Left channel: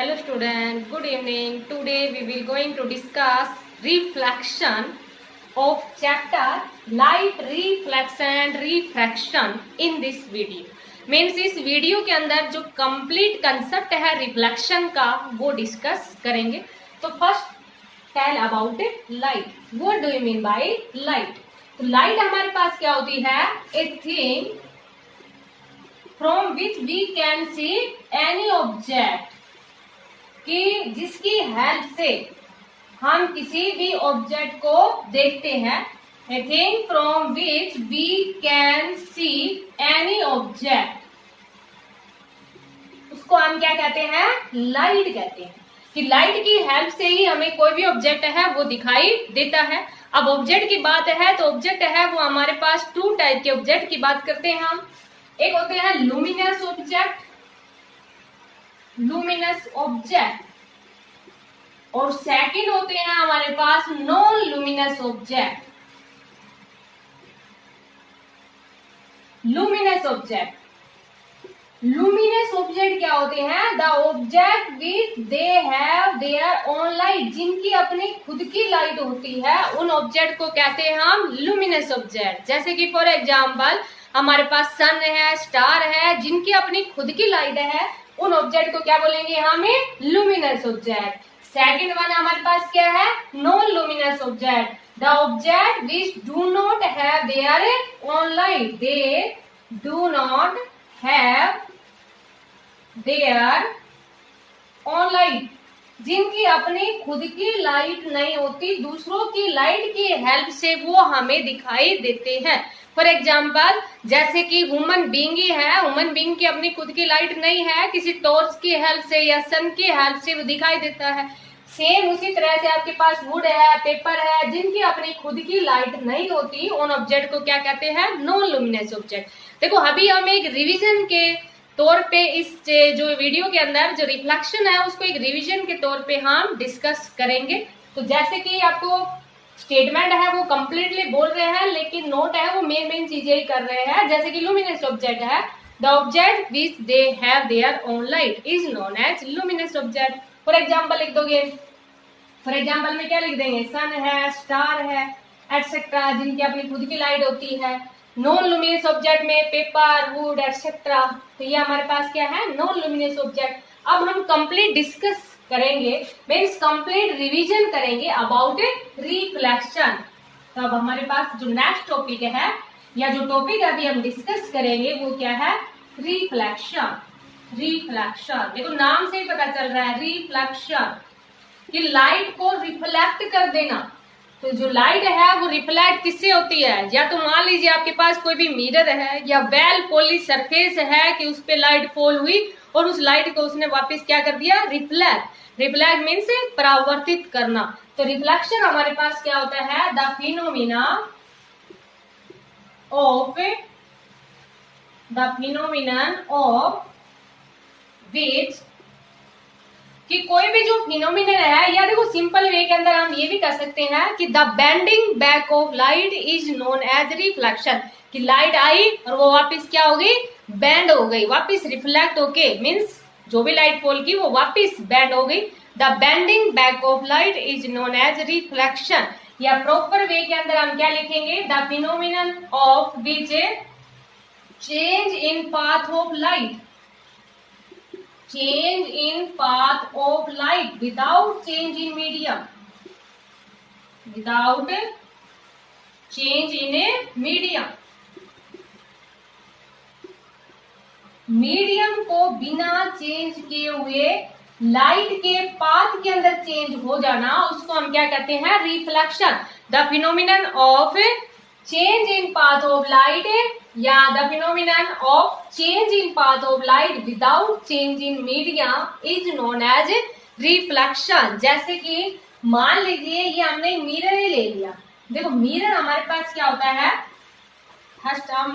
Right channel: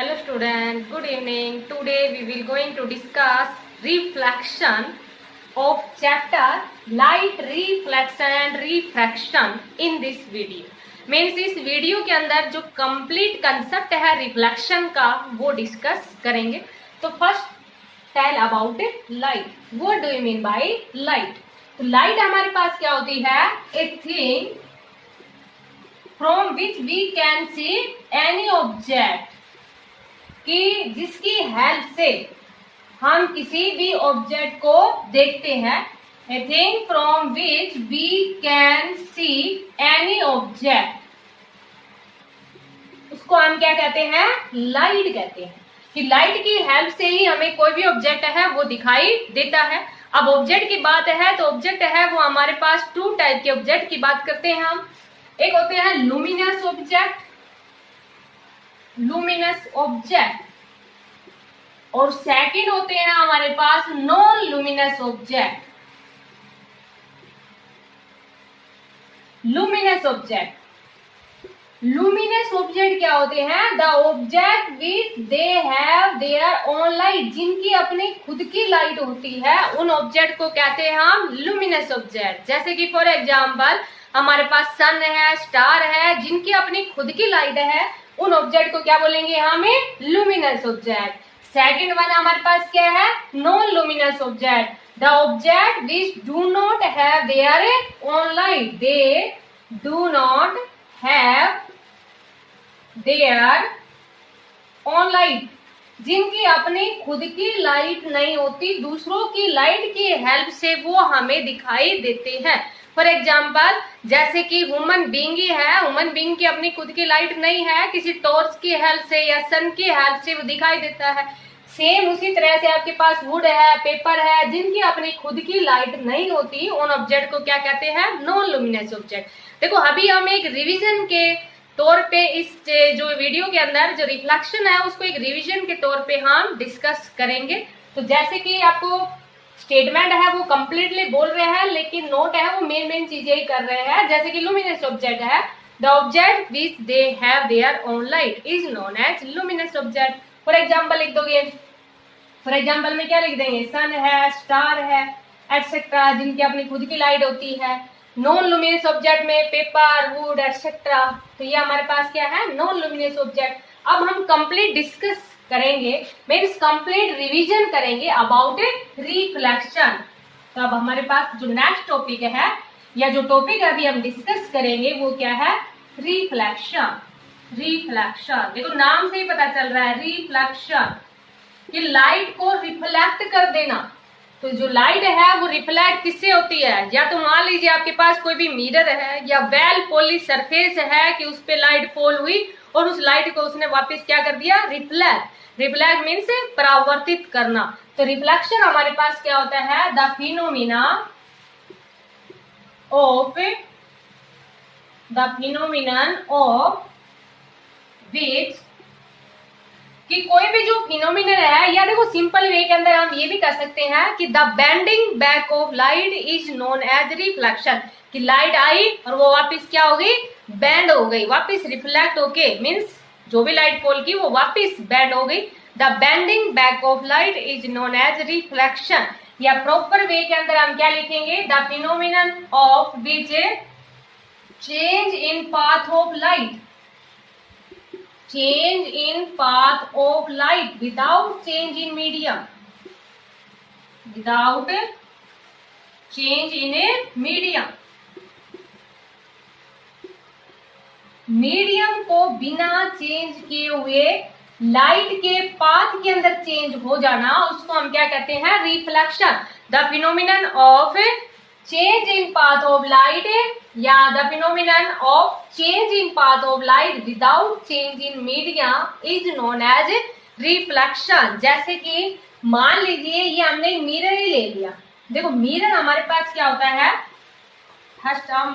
Hello students, good evening. Today we will going to discuss reflection of chapter light reflection and refraction in this video. Means इस video के अंदर जो complete concept है reflection का वो discuss करेंगे. तो first tell about light. What do you mean by light? तो लाइट हमारे पास क्या होती है? A thing from which we can see any object, कि जिसकी हेल्प से हम किसी भी ऑब्जेक्ट को देखते हैं. A thing from which we can see any object, उसको हम क्या कहते हैं? लाइट कहते हैं. कि लाइट की हेल्प से ही हमें कोई भी ऑब्जेक्ट है वो दिखाई देता है. अब ऑब्जेक्ट की बात है तो ऑब्जेक्ट है वो हमारे पास टू टाइप के ऑब्जेक्ट की बात करते हैं हम. एक होते हैं लुमिनस ऑब्जेक्ट, लुमिनस ऑब्जेक्ट, और सेकंड होते हैं हमारे पास non luminous object. Luminous object, luminous object क्या होते हैं? The object which they have their own light, जिनकी अपनी खुद की लाइट होती है, उन ऑब्जेक्ट को कहते हैं हम लुमिनस ऑब्जेक्ट. जैसे कि फॉर एग्जांपल हमारे पास सन है, स्टार है, जिनकी अपनी खुद की लाइट है, उन ऑब्जेक्ट को क्या बोलेंगे? हमें लुमिनस ऑब्जेक्ट. सेकेंड वन हमारे पास क्या है? Non luminous object. The object which do not have their own light, they do not have their own light, जिनकी अपनी खुद की लाइट नहीं होती, दूसरों की लाइट की हेल्प से वो हमें दिखाई देते हैं. फॉर एग्जाम्पल जैसे कि ह्यूमन बीइंग ही है, ह्यूमन बीइंग की अपनी खुद की लाइट नहीं है, किसी टॉर्च की हेल्प से या सन की हेल्प से वो दिखाई देता है. सेम उसी तरह से आपके पास वुड है, पेपर है, जिनकी अपनी खुद की लाइट नहीं होती, उन ऑब्जेक्ट को क्या कहते हैं? Non luminous object. देखो अभी हम एक रिवीजन के तौर पे इस जो वीडियो के अंदर जो रिफ्लेक्शन है उसको एक रिवीजन के तौर पे हम डिस्कस करेंगे. तो जैसे कि आपको स्टेटमेंट है वो कंप्लीटली बोल रहे हैं, लेकिन नोट है वो मेन चीजें ही कर रहे हैं. जैसे कि लुमिनस ऑब्जेक्ट है, the object which they have their own light is known as luminous object. For example लिख दोगे. फॉर एग्जाम्पल में क्या लिख देंगे? सन है, स्टार है, एटसेट्रा, जिनकी अपनी खुद की लाइट होती है. नॉन लुमिनस ऑब्जेक्ट में पेपर, वुड, एटसेट्रा. तो ये हमारे पास क्या है? Non luminous object. अब हम कंप्लीट डिस्कस करेंगे, मीन्स कंप्लीट रिवीजन करेंगे अबाउट रिफ्लेक्शन. तो अब हमारे पास जो नेक्स्ट टॉपिक है या जो टॉपिक अभी हम डिस्कस करेंगे वो क्या है? रिफ्लेक्शन. रिफ्लेक्शन देखो नाम से ही पता चल रहा है रिफ्लेक्शन, कि लाइट को रिफ्लेक्ट कर देना. तो जो लाइट है वो रिफ्लेक्ट किससे होती है? या तो मान लीजिए आपके पास कोई भी मिरर है या वेल पॉलिश सरफेस है कि उस पे लाइट फॉल हुई और उस लाइट को उसने वापस क्या कर दिया? रिफ्लेक्ट. रिफ्लेक्ट मीन्स परावर्तित करना. तो रिफ्लेक्शन हमारे पास क्या होता है? द फिनोमिना ऑफ विच, कि कोई भी जो फिनोमिना है, या देखो सिंपल वे के अंदर हम ये भी कर सकते हैं कि the bending back of light is known as reflection, कि लाइट आई और वो वापस क्या हो गई? बेंड हो गई, वापस रिफ्लेक्ट होके, मीन्स जो भी लाइट फॉल की वो वापस बेंड हो गई. The bending back of light is known as reflection. या प्रॉपर वे के अंदर हम क्या लिखेंगे? The phenomenon of which change in path of light, change in path of light without change in medium, without change in a medium. Medium को बिना change किए हुए लाइट के पाथ के अंदर चेंज हो जाना, उसको हम क्या कहते हैं? Reflection. The phenomenon of change in path of light, या the phenomenon of change in path of light without change in medium is known as reflection. जैसे कि मान लीजिए ये हमने मिरर ही ले लिया. देखो मिरर हमारे पास क्या होता है? फर्स्ट हम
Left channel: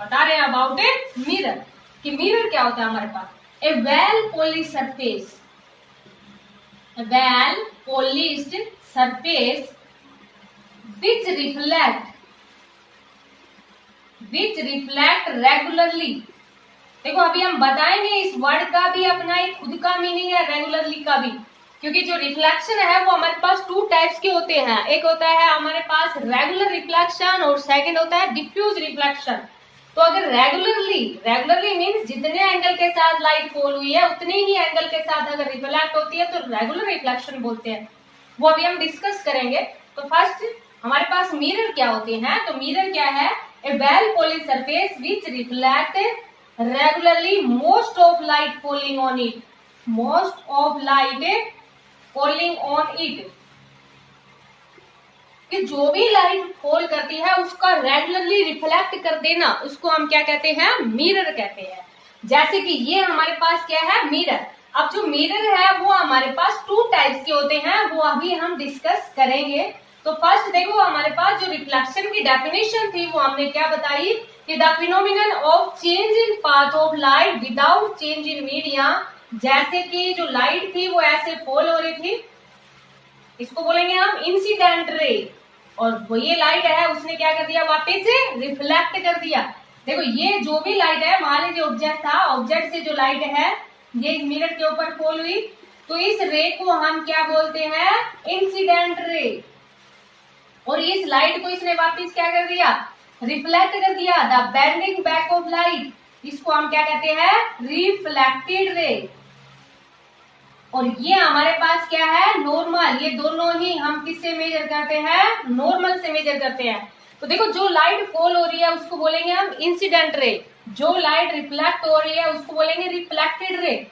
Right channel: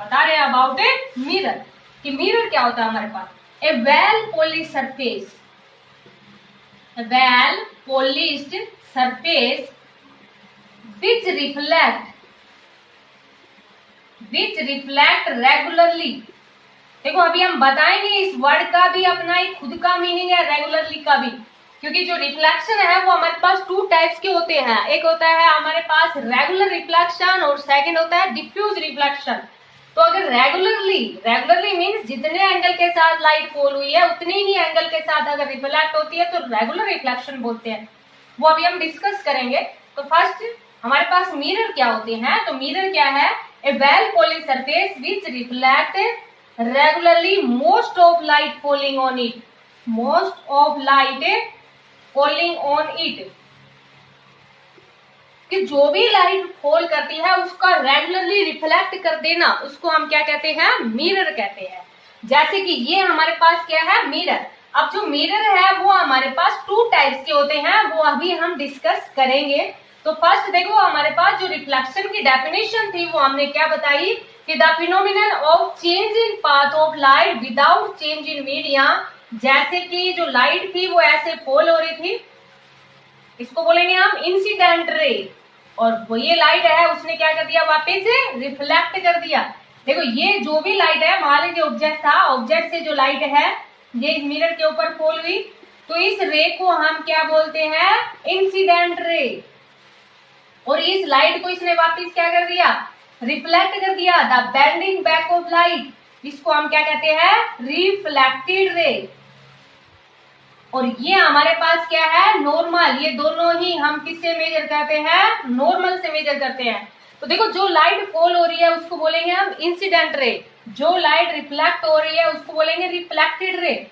बता रहे हैं अबाउट ए मिरर, कि मिरर क्या होता है हमारे पास? A well polish surface, well polished surface which reflect regularly देखो अभी हम बताएंगे इस वर्ड का भी अपना एक खुद का मीनिंग है, रेगुलरली का भी, क्योंकि जो रिफ्लेक्शन है वो हमारे पास टू टाइप्स के होते हैं। एक होता है हमारे पास रेगुलर रिफ्लेक्शन और सेकंड होता है डिफ्यूज रिफ्लेक्शन। तो अगर रेगुलरली मीन्स जितने एंगल के साथ लाइट फॉल हुई है उतने ही एंगल के साथ अगर रिफ्लेक्ट होती है तो रेगुलर रिफ्लेक्शन बोलते हैं। वो अभी हम डिस्कस करेंगे। तो फर्स्ट हमारे पास मिरर क्या होते हैं। तो मिरर क्या है, a well polished surface which reflect regularly most of light falling on it, most of light falling on it, कि जो भी लाइट फॉल करती है उसका रेगुलरली रिफ्लेक्ट कर देना, उसको हम क्या कहते हैं, मिरर कहते हैं। जैसे कि ये हमारे पास क्या है, मिरर। अब जो मिरर है वो हमारे पास टू टाइप्स के होते हैं, वो अभी हम डिस्कस करेंगे। तो फर्स्ट देखो हमारे पास जो रिफ्लेक्शन की डेफिनेशन थी वो हमने क्या बताई कि the phenomenon of change in path of light without change in medium. जैसे कि जो लाइट थी वो ऐसे फॉल हो रही थी, इसको बोलेंगे हम इंसिडेंट रे, और वो ये लाइट है उसने क्या कर दिया, वापस रिफ्लेक्ट कर दिया। देखो ये जो भी लाइट है, मान लीजिए ऑब्जेक्ट था, ऑब्जेक्ट से जो लाइट है ये मिरर के ऊपर फॉल हुई, तो इस रे को हम क्या बोलते हैं, इंसिडेंट रे। और इस लाइट को इसने वापस क्या कर दिया, रिफ्लेक्ट कर दिया। The bending back of light, इसको हम क्या कहते हैं, रिफ्लेक्टेड रे। और ये हमारे पास क्या है, नॉर्मल। ये दोनों ही हम किससे मेजर करते हैं, नॉर्मल से मेजर करते हैं। तो देखो जो लाइट फॉल हो रही है उसको बोलेंगे हम इंसिडेंट रे, जो लाइट रिफ्लेक्ट हो रही है उसको बोलेंगे रिफ्लेक्टेड रे।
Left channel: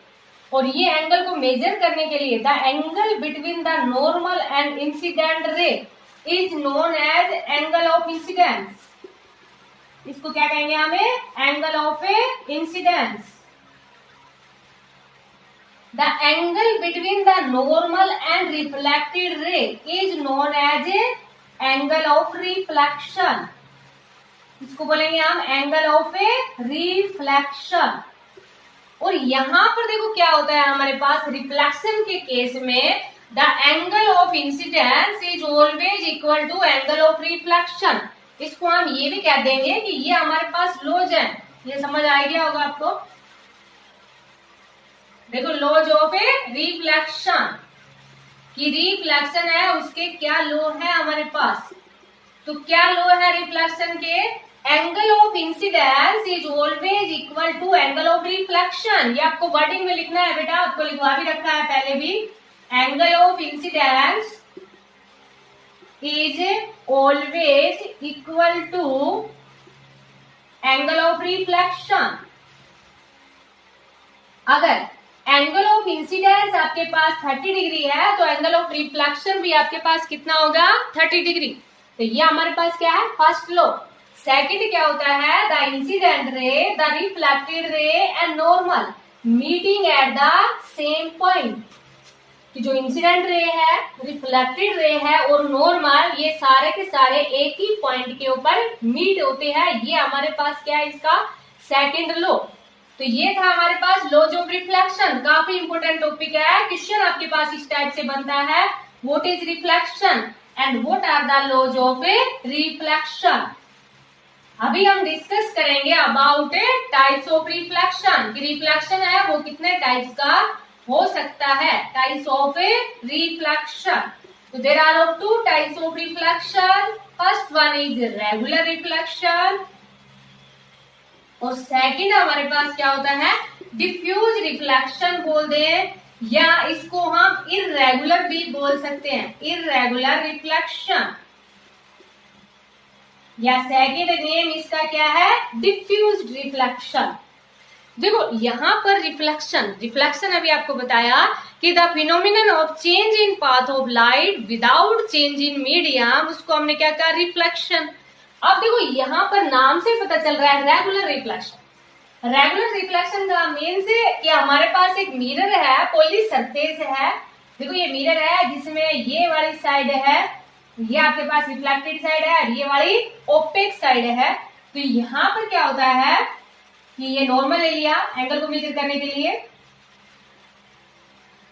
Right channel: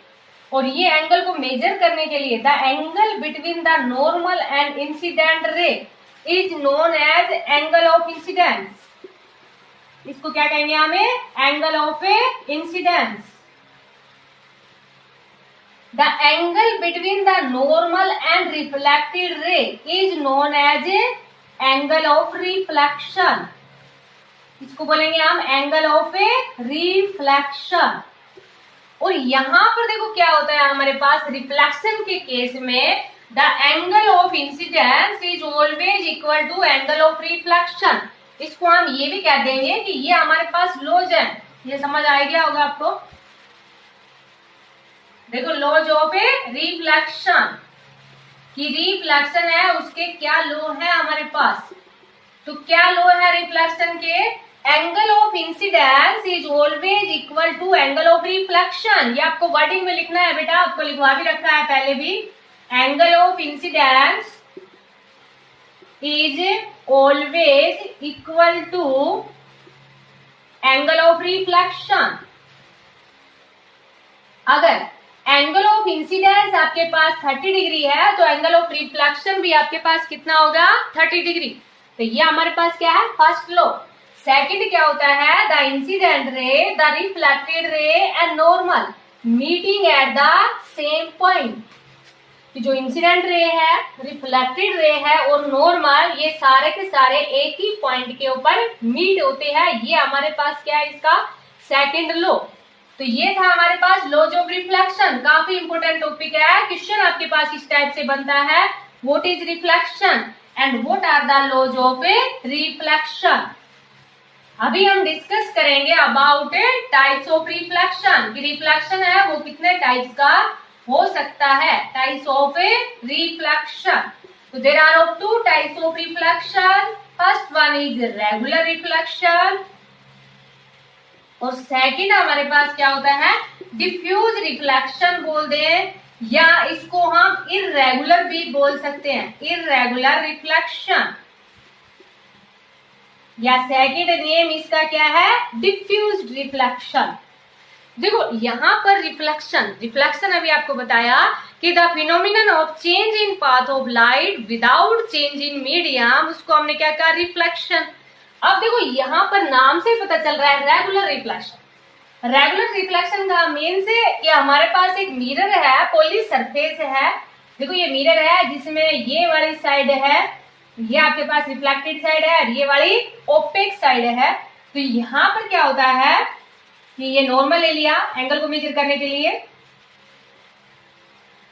और ये एंगल को मेजर करने के लिए the angle between the normal and incident ray is known as angle of incidence. इसको क्या कहेंगे हमें, angle of incidence. The angle between the normal and reflected ray is known as angle of reflection. इसको बोलेंगे हम angle of reflection. और यहां पर देखो क्या होता है हमारे पास, रिफ्लेक्शन के केस में the angle of incidence is always equal to angle of reflection. इसको हम ये भी कह देंगे कि ये हमारे पास लॉज है, ये समझ आ गया होगा आपको। देखो लॉज ऑफ रिफ्लेक्शन, कि रिफ्लेक्शन है उसके क्या लॉ है हमारे पास। तो क्या लॉ है रिफ्लेक्शन के, angle of incidence is always equal to angle of reflection. ये आपको वर्डिंग में लिखना है बेटा, आपको लिखवा भी रखा है पहले भी। Angle of incidence is always equal to angle of reflection. अगर एंगल ऑफ इंसिडेंस आपके पास 30 डिग्री है तो एंगल ऑफ रिफ्लेक्शन भी आपके पास कितना होगा, 30 डिग्री। तो ये हमारे पास क्या है, फर्स्ट लॉ। सेकंड क्या होता है, the incident ray, the reflected ray and normal meeting at the same point. कि जो इंसिडेंट रे है, रिफ्लेक्टेड रे है और नॉर्मल, ये सारे के सारे एक ही पॉइंट के ऊपर मीट होते हैं। ये हमारे पास क्या है, इसका सेकंड लॉ। तो ये था हमारे पास लॉज ऑफ रिफ्लेक्शन। काफी इंपोर्टेंट टॉपिक है, क्वेश्चन आपके पास इस टाइप से बनता है, what is reflection and what are the laws of reflection. अभी हम डिस्कस करेंगे अबाउट टाइप्स ऑफ रिफ्लेक्शन, कि रिफ्लेक्शन है वो कितने टाइप्स का हो सकता है, टाइप्स ऑफ रिफ्लेक्शन। तो there are of two types of reflection. First one is regular reflection और सेकंड हमारे पास क्या होता है, डिफ्यूज रिफ्लेक्शन बोल दे, या इसको हम इर्रेगुलर भी बोल सकते हैं, इर्रेगुलर रिफ्लेक्शन, या सेकंड नेम इसका क्या है, डिफ्यूज रिफ्लेक्शन। देखो यहाँ पर रिफ्लेक्शन अभी आपको बताया कि the phenomenon of change in path of light without change in medium, उसको हमने क्या कहा, रिफ्लेक्शन। अब देखो यहाँ पर नाम से पता चल रहा है रेगुलर रिफ्लेक्शन। रेगुलर रिफ्लेक्शन का मीन से कि हमारे पास एक मिरर है, पॉलिश सरफेस है। देखो ये मिरर है जिसमें ये वाली साइड है, ये आपके पास रिफ्लेक्टेड साइड है, ये वाली ओपेक साइड है। तो यहाँ पर क्या होता है कि ये नॉर्मल ले लिया एंगल को मेजर करने के लिए।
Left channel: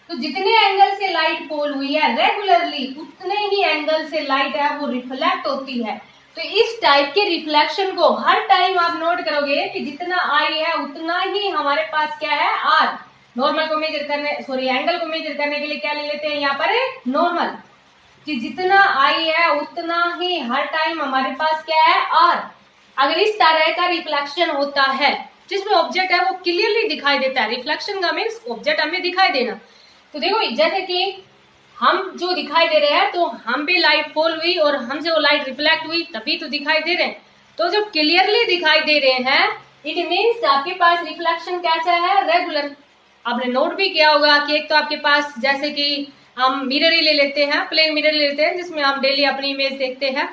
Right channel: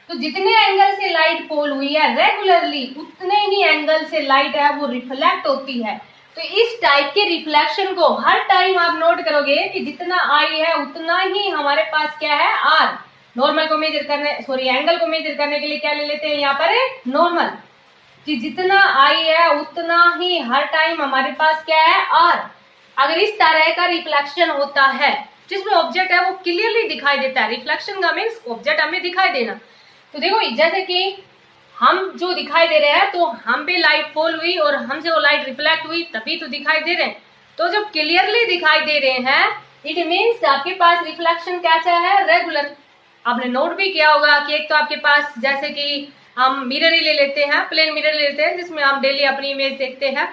तो जितने एंगल से लाइट फॉल हुई है रेगुलरली, उतने ही एंगल से लाइट है वो रिफ्लेक्ट होती है। तो इस टाइप के रिफ्लेक्शन को हर टाइम आप नोट करोगे कि जितना आई है उतना ही हमारे पास क्या है आर। नॉर्मल को मेजर करने एंगल को मेजर करने के लिए क्या ले लेते हैं यहाँ पर नॉर्मल, कि जितना आई है उतना ही हर टाइम हमारे पास क्या है आर। अगर इस तरह का रिफ्लेक्शन होता है जिसमें ऑब्जेक्ट है वो क्लियरली दिखाई देता है, रिफ्लेक्शन का मीन्स ऑब्जेक्ट हमें दिखाई देना। तो देखो जैसे कि हम जो दिखाई दे रहे हैं तो हम पे लाइट फॉल हुई और हमसे वो लाइट रिफ्लेक्ट हुई तभी तो दिखाई दे रहे हैं। तो जब क्लियरली दिखाई दे रहे हैं इट मीन्स आपके पास रिफ्लेक्शन कैसा है, रेगुलर। आपने नोट भी किया होगा कि एक तो आपके पास जैसे कि हम मिरर ही ले लेते हैं, प्लेन मिरर ले लेते हैं जिसमें हम डेली अपनी इमेज देखते हैं।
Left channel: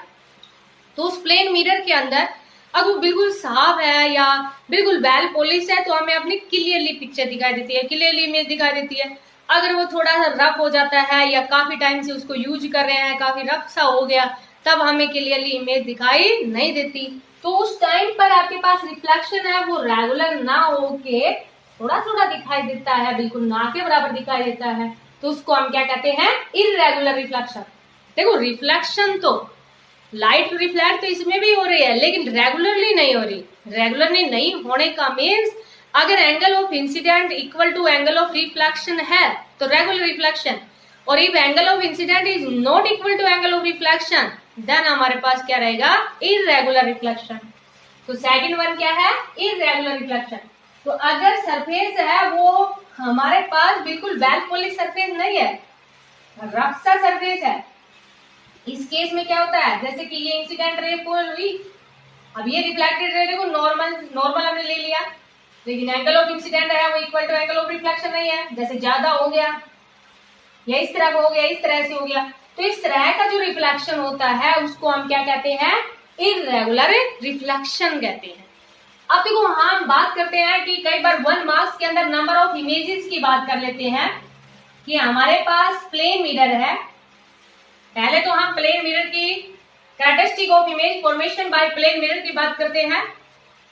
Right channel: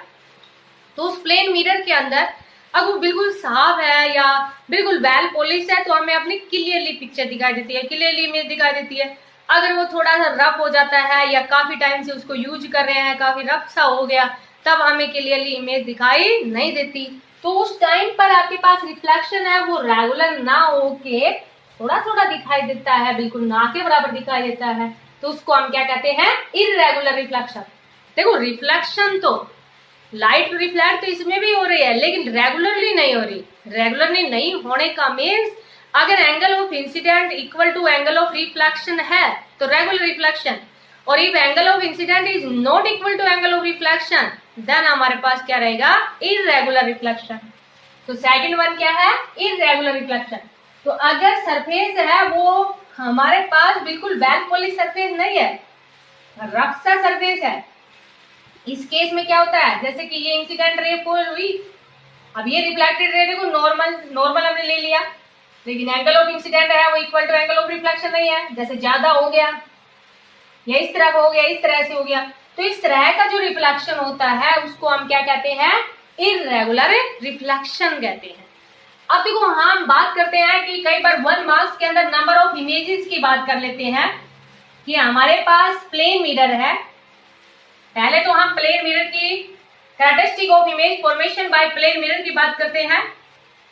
तो उस प्लेन मिरर के अंदर अगर वो बिल्कुल साफ है या बिल्कुल वेल पॉलिश है तो हमें अपनी क्लियरली पिक्चर दिखाई देती है, क्लियरली इमेज दिखाई देती है। अगर वो थोड़ा सा रफ हो जाता है या काफी टाइम से उसको यूज कर रहे हैं, काफी रफ सा हो गया, तब हमें क्लियरली इमेज दिखाई नहीं देती। तो उस टाइम पर आपके पास रिफ्लेक्शन है वो रेगुलर ना होके थोड़ा थोड़ा दिखाई देता है, बिल्कुल ना के बराबर दिखाई देता है, तो उसको हम क्या कहते हैं, इररेगुलर रिफ्लेक्शन। देखो रिफ्लेक्शन तो लाइट रिफ्लेक्ट तो इसमें भी हो रही है लेकिन रेगुलरली नहीं हो रही। रेगुलरली नहीं होने का मीन्स अगर angle of incident equal to angle of reflection है तो रेगुलर रिफ्लेक्शन, और if angle of incident is not equal to angle of reflection then हमारे पास क्या रहेगा, इररेगुलर रिफ्लेक्शन। तो सेकंड वन क्या है, इररेगुलर रिफ्लेक्शन। तो अगर सरफेस है वो हमारे पास बिल्कुल वेल पॉलिश सरफेस नहीं है, रफ सा सरफेस है, इस केस में क्या होता है, जैसे कि ये इंसिडेंट रे फॉल हुई, अब ये रिफ्लेक्टेड रे देखो नॉर्मल हमने ले लिया, लेकिन एंगल ऑफ इंसिडेंट है वो equal to angle of reflection नहीं है। जैसे ज्यादा हो गया या इस तरह का हो गया, इस तरह से हो गया, तो इस तरह का जो रिफ्लेक्शन होता है उसको हम क्या कहते हैं, इररेगुलर रिफ्लेक्शन कहते हैं। अब देखो हम बात करते हैं कि कई बार 1 मार्क्स के अंदर नंबर ऑफ इमेजेस की बात कर लेते हैं कि हमारे पास प्लेन मिरर है। पहले तो हम प्लेन मिरर की characteristic of image formation by plane mirror की बात करते हैं,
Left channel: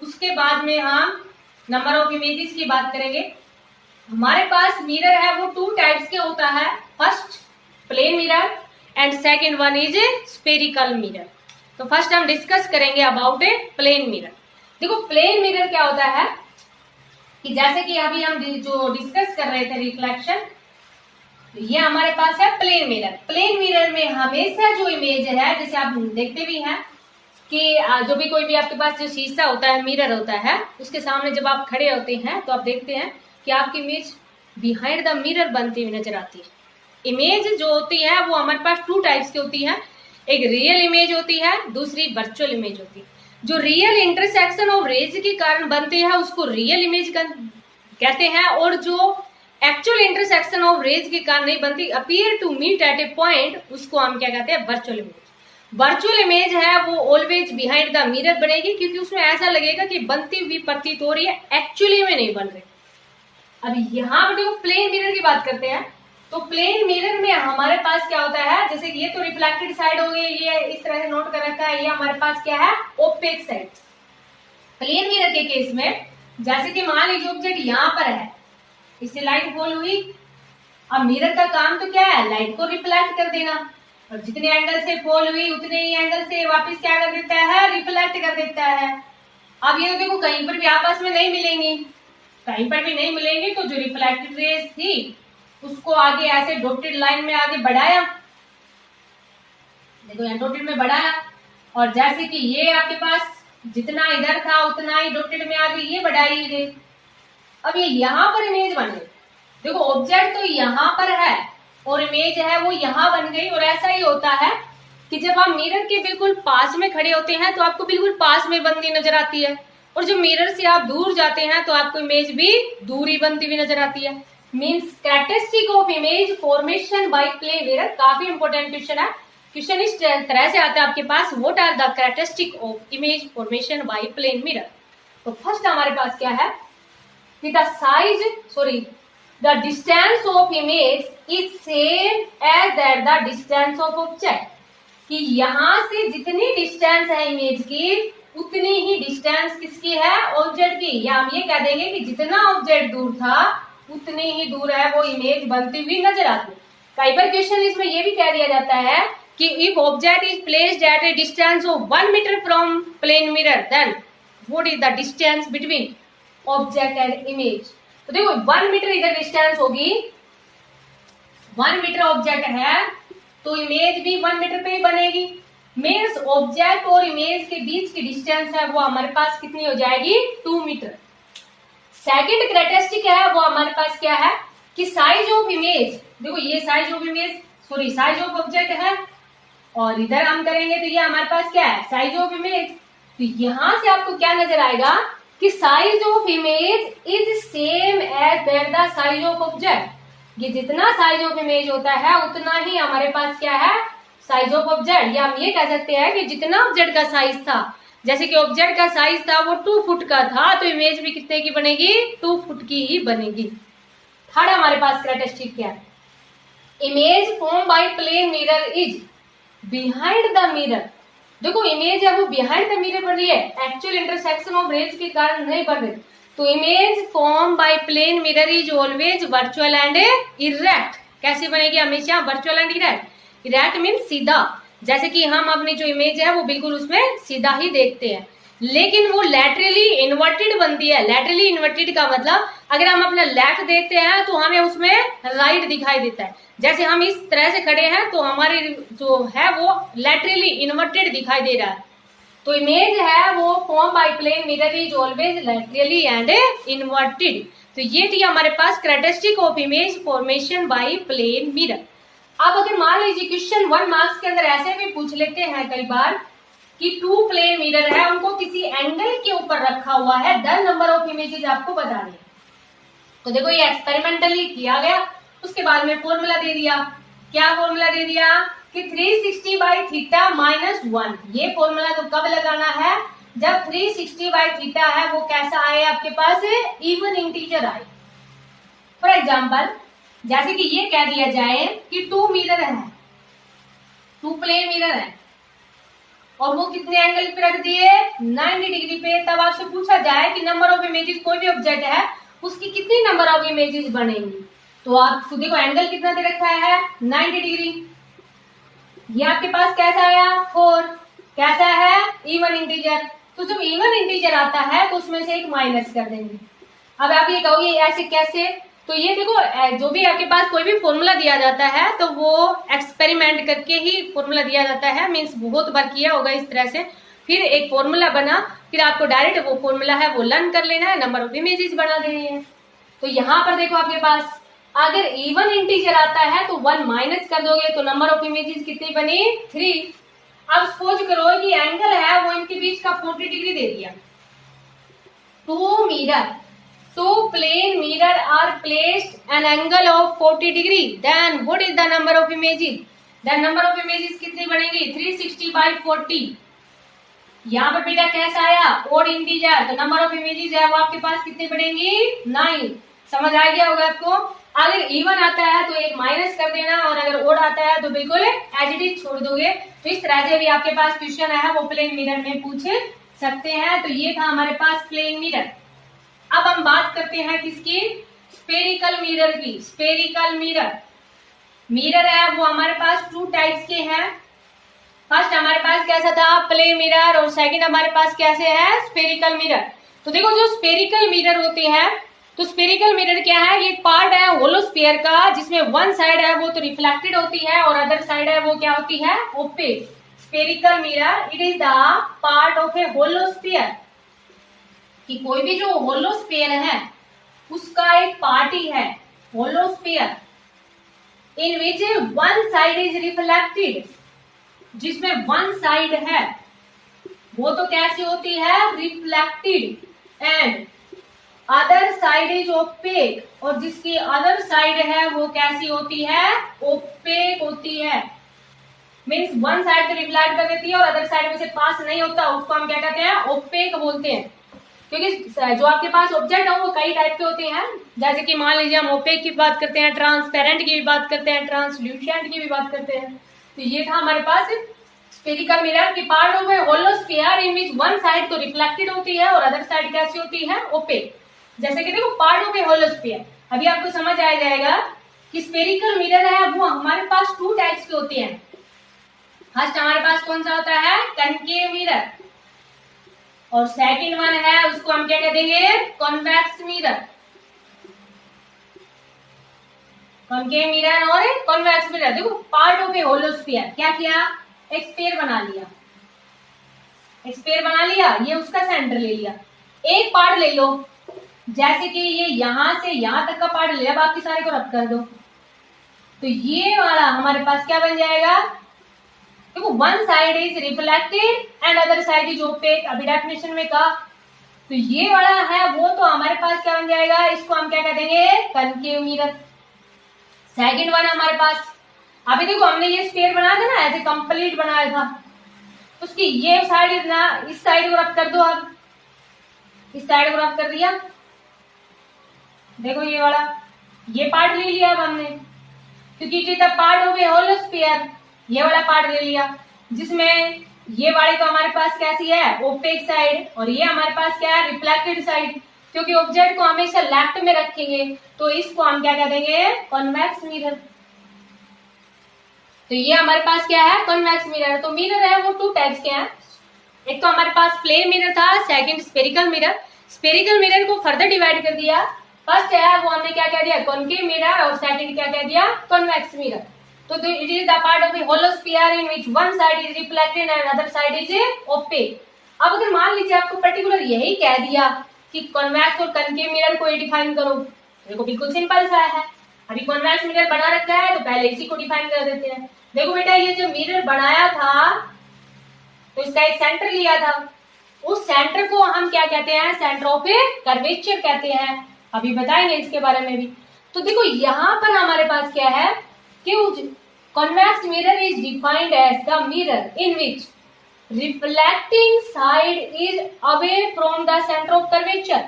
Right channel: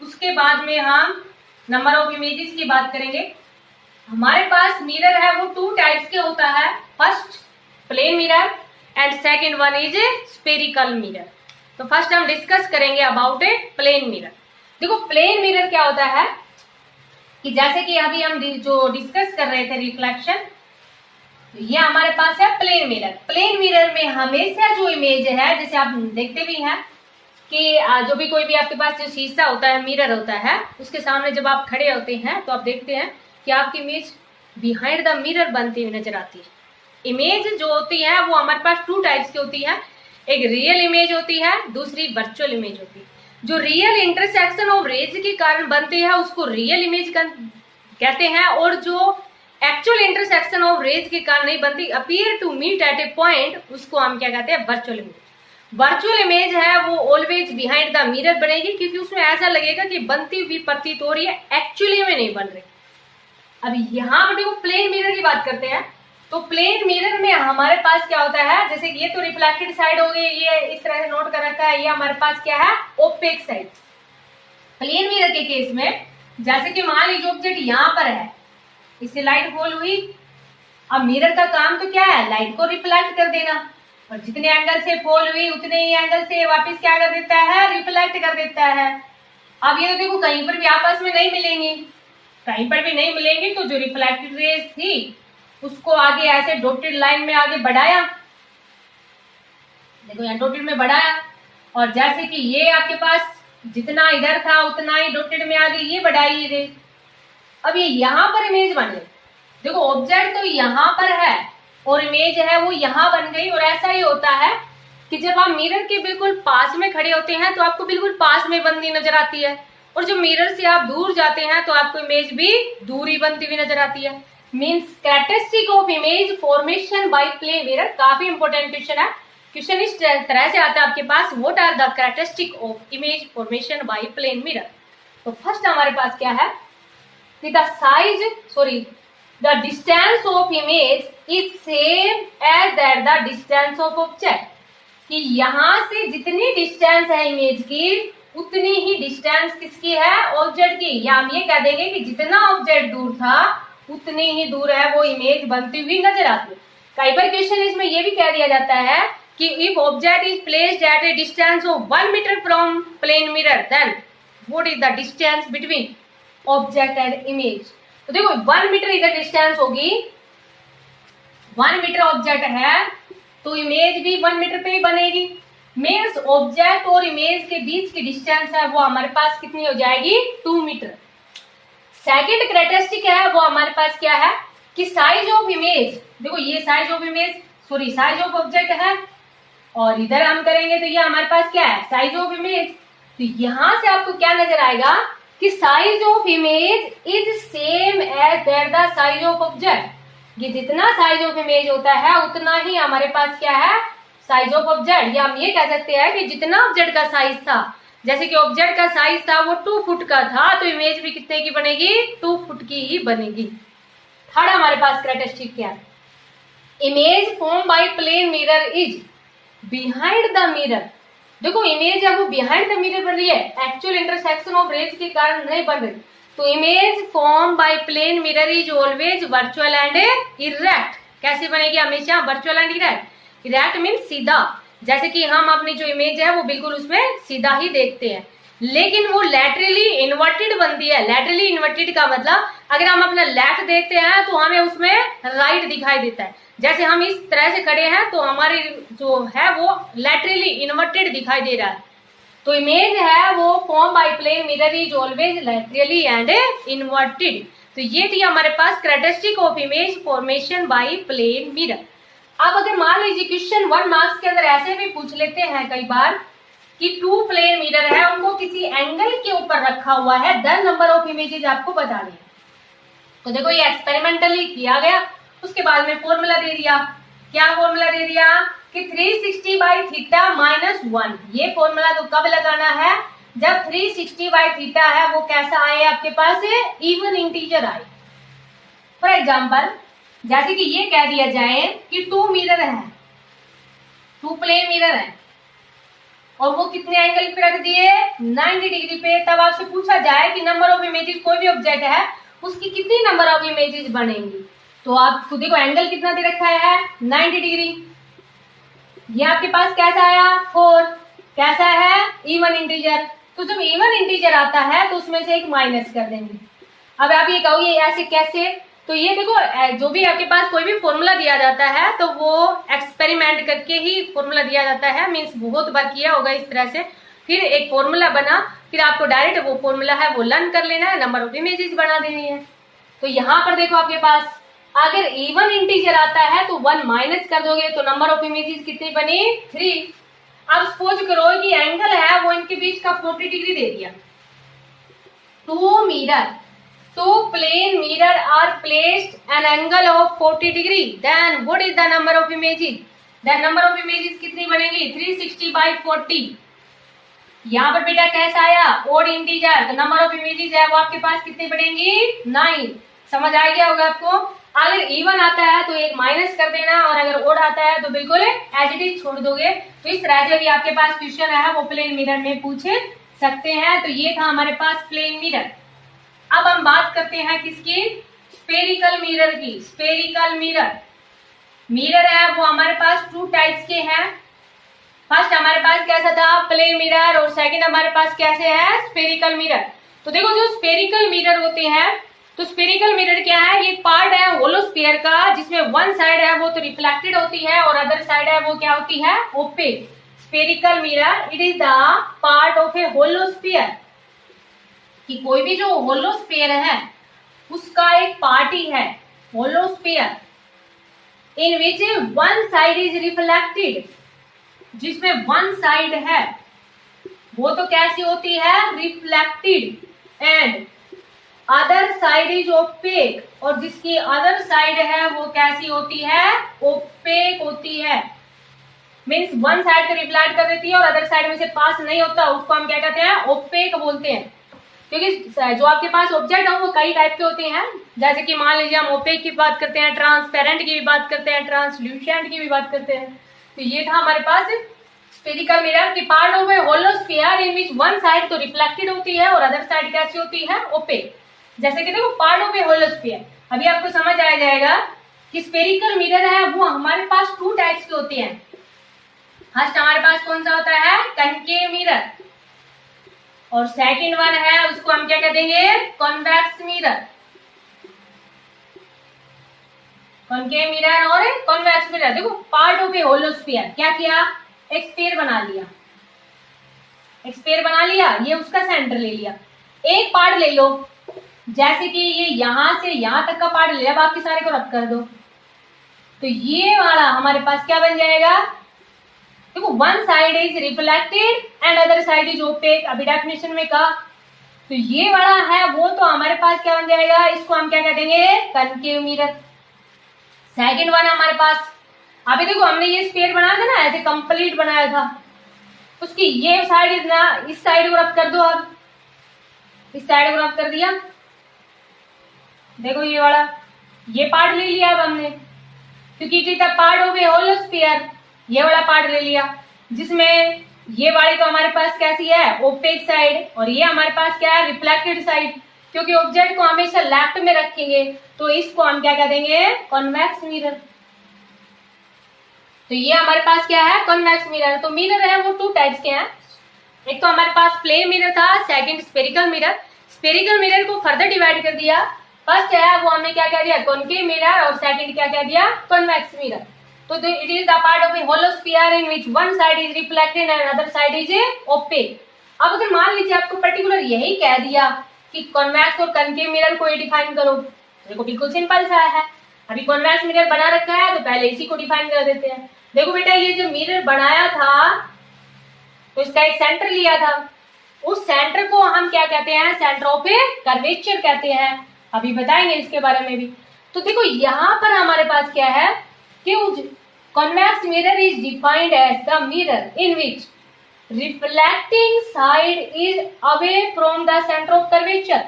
उसके बाद में हम नंबर ऑफ इमेजेस की बात करेंगे। हमारे पास मिरर है वो 2 टाइप्स के होता है, first plane mirror and second one is spherical mirror. तो फर्स्ट हम डिस्कस करेंगे अबाउट ए प्लेन मिरर। देखो प्लेन मिरर क्या होता है कि जैसे कि अभी हम जो डिस्कस कर रहे थे रिफ्लेक्शन, ये हमारे पास है प्लेन मिरर। प्लेन मिरर में हमेशा जो इमेज है, जैसे आप देखते भी हैं कि जो भी कोई भी आपके पास जो शीशा होता है, मिरर होता है, उसके सामने जब आप खड़े होते हैं तो आप देखते हैं कि आपकी इमेज बिहाइंड द मिरर बनती हुई नजर आती है। इमेज जो होती है वो हमारे पास 2 टाइप्स की होती है, एक रियल इमेज होती है, दूसरी वर्चुअल इमेज होती है। जो रियल इंटरसेक्शन ऑफ रेज के कारण बनती है उसको रियल इमेज कहते हैं, और जो एक्चुअल इंटरसेक्शन ऑफ रेज के कारण नहीं बनती, appear to meet at a point, उसको हम क्या कहते हैं, वर्चुअल इमेज। वर्चुअल इमेज है वो ऑलवेज बिहाइंड द मिरर बनेगी क्योंकि उसमें ऐसा लगेगा कि बनती हुई प्रतीत हो रही है, एक्चुअली में नहीं बन रही। अब यहाँ पर देखो प्लेन मिरर की बात करते हैं, तो प्लेन मिरर में हमारे पास क्या होता है, जैसे कि ये तो रिफ्लेक्टेड साइड हो गई, ये इस तरह से नोट कर रखा है, ये हमारे पास क्या है, ओपेक साइड। प्लेन मिरर के केस में जैसे कि मान लीजिए ऑब्जेक्ट यहाँ पर है, इससे लाइट फॉल हुई, अब मिरर का काम तो क्या है, लाइट को रिफ्लेक्ट कर देना, और जितने एंगल से फॉल हुई उतने ही एंगल से वापस क्या कर देता है, रिफ्लेक्ट कर देता है। अब ये तो देखो कहीं पर भी आपस में नहीं मिलेंगी, कहीं पर भी नहीं मिलेंगी, तो जो रिफ्लेक्टेड रेज थी उसको आगे ऐसे डॉटेड लाइन में आगे बढ़ाया, देखो यहाँ डॉटेड में बढ़ाया, और जैसे कि ये आपके पास जितना इधर था उतना ही डॉटेड में आगे ये बढ़ाई रे। अब ये यहाँ पर इमेज बन गई, देखो ऑब्जेक्ट तो यहाँ पर है और इमेज है वो यहाँ बन गई। और ऐसा ही होता है कि जब आप मिरर के बिल्कुल पास में खड़े होते हैं तो आपको बिल्कुल पास में बनती नजर आती है, और जो मिरर से आप दूर जाते हैं तो आपको इमेज भी दूर ही बनती हुई नजर आती है। Means characteristic of image formation by plane mirror, काफी इंपॉर्टेंट क्वेश्चन है। क्वेश्चन इस तरह से आता है आपके पास, what are the characteristic of image formation by plane mirror. तो फर्स्ट हमारे पास क्या है कि the distance of image is same as that the distance of object, कि यहाँ से जितनी डिस्टेंस है इमेज की उतनी ही डिस्टेंस किसकी है, ऑब्जेक्ट की। या हम ये कह देंगे कि जितना ऑब्जेक्ट दूर था उतनी ही दूर है वो इमेज बनती हुई नजर आती है। कई बार क्वेश्चन इसमें ये भी कह दिया जाता है कि if object is placed at a distance of 1 meter from plane mirror then what is the distance between object and image. तो देखो 1 मीटर इधर डिस्टेंस होगी, 1 मीटर ऑब्जेक्ट है तो इमेज भी 1 मीटर पे ही बनेगी। मीन्स ऑब्जेक्ट और इमेज के बीच की डिस्टेंस है वो हमारे पास कितनी हो जाएगी, 2 मीटर। सेकेंड कैरेक्टरिस्टिक है वो हमारे पास क्या है कि साइज ऑफ इमेज, देखो ये size of image sorry size of object है और इधर हम करेंगे तो ये हमारे पास क्या है, साइज ऑफ इमेज। तो यहां से आपको क्या नजर आएगा कि size of image is same as that the size of object. ये जितना साइज ऑफ इमेज होता है उतना ही हमारे पास क्या है, साइज ऑफ ऑब्जेक्ट। या हम ये कह सकते हैं कि जितना ऑब्जेक्ट का साइज था, जैसे कि ऑब्जेक्ट का साइज था वो 2 फुट का था तो इमेज भी कितने की बनेगी, 2 फुट की ही बनेगी। थर्ड हमारे पास कैरेक्टरिस्टिक क्या है, image form by plane mirror is behind the mirror. देखो इमेज है वो बिहाइंड द मिरर बन रही है, एक्चुअल इंटरसेक्शन ऑफ रेज के कारण नहीं बन रही। तो image form by plane mirror is always virtual and erect. कैसे बनेगी, हमेशा virtual and erect. Erect mean सीधा, जैसे कि हम अपनी जो इमेज है वो बिल्कुल उसमें सीधा ही देखते हैं, लेकिन वो लैटरली इन्वर्टेड बनती है। लैटरली इन्वर्टेड का मतलब अगर हम अपना लेफ्ट देखते हैं तो हमें उसमें राइट दिखाई देता है। जैसे हम इस तरह से खड़े हैं तो हमारी जो है वो लैटरली इन्वर्टेड दिखाई दे रहा है। तो इमेज है वो form by plane mirror is always laterally and inverted. तो ये थी हमारे पास characteristic of image formation by plane mirror. अब अगर मान लीजिए क्वेश्चन 1 मार्क्स के अंदर ऐसे भी पूछ लेते हैं कई बार कि 2 प्लेन मिरर है, उनको किसी एंगल के ऊपर रखा हुआ है, 10 नंबर ऑफ इमेजेस आपको बताने हैं। तो देखो ये एक्सपेरिमेंटली किया गया, उसके बाद में फॉर्मूला दे दिया। क्या फॉर्मूला दे दिया कि 360 बाई थीटा माइनस 1। ये फॉर्मूला तो कब लगाना है, जब 360 बाई थीटा है वो कैसा आए आपके पास, इवन इंटीजर आए। फॉर एग्जाम्पल जैसे कि ये कह दिया जाए कि 2 मिरर है, 2 प्लेन मिरर है और वो कितने एंगल पे रख दिए, 90 डिग्री पे। तब आपसे पूछा जाए कि नंबर ऑफ इमेजेस, कोई भी ऑब्जेक्ट है उसकी कितनी नंबर ऑफ इमेजेस बनेंगी, तो आप खुद देखो एंगल कितना दे रखा है, 90 डिग्री। ये आपके पास कैसा आया, 4। कैसा है, इवन इंटीजर। तो जब इवन इंटीजर आता है तो उसमें से एक माइनस कर देंगे। अब आप ये कहोगे ऐसे कैसे, तो ये देखो जो भी आपके पास कोई भी फॉर्मूला दिया जाता है तो वो एक्सपेरिमेंट करके ही फॉर्मूला दिया जाता है। मीन्स बहुत बार किया होगा इस तरह से, फिर एक फॉर्मूला बना, फिर आपको डायरेक्ट वो फॉर्मूला है वो लर्न कर लेना है, नंबर ऑफ इमेजेस बना देनी है। तो यहाँ पर देखो आपके पास अगर इवन इंटीजर आता है तो 1 माइनस कर दोगे तो नंबर ऑफ इमेजेस कितनी बनी, 3। अब सपोज करो कि एंगल है वो इनके बीच का 40 डिग्री दे दिया। 2 mirror, 2 plane mirror are placed an angle of 40 degree, then what is the number of images, then number of images कितनी बनेगी, 360 बाई 40। यहाँ पर बेटा कैसा आया, ओड इंटीजर, तो नंबर ऑफ इमेजेस है वो आपके पास कितनी बनेंगी, 9। समझ आ गया होगा आपको। अगर इवन आता है तो एक माइनस कर देना और अगर ओड आता है तो बिल्कुल एज इट इज छोड़ दोगे। तो इस तरह से भी आपके पास क्वेश्चन है वो प्लेन मिरर में पूछ सकते हैं। तो ये था हमारे पास प्लेन मिरर। अब हम बात करते हैं किसकी, स्फेरिकल मिरर की। स्फेरिकल मिरर, मिरर है वो हमारे पास 2 टाइप्स के हैं। फर्स्ट हमारे पास कैसा था, प्लेन मिरर, और सेकंड हमारे पास कैसे है, स्फेरिकल मिरर। तो देखो जो स्फेरिकल मिरर होते हैं, तो स्फेरिकल मिरर क्या है, ये पार्ट है होलो स्फीयर का जिसमें वन साइड है वो तो रिफ्लेक्टेड होती है और अदर साइड है वो क्या होती है, opaque. Spherical mirror it is the part of a hollow sphere, कि कोई भी जो होलो स्फीयर है उसका एक पार्ट ही है hollow sphere, in which one side is reflected, जिसमें वन साइड है वो तो कैसी होती है, reflected, and other side is opaque, और जिसकी अदर साइड है वो कैसी होती है, ओपेक होती है। मीन्स वन साइड से रिफ्लेक्ट कर देती है और अदर साइड में से पास नहीं होता, उसको हम क्या कहते हैं, ओपेक बोलते हैं। क्योंकि जो आपके पास ऑब्जेक्ट है वो कई टाइप के होते हैं, जैसे कि मान लीजिए हम ओपेक की बात करते हैं, ट्रांसपेरेंट की भी बात करते हैं, ट्रांसल्यूसेंट की भी बात करते हैं। तो ये था हमारे पास स्फेरिकल मिरर की part of a hollow sphere in which one side तो रिफ्लेक्टेड होती है और अदर साइड कैसी होती है, ओपेक। जैसे कि देखो part of a hollow sphere, अभी आपको समझ आ जाएगा कि स्फेरिकल मिरर है वो हमारे पास 2 टाइप्स के होते हैं। फर्स्ट हमारे पास कौन सा होता है, कनकेव मिरर, और सेकंड वन है उसको हम क्या कह देंगे, कॉन्वेक्स मिरर। कॉनकेव मिरर और कॉन्वेक्स मिरर। देखो part of a hollow sphere, क्या किया, एक स्फीयर बना लिया, एक स्फीयर बना लिया, ये उसका सेंटर ले लिया। एक पार्ट ले लो, जैसे कि ये यहां से यहां तक का पार्ट ले लिया, अब आपके सारे को रब कर दो, तो ये वाला हमारे पास क्या बन जाएगा, देखो one side is reflected and other side is opaque, अभी डेफिनेशन में कहा, तो ये वाला है वो तो हमारे पास क्या बन जाएगा, इसको हम क्या कह देंगे, कनकेव मिरर। सेकंड वन हमारे पास, अभी देखो हमने ये स्फीयर बनाया था ना, ऐसे कंप्लीट बनाया था, उसकी ये साइड ना, इस साइड को रब कर दो, अब इस साइड को रब कर दिया, देखो ये वाला, ये पार्ट ले लिया अब हमने, क्योंकि it is the part of a hollow sphere, ये वाला पार्ट ले लिया, जिसमें ये वाली तो हमारे पास कैसी है, ओपेक साइड, और ये हमारे पास क्या है, रिफ्लेक्टेड साइड, क्योंकि ऑब्जेक्ट को हमेशा लेफ्ट में रखेंगे, तो इसको हम क्या कह देंगे, कॉन्वेक्स मिरर। तो ये हमारे पास क्या है, कॉन्वेक्स मिरर। तो मिरर है वो टू टाइप्स के हैं, एक तो हमारे पास प्लेन मिरर था, second spherical mirror. Spherical mirror को फर्दर डिवाइड कर दिया, फर्स्ट है वो हमने क्या कह दिया, कॉनकेव मिरर, और सेकंड क्या कह दिया, कॉन्वेक्स मिरर। तो it is the part of a hollow sphere in which one side is reflected and other side is opaque. अब अगर मान लीजिए आपको पर्टिकुलर यही कह दिया कि कॉन्वेक्स और कनकेव मिरर को डिफाइन करो, देखो बिल्कुल सिंपल सा है, अभी कॉन्वेक्स मिरर बना रखा है तो पहले इसी को डिफाइन कर देते हैं। देखो बेटा ये जो मिरर बनाया था तो इसका एक सेंटर लिया था, उस सेंटर को हम क्या कहते हैं, सेंटर ऑफ ए कर्वेचर कहते हैं, अभी बताएंगे इसके बारे में भी। तो देखो यहाँ पर हमारे पास क्या है कि convex mirror is defined as the mirror in which reflecting side is away from the centre of curvature,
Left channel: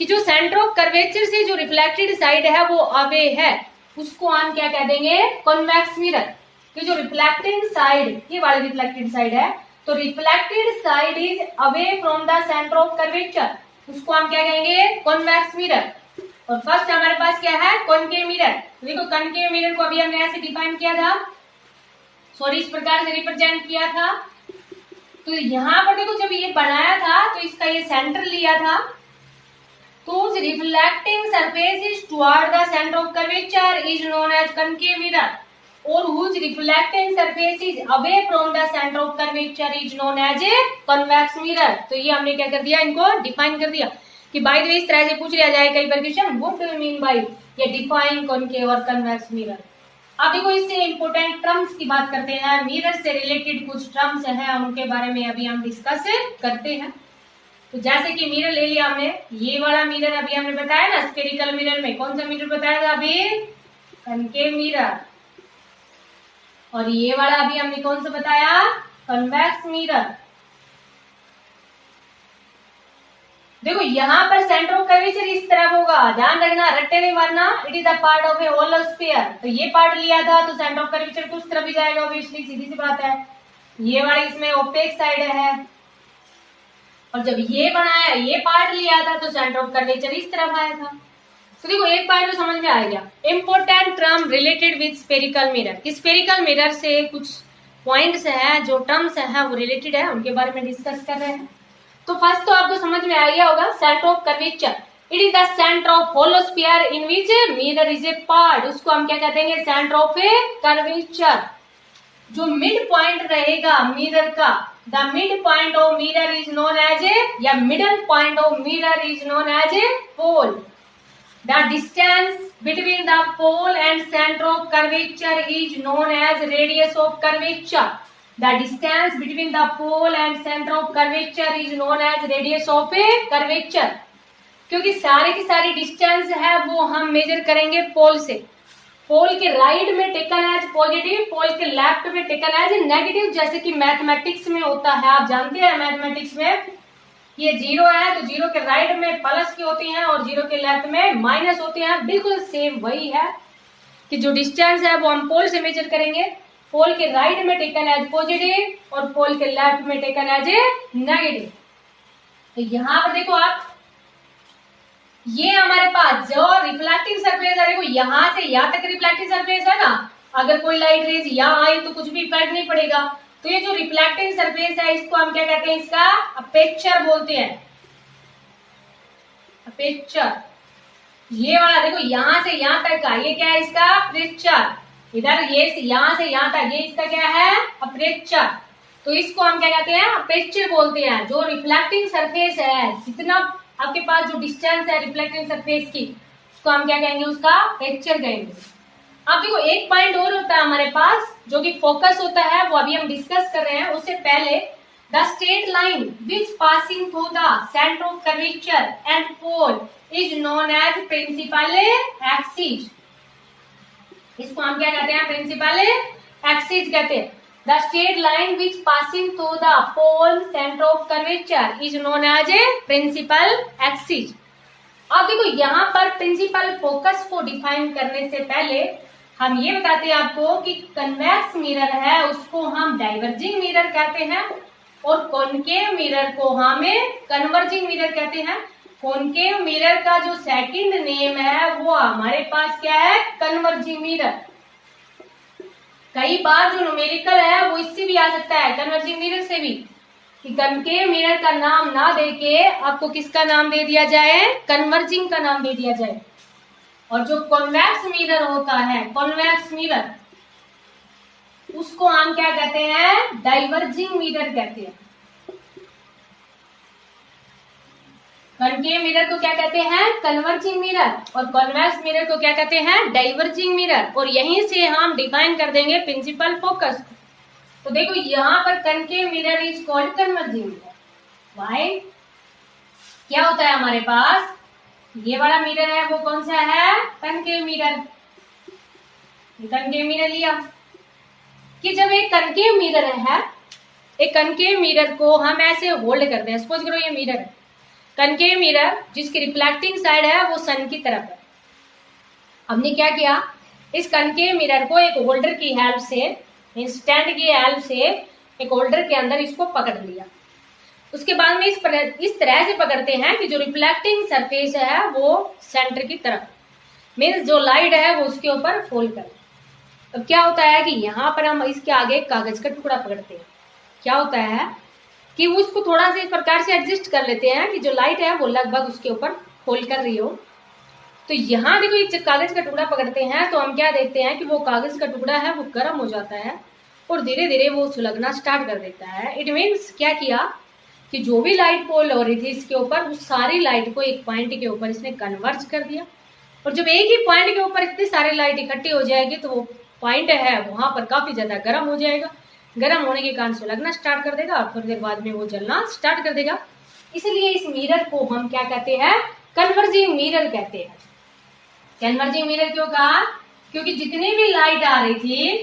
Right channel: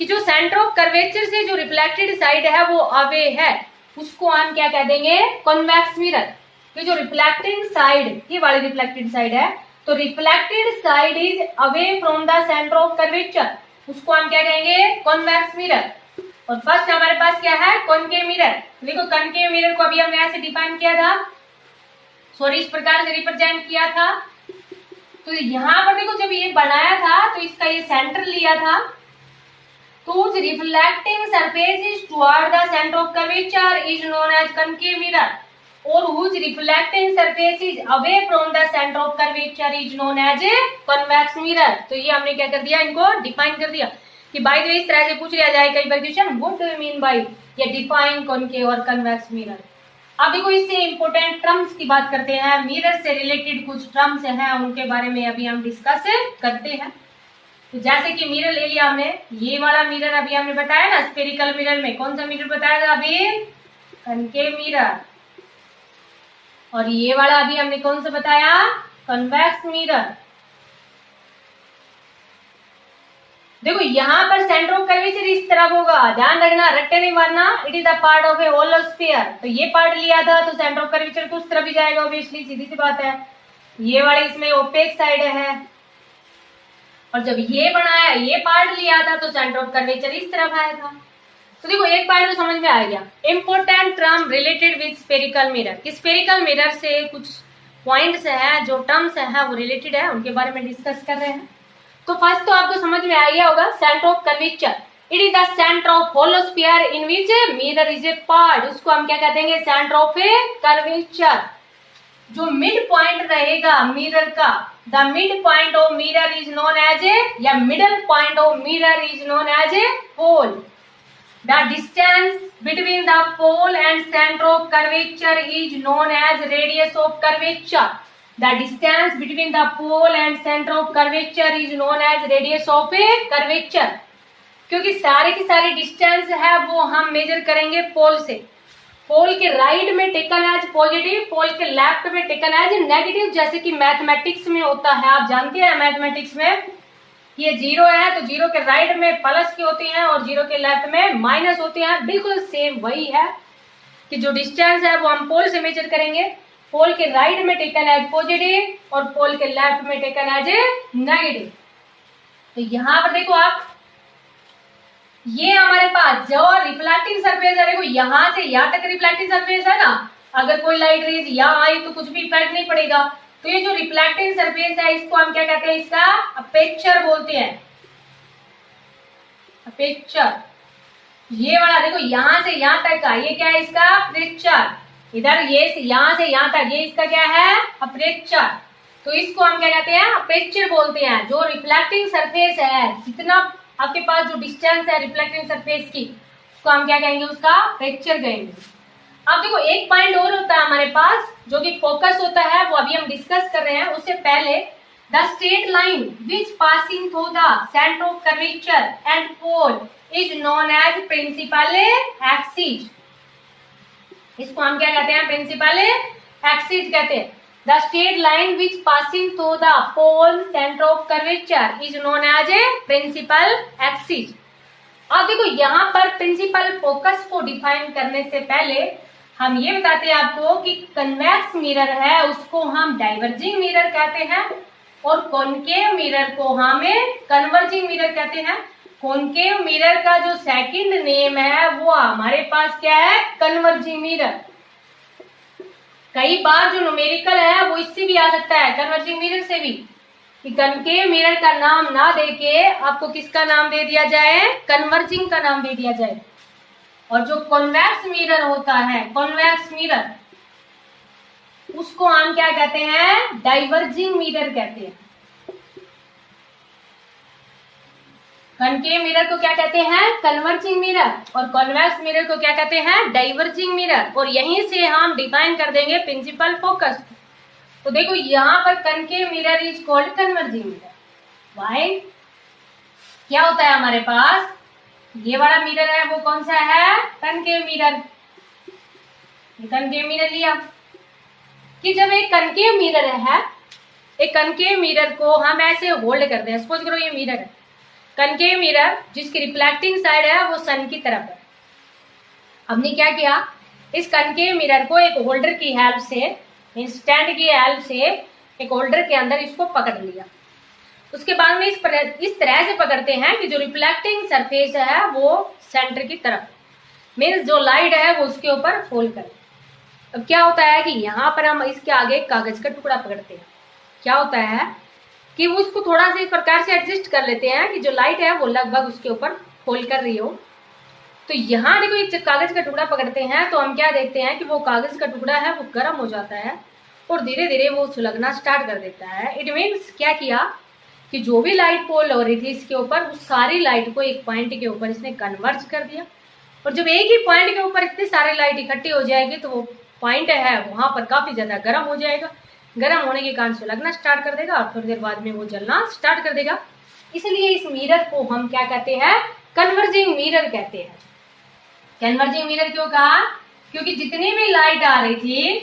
कि जो सेंटर ऑफ कर्वेचर से जो रिफ्लेक्टेड साइड है वो अवे है, उसको हम क्या कह देंगे, कॉन्वेक्स मिरर। तो जो रिफ्लेक्टिंग साइड, ये वाली रिफ्लेक्टेड साइड है, तो reflected side is away from the centre of curvature, उसको हम क्या कहेंगे, कॉन्वेक्स मिरर। और फर्स्ट हमारे पास क्या है, कॉनकेव मिरर। देखो कॉनकेव मिरर को अभी हमने ऐसे डिफाइन किया था, सॉरी इस प्रकार से रिप्रेजेंट किया था। तो यहाँ पर देखो जब ये बनाया था तो इसका ये सेंटर लिया था, तो उस reflecting surface is toward the centre of curvature is known as concave mirror, और whose reflecting surface is away from the center of curvature is known as a convex mirror। तो ये हमने क्या कर दिया, इनको डिफाइन कर दिया कि भाई तो इस तरह से पूछ लिया जाए कई बार question, what do you mean by ये डिफाइन कॉनकेव और कन्वेक्स मिरर। अब देखो इससे इंपोर्टेंट टर्म्स की बात करते हैं, मिरर से रिलेटेड कुछ टर्म्स हैं उनके बारे में अभी हम डिस्कस करते हैं। तो जैसे कि मिरर ले लिया हमने, ये वाला मिरर अभी हमने बताया ना, स्फेरिकल मिरर में कौन सा मिरर बताया था अभी, कॉनकेव मिरर, और ये वाला अभी हमने कौन सा बताया, कन्वेक्स मिरर। देखो यहाँ पर सेंटर ऑफ कर्वेचर इस तरफ होगा, ध्यान रखना, रट्टे नहीं मारना, it is the part of a hollow sphere. तो ये पार्ट लिया था तो सेंटर ऑफ कर्वेचर तो उस तरफ ही जाएगा, ऑब्वियसली सीधी सी बात है। ये वाली इसमें ओपेक साइड है, और जब ये बनाया, ये पार्ट लिया था तो सेंटर ऑफ कर्वेचर इस तरफ आया था। तो देखो एक पॉइंट तो समझ में आ गया, important term related with spherical mirror. Spherical mirror से कुछ पॉइंट्स हैं, जो टर्म्स हैं वो रिलेटेड है, उनके बारे में डिस्कस कर रहे हैं। तो फर्स्ट तो आपको समझ में आ गया होगा, centre of curvature, it is the centre of hollow sphere in which mirror is a part, उसको हम क्या कहते हैं, सेंटर ऑफ ए कर्वेचर। जो मिड पॉइंट रहेगा मिरर का, the mid point of mirror is known as a, या middle point of mirror is known as a pole. The distance between the pole and center of curvature is known as radius of curvature. The distance between the pole and center of curvature is known as radius of a curvature. क्योंकि सारे की सारी distance है वो हम major करेंगे पोल से। पोल के राइट में टेकन एज पॉजिटिव, पोल के लेफ्ट में टेकन एज नेगेटिव, जैसे कि मैथमेटिक्स में होता है। आप जानते हैं मैथमेटिक्स में ये जीरो है तो जीरो के राइट में प्लस की होती हैं और जीरो के लेफ्ट में माइनस होती हैं, बिल्कुल सेम वही है कि जो डिस्टेंस है वो हम पोल से मेजर करेंगे। पोल के राइट में टेकन एज पॉजिटिव और पोल के लेफ्ट में टेकन एज नेगेटिव। तो यहाँ पर देखो आप, ये हमारे पास जो रिफ्लेक्टिंग सरफेस है, देखो यहाँ से यहाँ तक रिफ्लेक्टिंग सरफेस है ना, अगर कोई लाइट रेज यहाँ आई तो कुछ भी इफेक्ट नहीं पड़ेगा। तो ये जो रिफ्लेक्टिंग सरफेस है इसको हम क्या कहते हैं, इसका अपेचर बोलते हैं, अपेचर। ये वाला देखो यहां से यहां तक का ये क्या है, इसका अपेचर। इधर ये यहां से यहां तक ये इसका क्या है, अपेचर। तो इसको हम क्या कहते हैं, अपेचर बोलते हैं। जो रिफ्लेक्टिंग सरफेस है, जितना आपके पास जो डिस्टेंस है रिफ्लेक्टिंग सरफेस की, उसको हम क्या कहेंगे, उसका अपेचर कहेंगे। अब देखो एक पॉइंट और होता है हमारे पास जो कि फोकस होता है, वो अभी हम डिस्कस कर रहे हैं। उससे पहले the straight line which passing through the centre of curvature and pole is known as principal axis. इसको हम क्या कहते हैं, प्रिंसिपल एक्सिस कहते हैं। The straight line which passing through the pole centre of curvature is known as a principal axis. अब देखो यहाँ पर प्रिंसिपल फोकस को डिफाइन करने से पहले हम ये बताते हैं आपको कि कन्वेक्स मिरर है उसको हम डाइवर्जिंग मिरर कहते हैं और कॉनकेव मिरर को हमें कन्वर्जिंग मिरर कहते हैं। कॉनकेव मिरर का जो सेकंड नेम है वो हमारे पास क्या है, कन्वर्जिंग मिरर। कई बार जो न्यूमेरिकल है वो इससे भी आ सकता है, कन्वर्जिंग मिरर से भी, कि कॉनकेव मिरर का नाम ना देके आपको किसका नाम दे दिया जाए, कन्वर्जिंग का नाम दे दिया जाए। और जो कॉन्वेक्स मिरर होता है, कॉन्वेक्स मिरर, उसको हम क्या कहते हैं, डाइवर्जिंग मिरर कहते हैं। कॉनकेव मिरर को क्या कहते हैं, कन्वर्जिंग मिरर, और कॉन्वेक्स मिरर को क्या कहते हैं, डाइवर्जिंग मिरर। और यहीं से हम डिफाइन कर देंगे प्रिंसिपल फोकस। तो देखो यहाँ पर concave mirror is called converging mirror. Why, क्या होता है हमारे पास, ये वाला मिरर है वो कौन सा है, कॉनकेव मिरर। कॉनकेव मिरर लिया कि जब एक कॉनकेव मिरर है, एक कॉनकेव मिरर को हम ऐसे होल्ड करते हैं। सपोज करो ये मिरर है, कॉनकेव मिरर जिसकी रिफ्लेक्टिंग साइड है वो सन की तरफ है। हमने क्या किया, इस कॉनकेव मिरर को एक होल्डर की हेल्प से, स्टैंड की हेल्प से एक होल्डर के अंदर इसको पकड़ लिया। उसके बाद में इस तरह से पकड़ते हैं कि जो रिफ्लेक्टिंग सरफेस है वो सेंटर की तरफ, मीन्स जो लाइट है वो उसके ऊपर फॉल करे। अब क्या होता है कि यहाँ पर हम इसके आगे कागज का टुकड़ा पकड़ते हैं। क्या होता है कि उसको थोड़ा सा इस प्रकार से एडजस्ट कर लेते हैं कि जो लाइट है वो लगभग उसके ऊपर फॉल कर रही हो। तो यहाँ देखो ये कागज का टुकड़ा पकड़ते हैं तो हम क्या देखते हैं कि वो कागज का टुकड़ा है वो गर्म हो जाता है और धीरे धीरे वो सुलगना स्टार्ट कर देता है। इट मीन्स क्या किया कि जो भी लाइट फॉल हो रही थी इसके ऊपर, उस सारी लाइट को एक पॉइंट के ऊपर इसने कन्वर्ज कर दिया। और जब एक ही पॉइंट के ऊपर इतनी सारी लाइट इकट्ठी हो जाएगी तो वो पॉइंट है वहां पर काफी ज्यादा गर्म हो जाएगा। गर्म होने के कारण सुलगना स्टार्ट कर देगा, थोड़ी देर बाद में वो जलना स्टार्ट कर देगा। इसलिए इस मिरर को हम क्या कहते हैं, कन्वर्जिंग मिरर कहते हैं। कन्वर्जिंग मिरर क्यों कहा, क्योंकि जितनी भी लाइट आ रही थी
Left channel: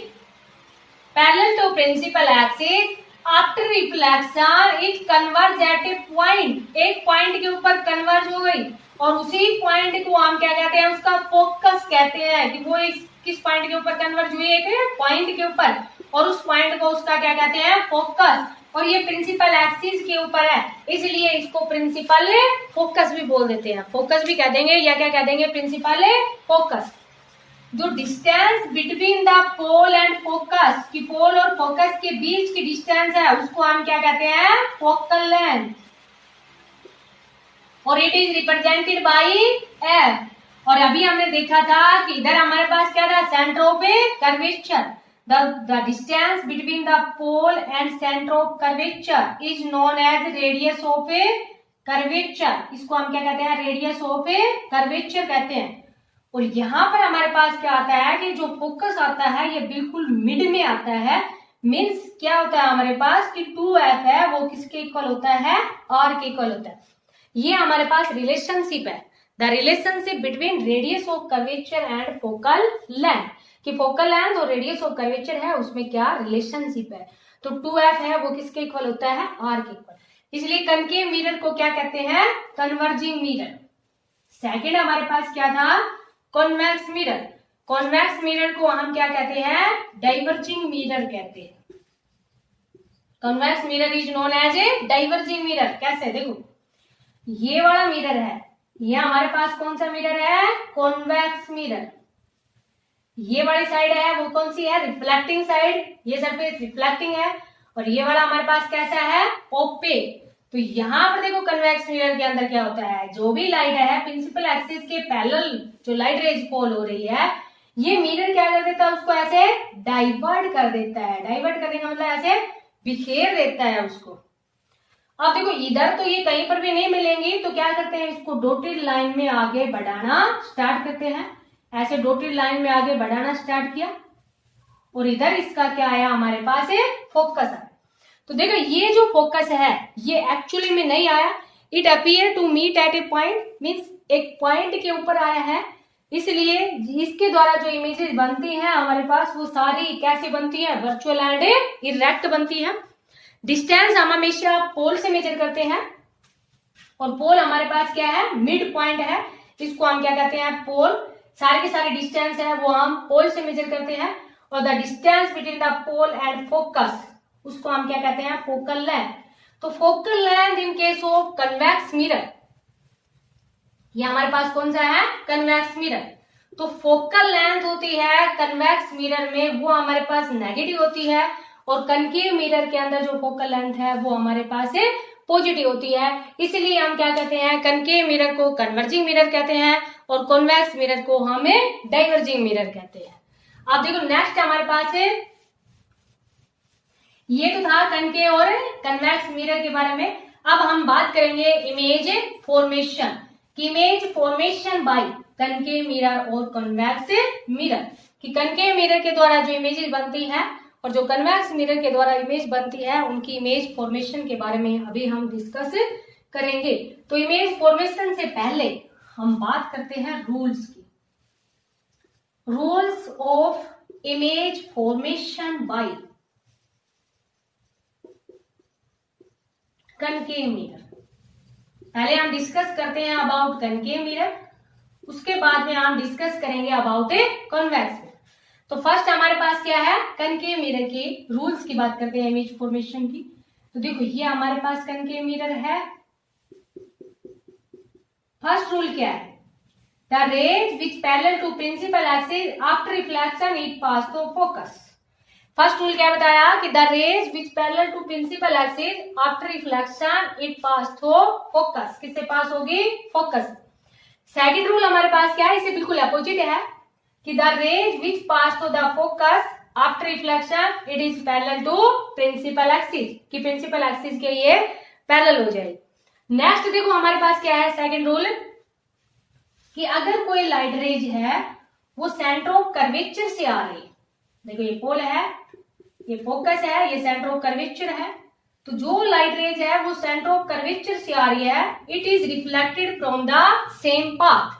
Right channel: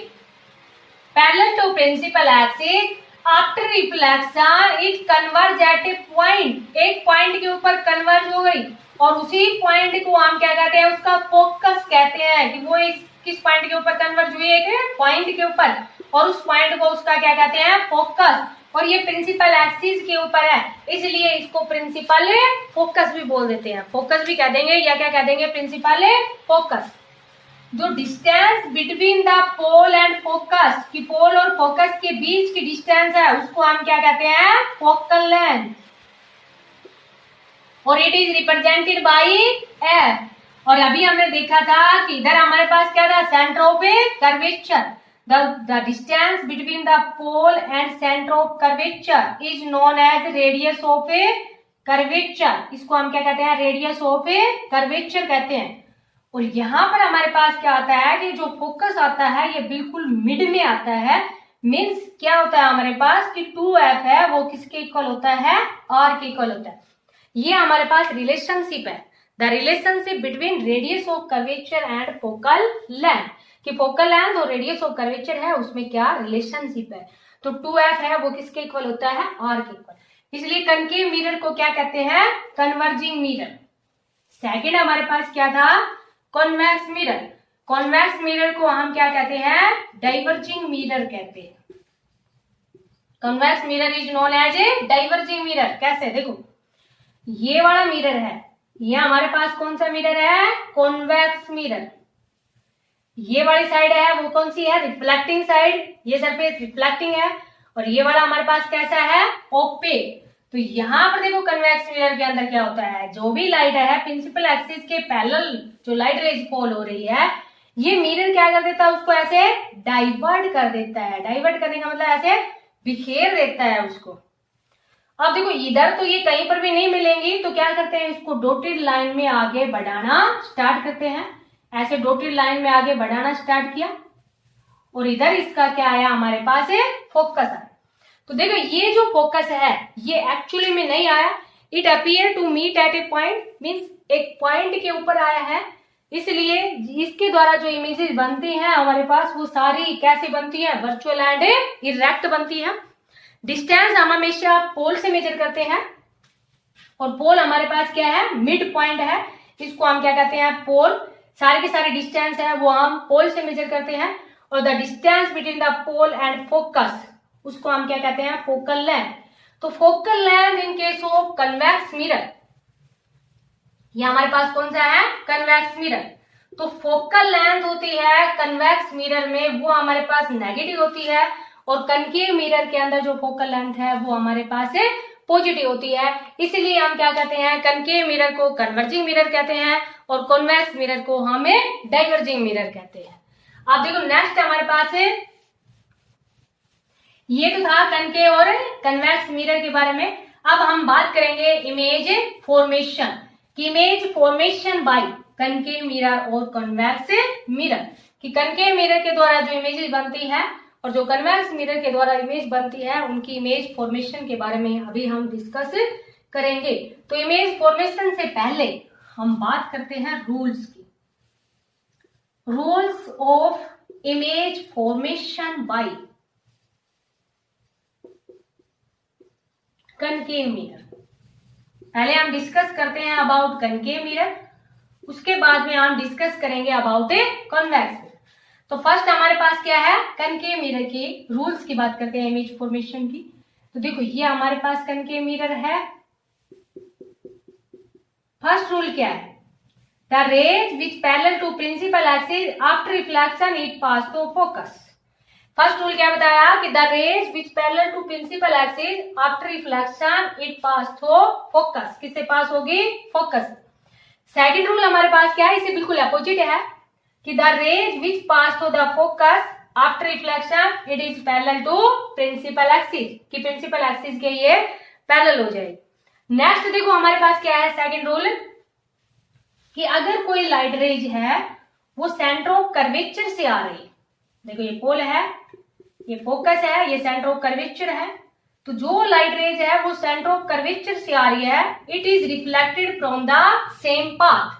parallel to principal axis, after reflection it converge at a point, एक पॉइंट के ऊपर कन्वर्ज हो गई और उसी पॉइंट को हम क्या कहते हैं, उसका फोकस कहते हैं। कि वो किस पॉइंट के ऊपर कन्वर्ज हुई है, एक पॉइंट के ऊपर, और उस पॉइंट को उसका क्या कहते हैं, फोकस। और ये प्रिंसिपल एक्सिस के ऊपर है, इसलिए इसको प्रिंसिपल फोकस भी बोल देते हैं। फोकस भी कह देंगे या क्या कह देंगे, प्रिंसिपल फोकस। जो distance between the pole and focus, कि पोल और फोकस के बीच की डिस्टेंस है उसको हम क्या कहते हैं, फोकल लेंथ। और it is represented bye F. और अभी हमने देखा था कि इधर हमारे पास क्या था, centre of a curvature. The distance between the pole and center of curvature is known as radius of a curvature. इसको हम क्या कहते हैं, radius of a curvature कहते हैं। और यहाँ पर हमारे पास क्या आता है कि जो फोकस आता है ये बिल्कुल मिड में आता है। मीन्स क्या होता है हमारे पास कि 2f है वो किसके इक्वल होता है, r के इक्वल होता है। ये हमारे पास रिलेशनशिप है, the relationship between radius of curvature and focal length. कि फोकल लेंथ और रेडियस ऑफ कर्वेचर है उसमें क्या रिलेशनशिप है। तो 2f है वो किसके इक्वल होता है, r के इक्वल। इसलिए कनकेव मिरर को क्या कहते हैं, कन्वर्जिंग मिरर। सेकंड हमारे पास क्या था, कॉन्वेक्स मिरर। कॉन्वेक्स मिरर को हम क्या कहते हैं, डाइवर्जिंग मिरर कहते हैं। Convex mirror is known as a diverging mirror. कैसे, देखो ये वाला मिरर है, ये हमारे पास कौन सा मिरर है, कॉन्वेक्स मिरर। ये वाली साइड है वो कौन सी है, रिफ्लेक्टिंग साइड। ये सरफेस रिफ्लेक्टिंग है और ये वाला हमारे पास कैसा है, ओपेक। तो यहाँ पर देखो कन्वेक्स मिरर के अंदर क्या होता है, जो भी लाइट है प्रिंसिपल एक्सिस के पैरेलल जो लाइट रेज फॉल हो रही है, ये मिरर क्या कर देता है, उसको ऐसे डाइवर्ट कर देता है। डाइवर्ट करने का मतलब ऐसे बिखेर देता है उसको। अब देखो इधर तो ये कहीं पर भी नहीं मिलेंगी, तो क्या करते हैं, इसको डॉटेड लाइन में आगे बढ़ाना स्टार्ट करते हैं। ऐसे डॉटेड लाइन में आगे बढ़ाना स्टार्ट किया और इधर इसका क्या आया, हमारे पास है फोकस आया। तो देखो ये जो फोकस है ये एक्चुअली में नहीं आया, it appear to meet at a point, means एक पॉइंट के ऊपर आया है, इसलिए इसके द्वारा जो इमेजेस बनती हैं हमारे पास वो सारी कैसे बनती है, वर्चुअल एंड इरेक्ट बनती है। डिस्टेंस हम हमेशा पोल से मेजर करते हैं और पोल हमारे पास क्या है, मिड पॉइंट है, इसको हम क्या कहते हैं, पोल। सारे के सारे डिस्टेंस है वो हम पोल से मेजर करते हैं और the distance between the pole and focus उसको हम क्या कहते हैं, फोकल लेंथ। तो focal length in case of convex mirror, ये हमारे पास कौन सा है, कन्वेक्स मिरर। तो फोकल लेंथ होती है कन्वेक्स मिरर में वो हमारे पास नेगेटिव होती है और कनकेव मिरर के अंदर जो फोकल लेंथ है वो हमारे पास है पॉजिटिव होती है। इसलिए हम क्या कहते हैं, कनकेव मिरर को कन्वर्जिंग मिरर कहते हैं और कॉन्वेक्स मिरर को हमें डाइवर्जिंग मिरर कहते हैं। अब देखो नेक्स्ट हमारे पास है, ये तो था कनकेव और कन्वेक्स मिरर के बारे में। अब हम बात करेंगे इमेज फॉर्मेशन की, image formation by concave mirror और कन्वेक्स मिरर, कि कनकेव मिरर के द्वारा जो इमेजेस बनती हैं और जो कन्वेक्स मिरर के द्वारा इमेज बनती है उनकी इमेज फॉर्मेशन के बारे में अभी हम डिस्कस करेंगे। तो इमेज फॉर्मेशन से पहले हम बात करते हैं रूल्स की। Rules of image formation by concave mirror. पहले हम डिस्कस करते हैं अबाउट कनकेव मिरर, उसके बाद में हम डिस्कस करेंगे अबाउट ए कॉन्वेक्स मिरर। तो फर्स्ट हमारे पास क्या है, कनकेव मिरर के रूल्स की बात करते हैं इमेज फॉर्मेशन की। तो देखो ये हमारे पास कनकेव मिरर है। फर्स्ट रूल क्या है, the rays which parallel to principal axis after reflection it pass to focus. First rule क्या बताया कि the rays which parallel to principal axis after reflection it pass through focus, किससे pass होगी, focus. Second rule हमारे पास क्या है, इसे बिल्कुल अपोजिट है कि the rays which pass through the focus after reflection it is parallel to principal axis, कि प्रिंसिपल एक्सिस के ये पैरेलल हो जाए। नेक्स्ट देखो हमारे पास क्या है सेकंड रूल, कि अगर कोई लाइट रेज है वो सेंटर ऑफ कर्वेचर से आ रही है, देखो ये पोल है, ये फोकस है, ये सेंटर ऑफ कर्वेचर है, तो जो लाइट रेज है वो सेंटर ऑफ कर्वेचर से आ रही है, it is reflected from the same path.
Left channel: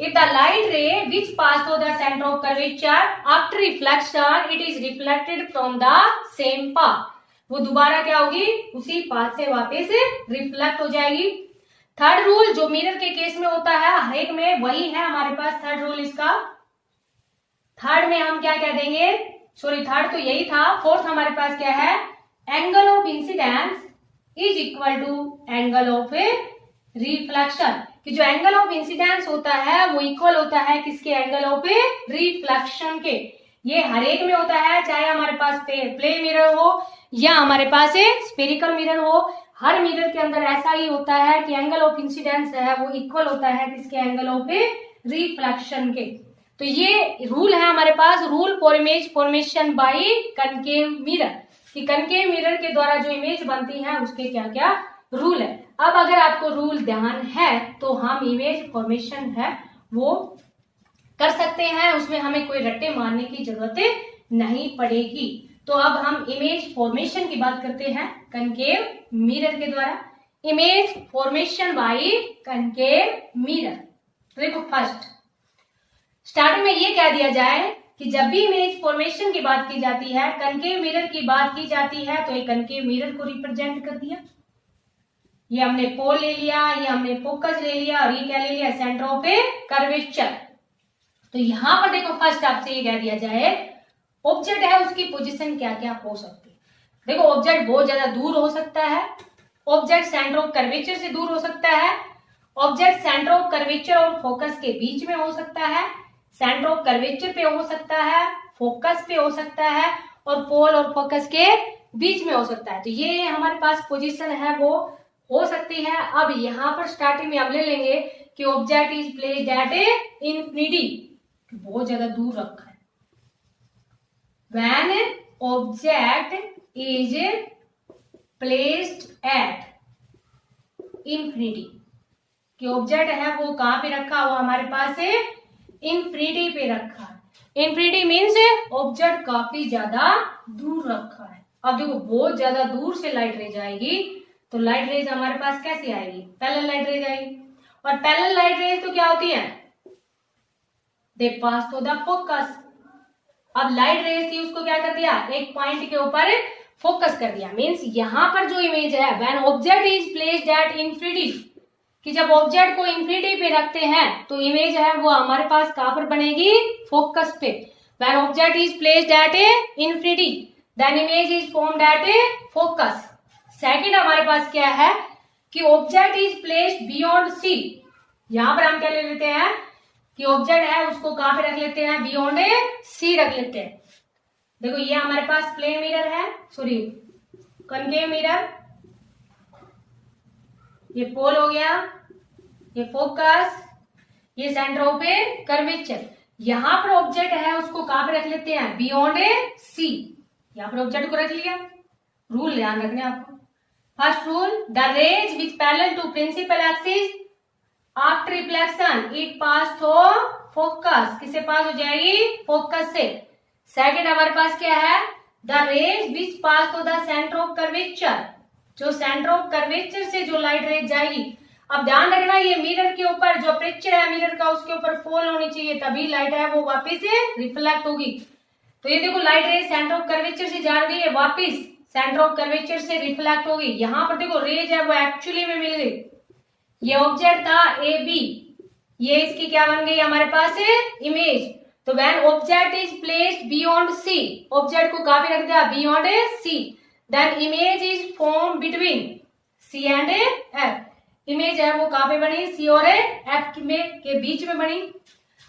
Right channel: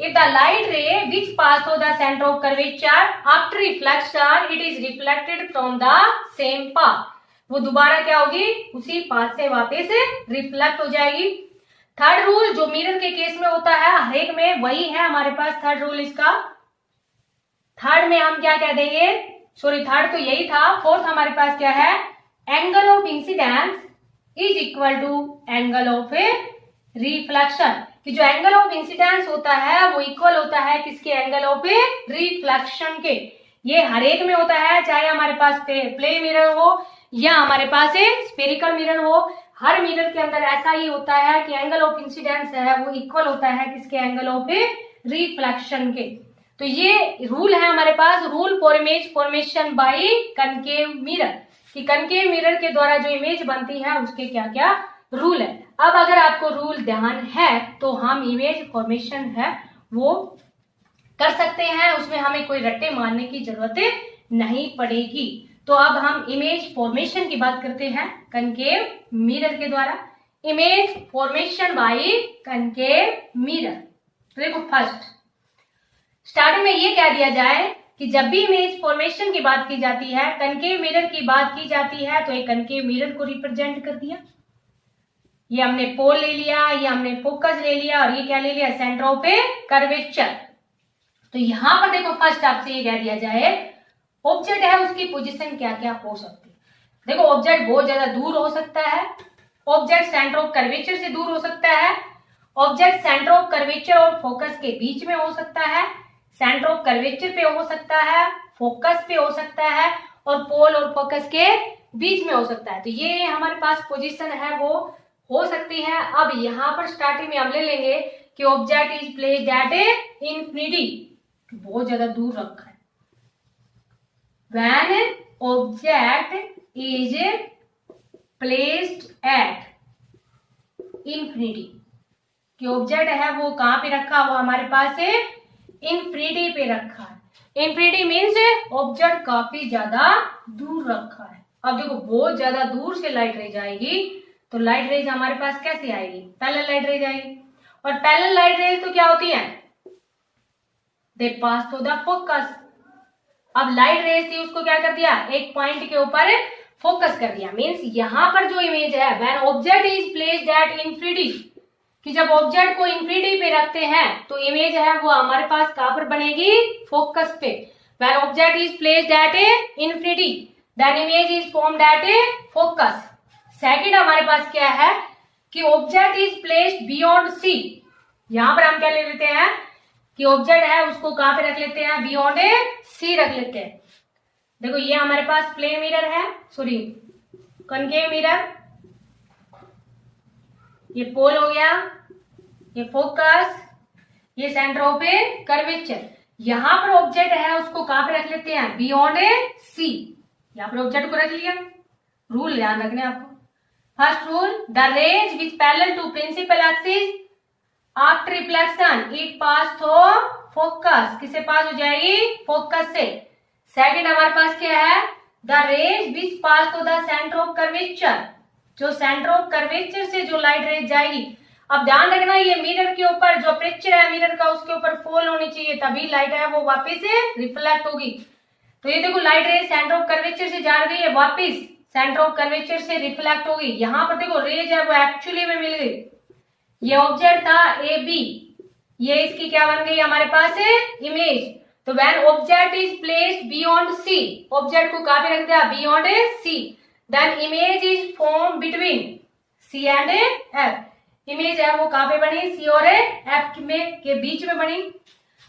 If the light रे विच pass through the centre of curvature after reflection it is reflected from the same path, वो दोबारा क्या होगी, उसी पाथ से वापस रिफ्लेक्ट हो जाएगी। थर्ड रूल जो मिरर के केस में होता है हर एक में वही है हमारे पास थर्ड रूल इसका। थर्ड में हम क्या कह देंगे, सॉरी थर्ड तो यही था, फोर्थ हमारे पास क्या है, angle of incidence is equal to angle of reflection, कि जो एंगल ऑफ इंसिडेंस होता है वो इक्वल होता है किसके, एंगल ऑफ रिफ्लेक्शन के। ये हर एक में होता है, चाहे हमारे पास प्लेन मिरर हो या हमारे पास स्फेरिकल मिरर हो, हर मिरर के अंदर ऐसा ही होता है कि एंगल ऑफ इंसिडेंस है वो इक्वल होता है किसके, एंगल ऑफ रिफ्लेक्शन के। तो ये रूल है हमारे पास, rule for image formation by concave mirror, कि कनकेव मिरर के द्वारा जो इमेज बनती है उसके क्या क्या रूल है। अब अगर आपको रूल ध्यान है तो हम इमेज फॉर्मेशन है वो कर सकते हैं, उसमें हमें कोई रट्टे मारने की जरूरत नहीं पड़ेगी। तो अब हम इमेज फॉर्मेशन की बात करते हैं कनकेव मिरर के द्वारा। Image formation by concave mirror, तो देखो फर्स्ट स्टार्टिंग में ये कह दिया जाए कि जब भी इमेज फॉर्मेशन की बात की जाती है, कनकेव मिरर की बात की जाती है, तो एक कनकेव मिरर को रिप्रेजेंट कर दिया, ये हमने पोल ले लिया, ये हमने फोकस ले लिया और ये क्या ले लिया, सेंटर ऑफ कर्वेचर। तो यहां पर देखो फर्स्ट आपसे ये कह दिया जाए ऑब्जेक्ट है उसकी पोजीशन क्या क्या हो सकती है। देखो ऑब्जेक्ट बहुत ज्यादा दूर हो सकता है, ऑब्जेक्ट सेंटर ऑफ कर्वेचर से दूर हो सकता है, ऑब्जेक्ट सेंटर ऑफ कर्वेचर और फोकस के बीच में हो सकता है, सेंटर ऑफ कर्वेचर पे हो सकता है, फोकस पे हो सकता है, और पोल और फोकस के बीच में हो सकता है। तो ये हमारे पास पोजीशन है वो हो सकती है। अब यहाँ पर स्टार्टिंग में हम ले लेंगे कि object is placed at infinity, बहुत ज्यादा दूर रखा है। When object is placed at infinity, कि ऑब्जेक्ट है वो कहां पे रखा हुआ हमारे पास है, इंफिनिटी पे रखा है। इंफिनिटी मीन्स ऑब्जेक्ट काफी ज्यादा दूर रखा है। अब देखो बहुत ज्यादा दूर से लाइट रेज आएगी तो लाइट रेज हमारे पास कैसे आएगी, पैरेलल लाइट रेज आएगी। और पैरेलल लाइट रेज तो क्या होती है, दे पास थ्रू द फोकस। अब लाइट रेज थी उसको क्या कर दिया, एक पॉइंट के ऊपर फोकस कर दिया। मीन्स यहां पर जो इमेज है when object is placed at infinity, कि जब ऑब्जेक्ट को इंफिनिटी पे रखते हैं तो इमेज है वो हमारे पास कहां पर बनेगी, फोकस पे। When object is placed at infinity then image is formed at focus. Second हमारे पास क्या है कि object is placed beyond C. यहां पर हम क्या ले लेते हैं कि ऑब्जेक्ट है उसको कहां पे रख लेते हैं, बियॉन्ड सी रख लेते हैं। देखो ये हमारे पास प्लेन मिरर है, सॉरी कॉन्केव मिरर, ये पोल हो गया, ये फोकस, ये सेंटर ऑफ कर्वेचर। यहां पर ऑब्जेक्ट है उसको कहां पे रख लेते हैं, बियॉन्ड सी। यहां पर ऑब्जेक्ट को रख लिया। रूल ध्यान रखने आपको। First rule, the rays which parallel to principal axis after reflection it pass through focus, किससे पास हो जाएगी, फोकस से। सेकंड हमारे पास क्या है, the rays which pass through the centre of curvature, जो सेंटर ऑफ कर्वेचर से जो लाइट रेज जाएगी। अब ध्यान रखना ये मिरर के ऊपर जो अपर्चर है मिरर का उसके ऊपर फॉल होनी चाहिए, तभी लाइट है वो वापस रिफ्लेक्ट होगी। तो ये देखो light rays centre of curvature से जा रही है, वापस सेंटर ऑफ कर्वेचर से रिफ्लेक्ट होगी। यहाँ पर देखो रेज है वो एक्चुअली में मिल गई। ये ऑब्जेक्ट था ए बी, ये इसकी क्या बन गई हमारे पास इमेज। तो when object is placed beyond C, object को कहां पे रख दिया, beyond C, then image is form between C and F. Image है वो कहां पे बनी, सी और एफ के बीच में बनी।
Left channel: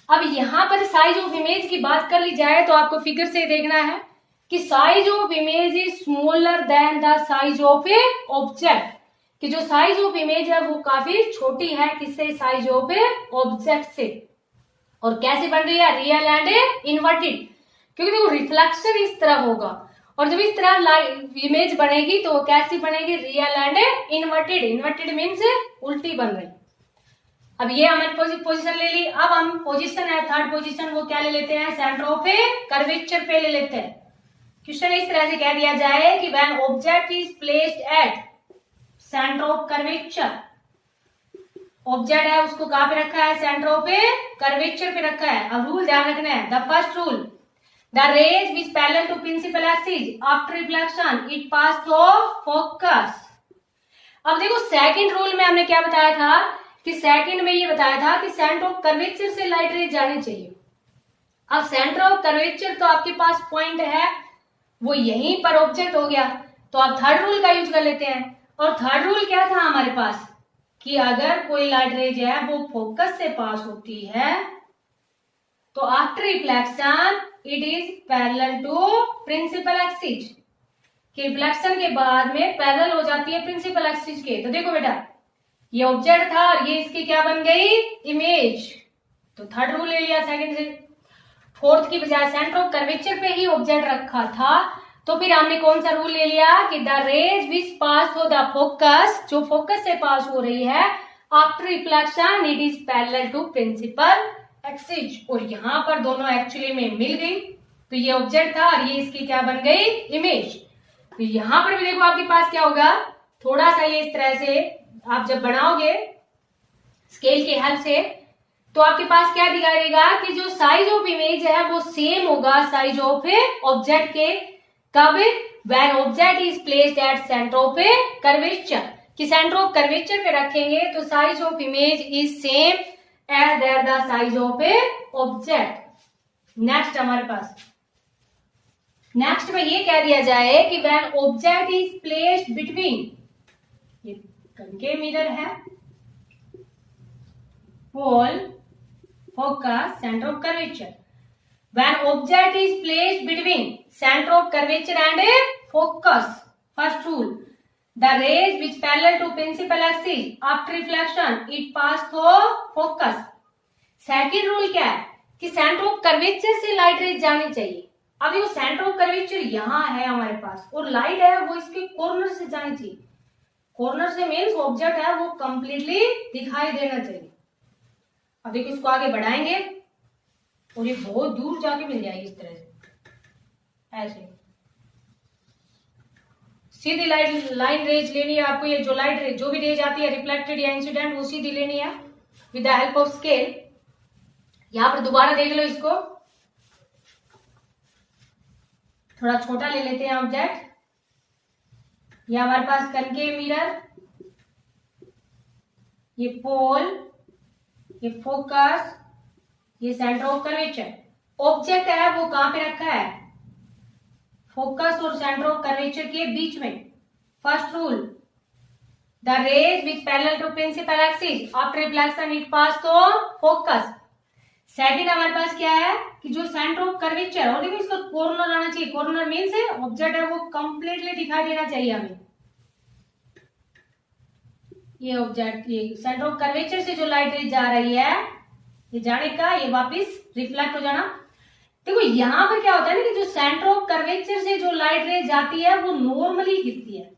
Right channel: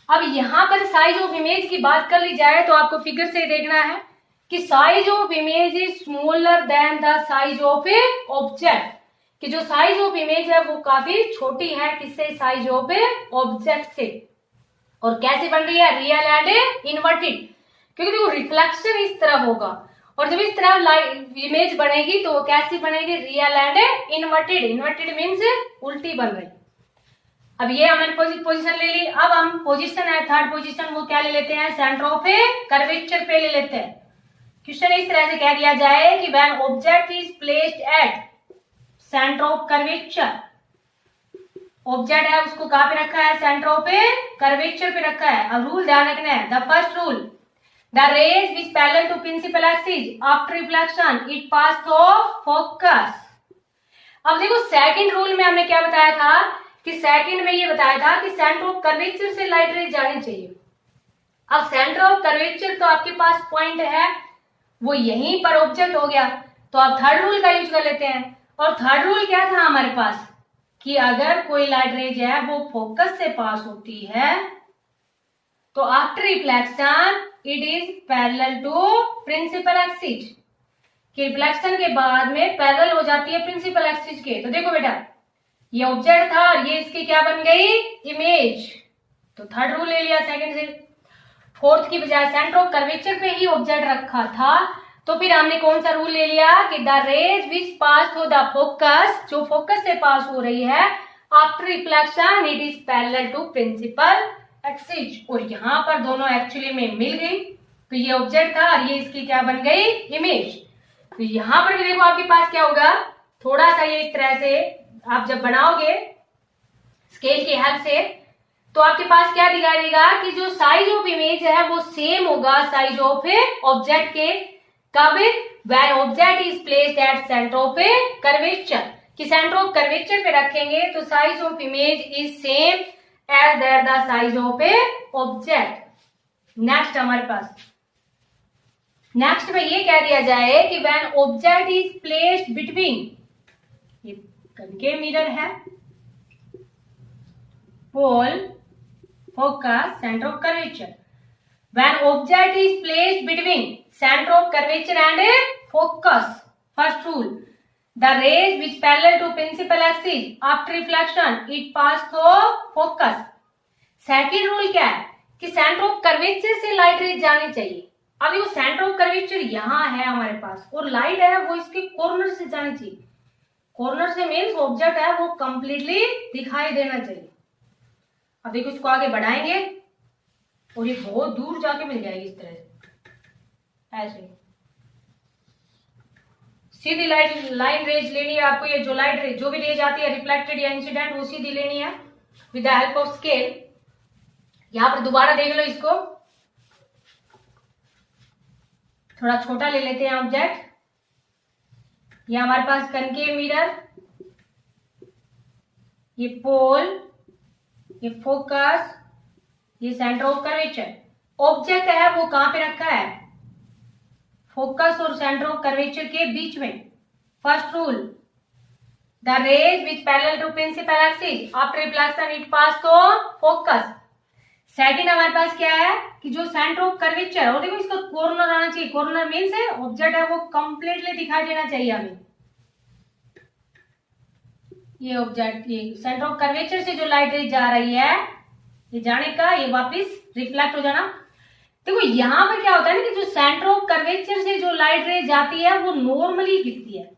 अब यहां पर साइज ऑफ इमेज की बात कर ली जाए तो आपको फिगर से देखना है कि size of image is smaller than the size of a object, कि जो साइज ऑफ इमेज है वो काफी छोटी है किससे, साइज ऑफ ए ऑब्जेक्ट से। और कैसे बन रही है, रियल एंड इन्वर्टेड, क्योंकि देखो रिफ्लेक्शन इस तरह होगा और जब इस तरह इमेज बनेगी तो कैसी बनेगी, real and inverted. Inverted means उल्टी बन रही। अब ये हमने पोजीशन ले ली। अब हम पोजीशन है थर्ड पोजीशन, वो क्या ले लेते हैं, सेंटर ऑफ कर्वेचर पे ले लेते हैं। क्वेश्चन इस तरह से कह दिया जाए कि when object is placed at centre of curvature, object है उसको कहां पे रखा है, सेंटर ऑफ कर्वेचर पे रखा है। अब रूल ध्यान रखना है, the first rule, the rays which parallel to principal axis after reflection it pass through focus. अब देखो सेकंड रूल में हमने क्या बताया था कि सेकंड में ये बताया था कि सेंटर ऑफ कर्वेचर से लाइट रेज जानी चाहिए। अब सेंटर ऑफ कर्वेचर तो आपके पास पॉइंट है वो यहीं पर ऑब्जेक्ट हो गया, तो आप थर्ड रूल का यूज कर लेते हैं। और थर्ड रूल क्या था हमारे पास कि अगर कोई लाइट रेज है वो फोकस से पास होती है तो after reflection it is parallel to principal axis, कि रिफ्लेक्शन के बाद में पैरेलल हो जाती है प्रिंसिपल एक्सिस के। तो देखो बेटा ये ऑब्जेक्ट था और ये इसकी क्या बन गई, इमेज। तो थर्ड रूल ले लिया सेकंड से। फोर्थ की बजाय सेंटर ऑफ कर्वेचर पे ही ऑब्जेक्ट रखा था तो फिर हमने कौन सा रूल ले लिया कि the rays which pass through the focus, जो फोकस से पास हो रही है after reflection it is parallel to principal axis. और यहाँ पर दोनों एक्चुअली में मिल गई, तो ये ऑब्जेक्ट था और ये इसकी क्या बन गई, इमेज। तो यहाँ पर भी देखो आपके पास क्या होगा, थोड़ा सा ये इस तरह से आप जब बनाओगे स्केल की हेल्प से तो आपके पास क्या दिखाई देगा कि जो साइज ऑफ इमेज है वो सेम होगा साइज ऑफ ऑब्जेक्ट के। कब, when object is placed at centre of curvature, कि सेंटर ऑफ कर्वेचर पे रखेंगे तो size of image is same as the size of object. Next हमारे पास नेक्स्ट में ये कह दिया जाए कि when object is placed between, ये कनकेव मिरर है, pole, focus, centre of curvature, when object is placed between centre of curvature and focus. First rule, the rays which parallel to principal axis after reflection it pass through focus. Second rule क्या है कि centre of curvature से light rays जानी चाहिए। अभी वो centre of curvature यहाँ है हमारे पास और लाइट है वो इसके कॉर्नर से जानी चाहिए। कॉर्नर से मीन्स ऑब्जेक्ट है वो कंप्लीटली दिखाई देना चाहिए। अब देखो इसको आगे बढ़ाएंगे और ये बहुत दूर जाके मिल जाएगी इस तरह से, ऐसे सीधी लाइन रेज लेनी है आपको। ये जो लाइट रेज जो भी रेज आती है रिफ्लेक्टेड या इंसिडेंट वो सीधी लेनी है with the help of scale. यहां पर दोबारा देख लो इसको, थोड़ा छोटा ले लेते हैं ऑब्जेक्ट। ये हमारे पास कनकेव मिरर, ये पोल, ये फोकस, ये सेंटर ऑफ कर्वेचर। ऑब्जेक्ट है वो कहां पे रखा है, फोकस और सेंटर ऑफ कर्वेचर के बीच में। First rule, the rays which parallel to principal axis after reflection it pass through focus. Second हमारे पास क्या है कि जो सेंटर ऑफ कर्वेचर, और देखो इसका कॉर्नर आना चाहिए। कॉर्नर मीन्स है ऑब्जेक्ट है वो कंप्लीटली दिखाई देना चाहिए हमें। ये ऑब्जेक्ट, ये सेंटर ऑफ कर्वेचर से जो लाइट रेज जा रही है ये जाने का, ये वापस रिफ्लेक्ट हो जाना। देखो यहां पर क्या होता है ना कि जो सेंटर ऑफ कर्वेचर से जो लाइट रेज जाती है वो नॉर्मली गिरती है,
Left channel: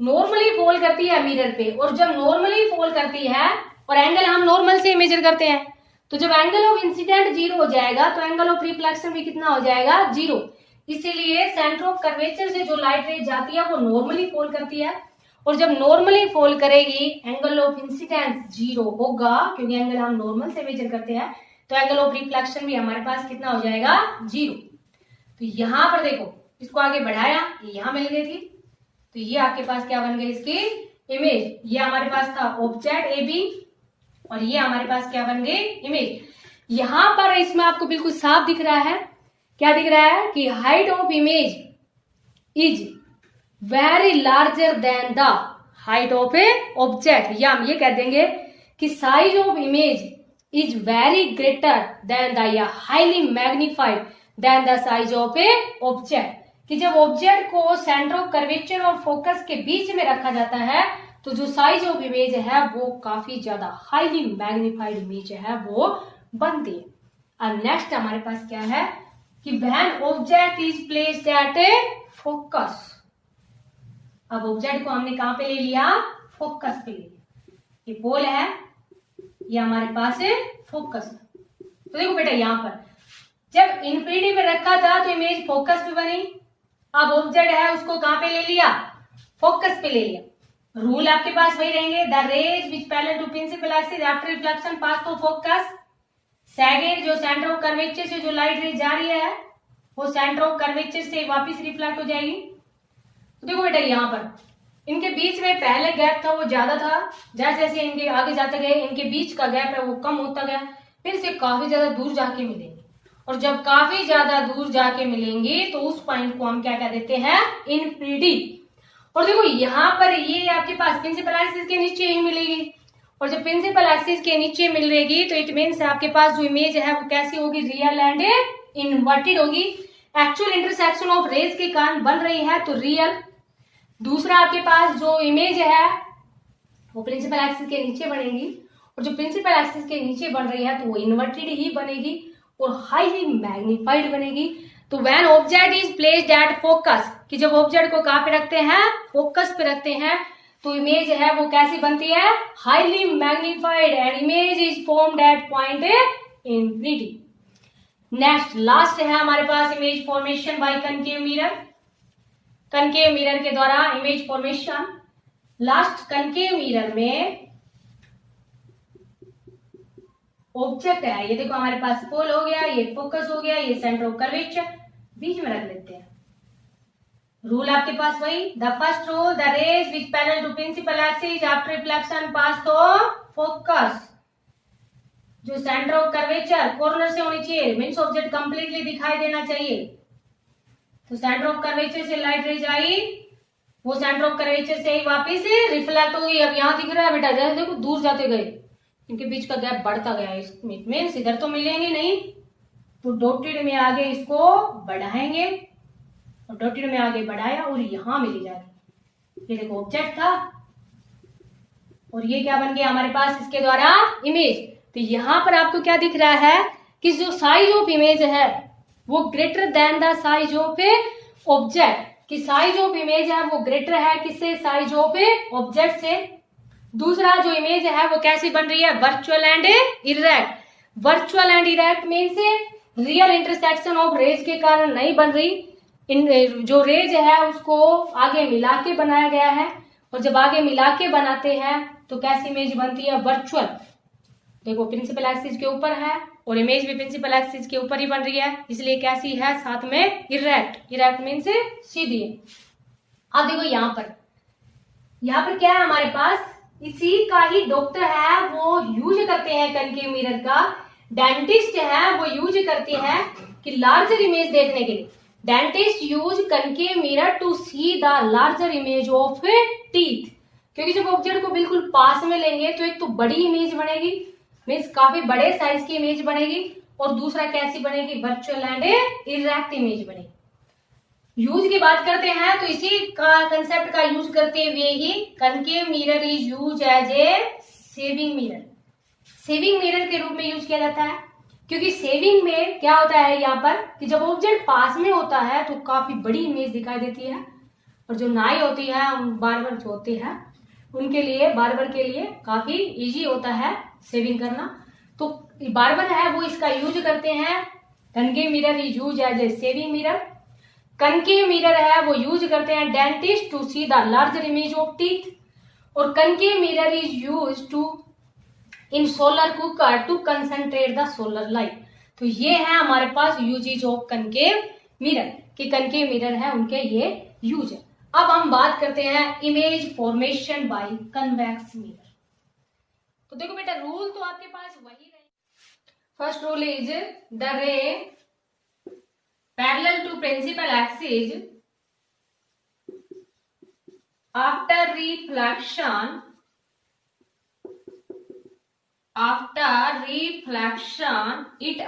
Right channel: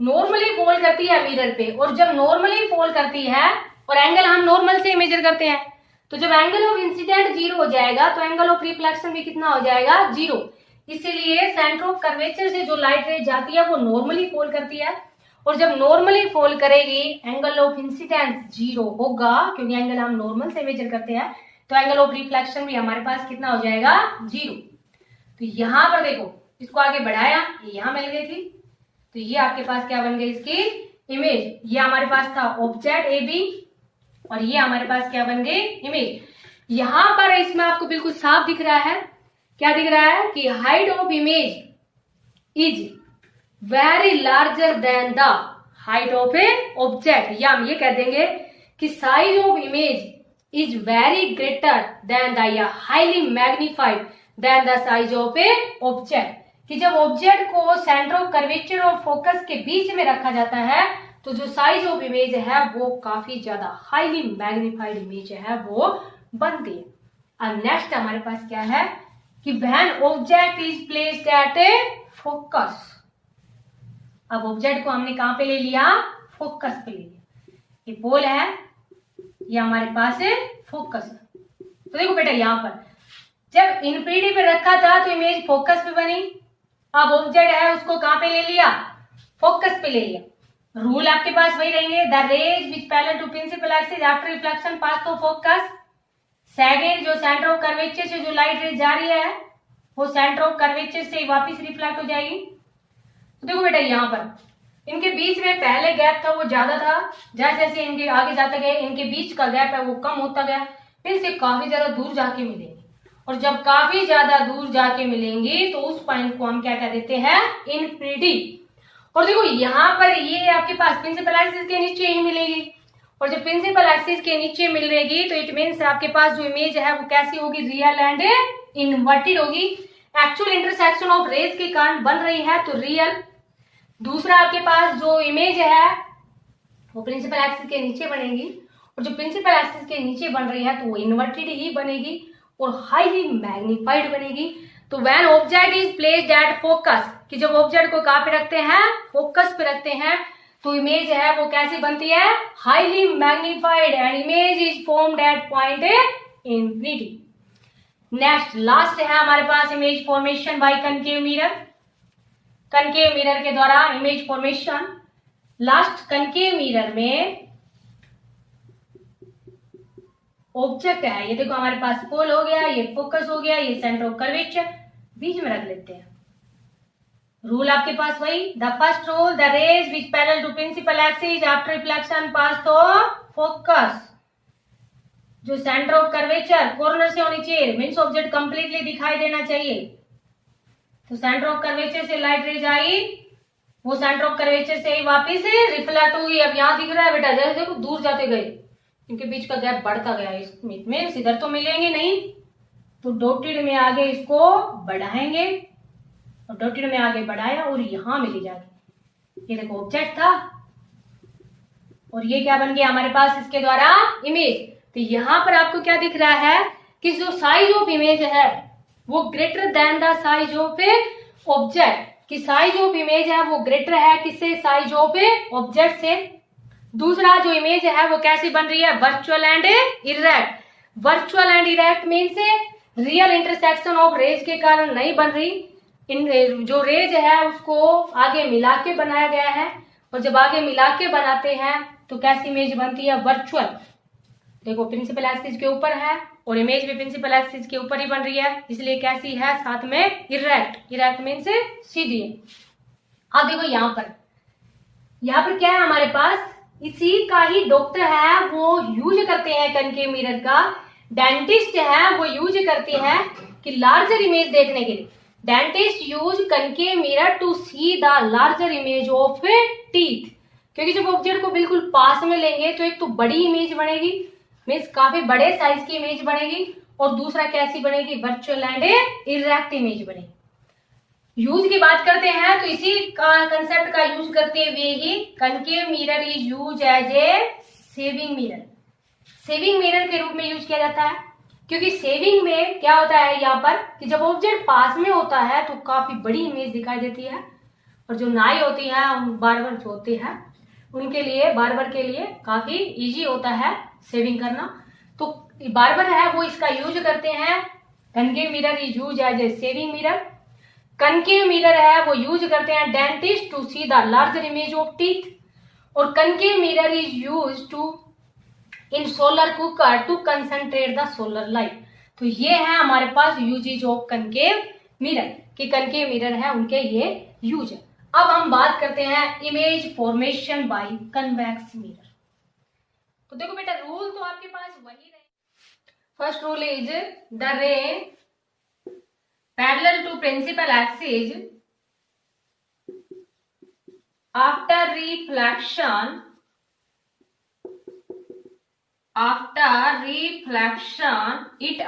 नॉर्मली फॉल करती है मिरर पे। और जब नॉर्मली फॉल करती है और एंगल हम नॉर्मल से मेजर करते हैं, तो जब एंगल ऑफ इंसिडेंट 0 हो जाएगा तो एंगल ऑफ रिफ्लेक्शन भी कितना हो जाएगा, 0। इसीलिए सेंटर ऑफ कर्वेचर से जो लाइट रेज जाती है वो नॉर्मली फॉल करती है, और जब नॉर्मली फॉल करेगी एंगल ऑफ इंसिडेंट 0 होगा, क्योंकि एंगल हम नॉर्मल से मेजर करते हैं, तो एंगल ऑफ रिफ्लेक्शन भी हमारे पास कितना हो जाएगा, 0। तो यहां पर देखो इसको आगे बढ़ाया, ये यहां मिल गई थी, तो ये आपके पास क्या बन गई इसकी इमेज। ये हमारे पास था ऑब्जेक्ट ए बी और ये हमारे पास क्या बन गई, इमेज। यहां पर इसमें आपको बिल्कुल साफ दिख रहा है, क्या दिख रहा है कि height of image is very larger than the height of a object. या हम ये कह देंगे कि size of image is very greater than the या highly magnified than the size of a object. कि जब ऑब्जेक्ट को सेंटर ऑफ कर्वेचर और फोकस के बीच में रखा जाता है तो जो साइज ऑफ इमेज है वो काफी ज्यादा हाईली मैग्निफाइड इमेज है वो बनती है। अब नेक्स्ट हमारे पास क्या है कि when object is placed at A focus. अब ऑब्जेक्ट को हमने कहां पे ले लिया, फोकस पे ले लिया। ये पोल है, ये हमारे पास है फोकस। तो देखो बेटा यहां पर जब इन्फिनिटी पे रखा था तो इमेज फोकस पे बनी। अब ऑब्जेक्ट है उसको कहां पे ले लिया, फोकस पे ले लिया। रूल आपके पास वही रहेंगे, the rays which parallel to principal axis after reflection pass to focus. Second, जो सेंटर ऑफ कर्वेचर से जो लाइट रेज जा रही है वो सेंटर ऑफ कर्वेचर से वापस रिफ्लेक्ट हो जाएगी। तो देखो बेटा यहाँ पर इनके बीच में पहले गैप था वो ज्यादा था, जैसे जैसे इनके आगे जाते गए इनके बीच का गैप है वो कम होता गया, फिर से काफी ज्यादा दूर जाके मिलेंगे। और जब काफी ज्यादा दूर जाके मिलेंगी तो उस पॉइंट को हम क्या कह देते हैं, इन्फिनिटी। और देखो यहाँ पर ये आपके पास प्रिंसिपल एक्सिस के नीचे ही मिलेगी, और जब प्रिंसिपल एक्सिस के नीचे मिलेगी तो इट मीन्स आपके पास जो इमेज है वो कैसी होगी, रियल एंड इन्वर्टेड होगी। एक्चुअल इंटरसेक्शन ऑफ रेज के कारण बन रही है तो रियल। दूसरा आपके पास जो इमेज है वो प्रिंसिपल एक्सिस के नीचे बनेगी, और जो प्रिंसिपल एक्सिस के नीचे बन रही है तो वो इन्वर्टेड ही बनेगी और हाईली मैग्निफाइड बनेगी। तो when object is placed at focus, कि जब ऑब्जेक्ट को कहां पे रखते हैं, फोकस पे रखते हैं, तो इमेज है वो कैसी बनती है, highly magnified, and image is formed at point infinity. Next last है हमारे पास image formation by concave mirror. Concave mirror के द्वारा image formation. Last concave mirror में ऑब्जेक्ट है, ये देखो हमारे पास पोल हो गया, ये फोकस हो गया, ये सेंटर ऑफ कर्वेचर, बीच में रख लेते हैं। रूल आपके पास वही, the first rule, the rays which parallel to principal axis after reflection pass to focus. जो सेंटर ऑफ कर्वेचर कॉर्नर से होनी चाहिए, मीन्स ऑब्जेक्ट कंप्लीटली दिखाई देना चाहिए। तो सेंटर ऑफ कर्वेचर से लाइट रेज आई, वो सेंटर ऑफ कर्वेचर से ही वापिस रिफ्लेक्ट होगी। अब यहाँ दिख रहा है बेटा, जैसे देखो दूर जाते गए इनके बीच का गैप बढ़ता गया, इसमें इधर तो मिलेंगे नहीं, तो डॉटेड में आगे इसको बढ़ाएंगे और डॉटेड में आगे बढ़ाया और यहाँ मिली जाके, ये देखो ऑब्जेक्ट था और ये क्या बन गया हमारे पास इसके द्वारा इमेज। तो यहाँ पर आपको क्या दिख रहा है कि जो साइज ऑफ इमेज है वो greater than the size of a object, कि साइज ऑफ इमेज है वो ग्रेटर है किससे, साइज ऑफ ए ऑब्जेक्ट से। दूसरा जो इमेज है वो कैसी बन रही है, virtual and erect. Virtual and erect means real intersection of rays के कारण नहीं बन रही, इन जो रेज है उसको आगे मिला के बनाया गया है, और जब आगे मिला के बनाते हैं तो कैसी इमेज बनती है, वर्चुअल। देखो प्रिंसिपल एक्सिस के ऊपर है और इमेज भी प्रिंसिपल एक्सिस के ऊपर ही बन रही है, इसलिए कैसी है, साथ में इरेक्ट। इरेक्ट मीन्स सीधी। अब देखो यहाँ पर क्या है हमारे पास, इसी का ही डॉक्टर है वो यूज करते हैं कनकेव मिरर का, डेंटिस्ट है वो यूज करते हैं कि लार्जर इमेज देखने के लिए। Dentist use concave mirror to see the larger image of teeth, क्योंकि जब ऑब्जेक्ट को बिल्कुल पास में लेंगे तो एक तो बड़ी इमेज बनेगी, मीन्स काफी बड़े साइज की इमेज बनेगी, और दूसरा कैसी बनेगी, वर्चुअल एंड इरेक्ट इमेज बनेगी। यूज की बात करते हैं तो इसी का कंसेप्ट का यूज करते हुए ही concave mirror is use as a shaving mirror. Shaving mirror के रूप में यूज किया जाता है, क्योंकि सेविंग में क्या होता है यहाँ पर कि जब ऑब्जेक्ट पास में होता है तो काफी बड़ी इमेज दिखाई देती है, और जो नाई होती है बार्बर जो होते हैं उनके लिए, बार्बर के लिए काफी इजी होता है सेविंग करना। तो बार्बर है वो इसका यूज करते हैं, concave mirror is use as a shaving mirror. Concave mirror है वो यूज करते हैं dentist to see the larger image of teeth, और concave mirror is use to in solar cooker to concentrate the solar light. तो ये है हमारे पास यूजेज ऑफ कनकेव मिरर, कि कनकेव मिरर है उनके ये यूज है। अब हम बात करते हैं image formation by convex mirror. तो देखो बेटा रूल तो आपके पास वही रहे। फर्स्ट रूल इज द रे parallel to principal axis after reflection it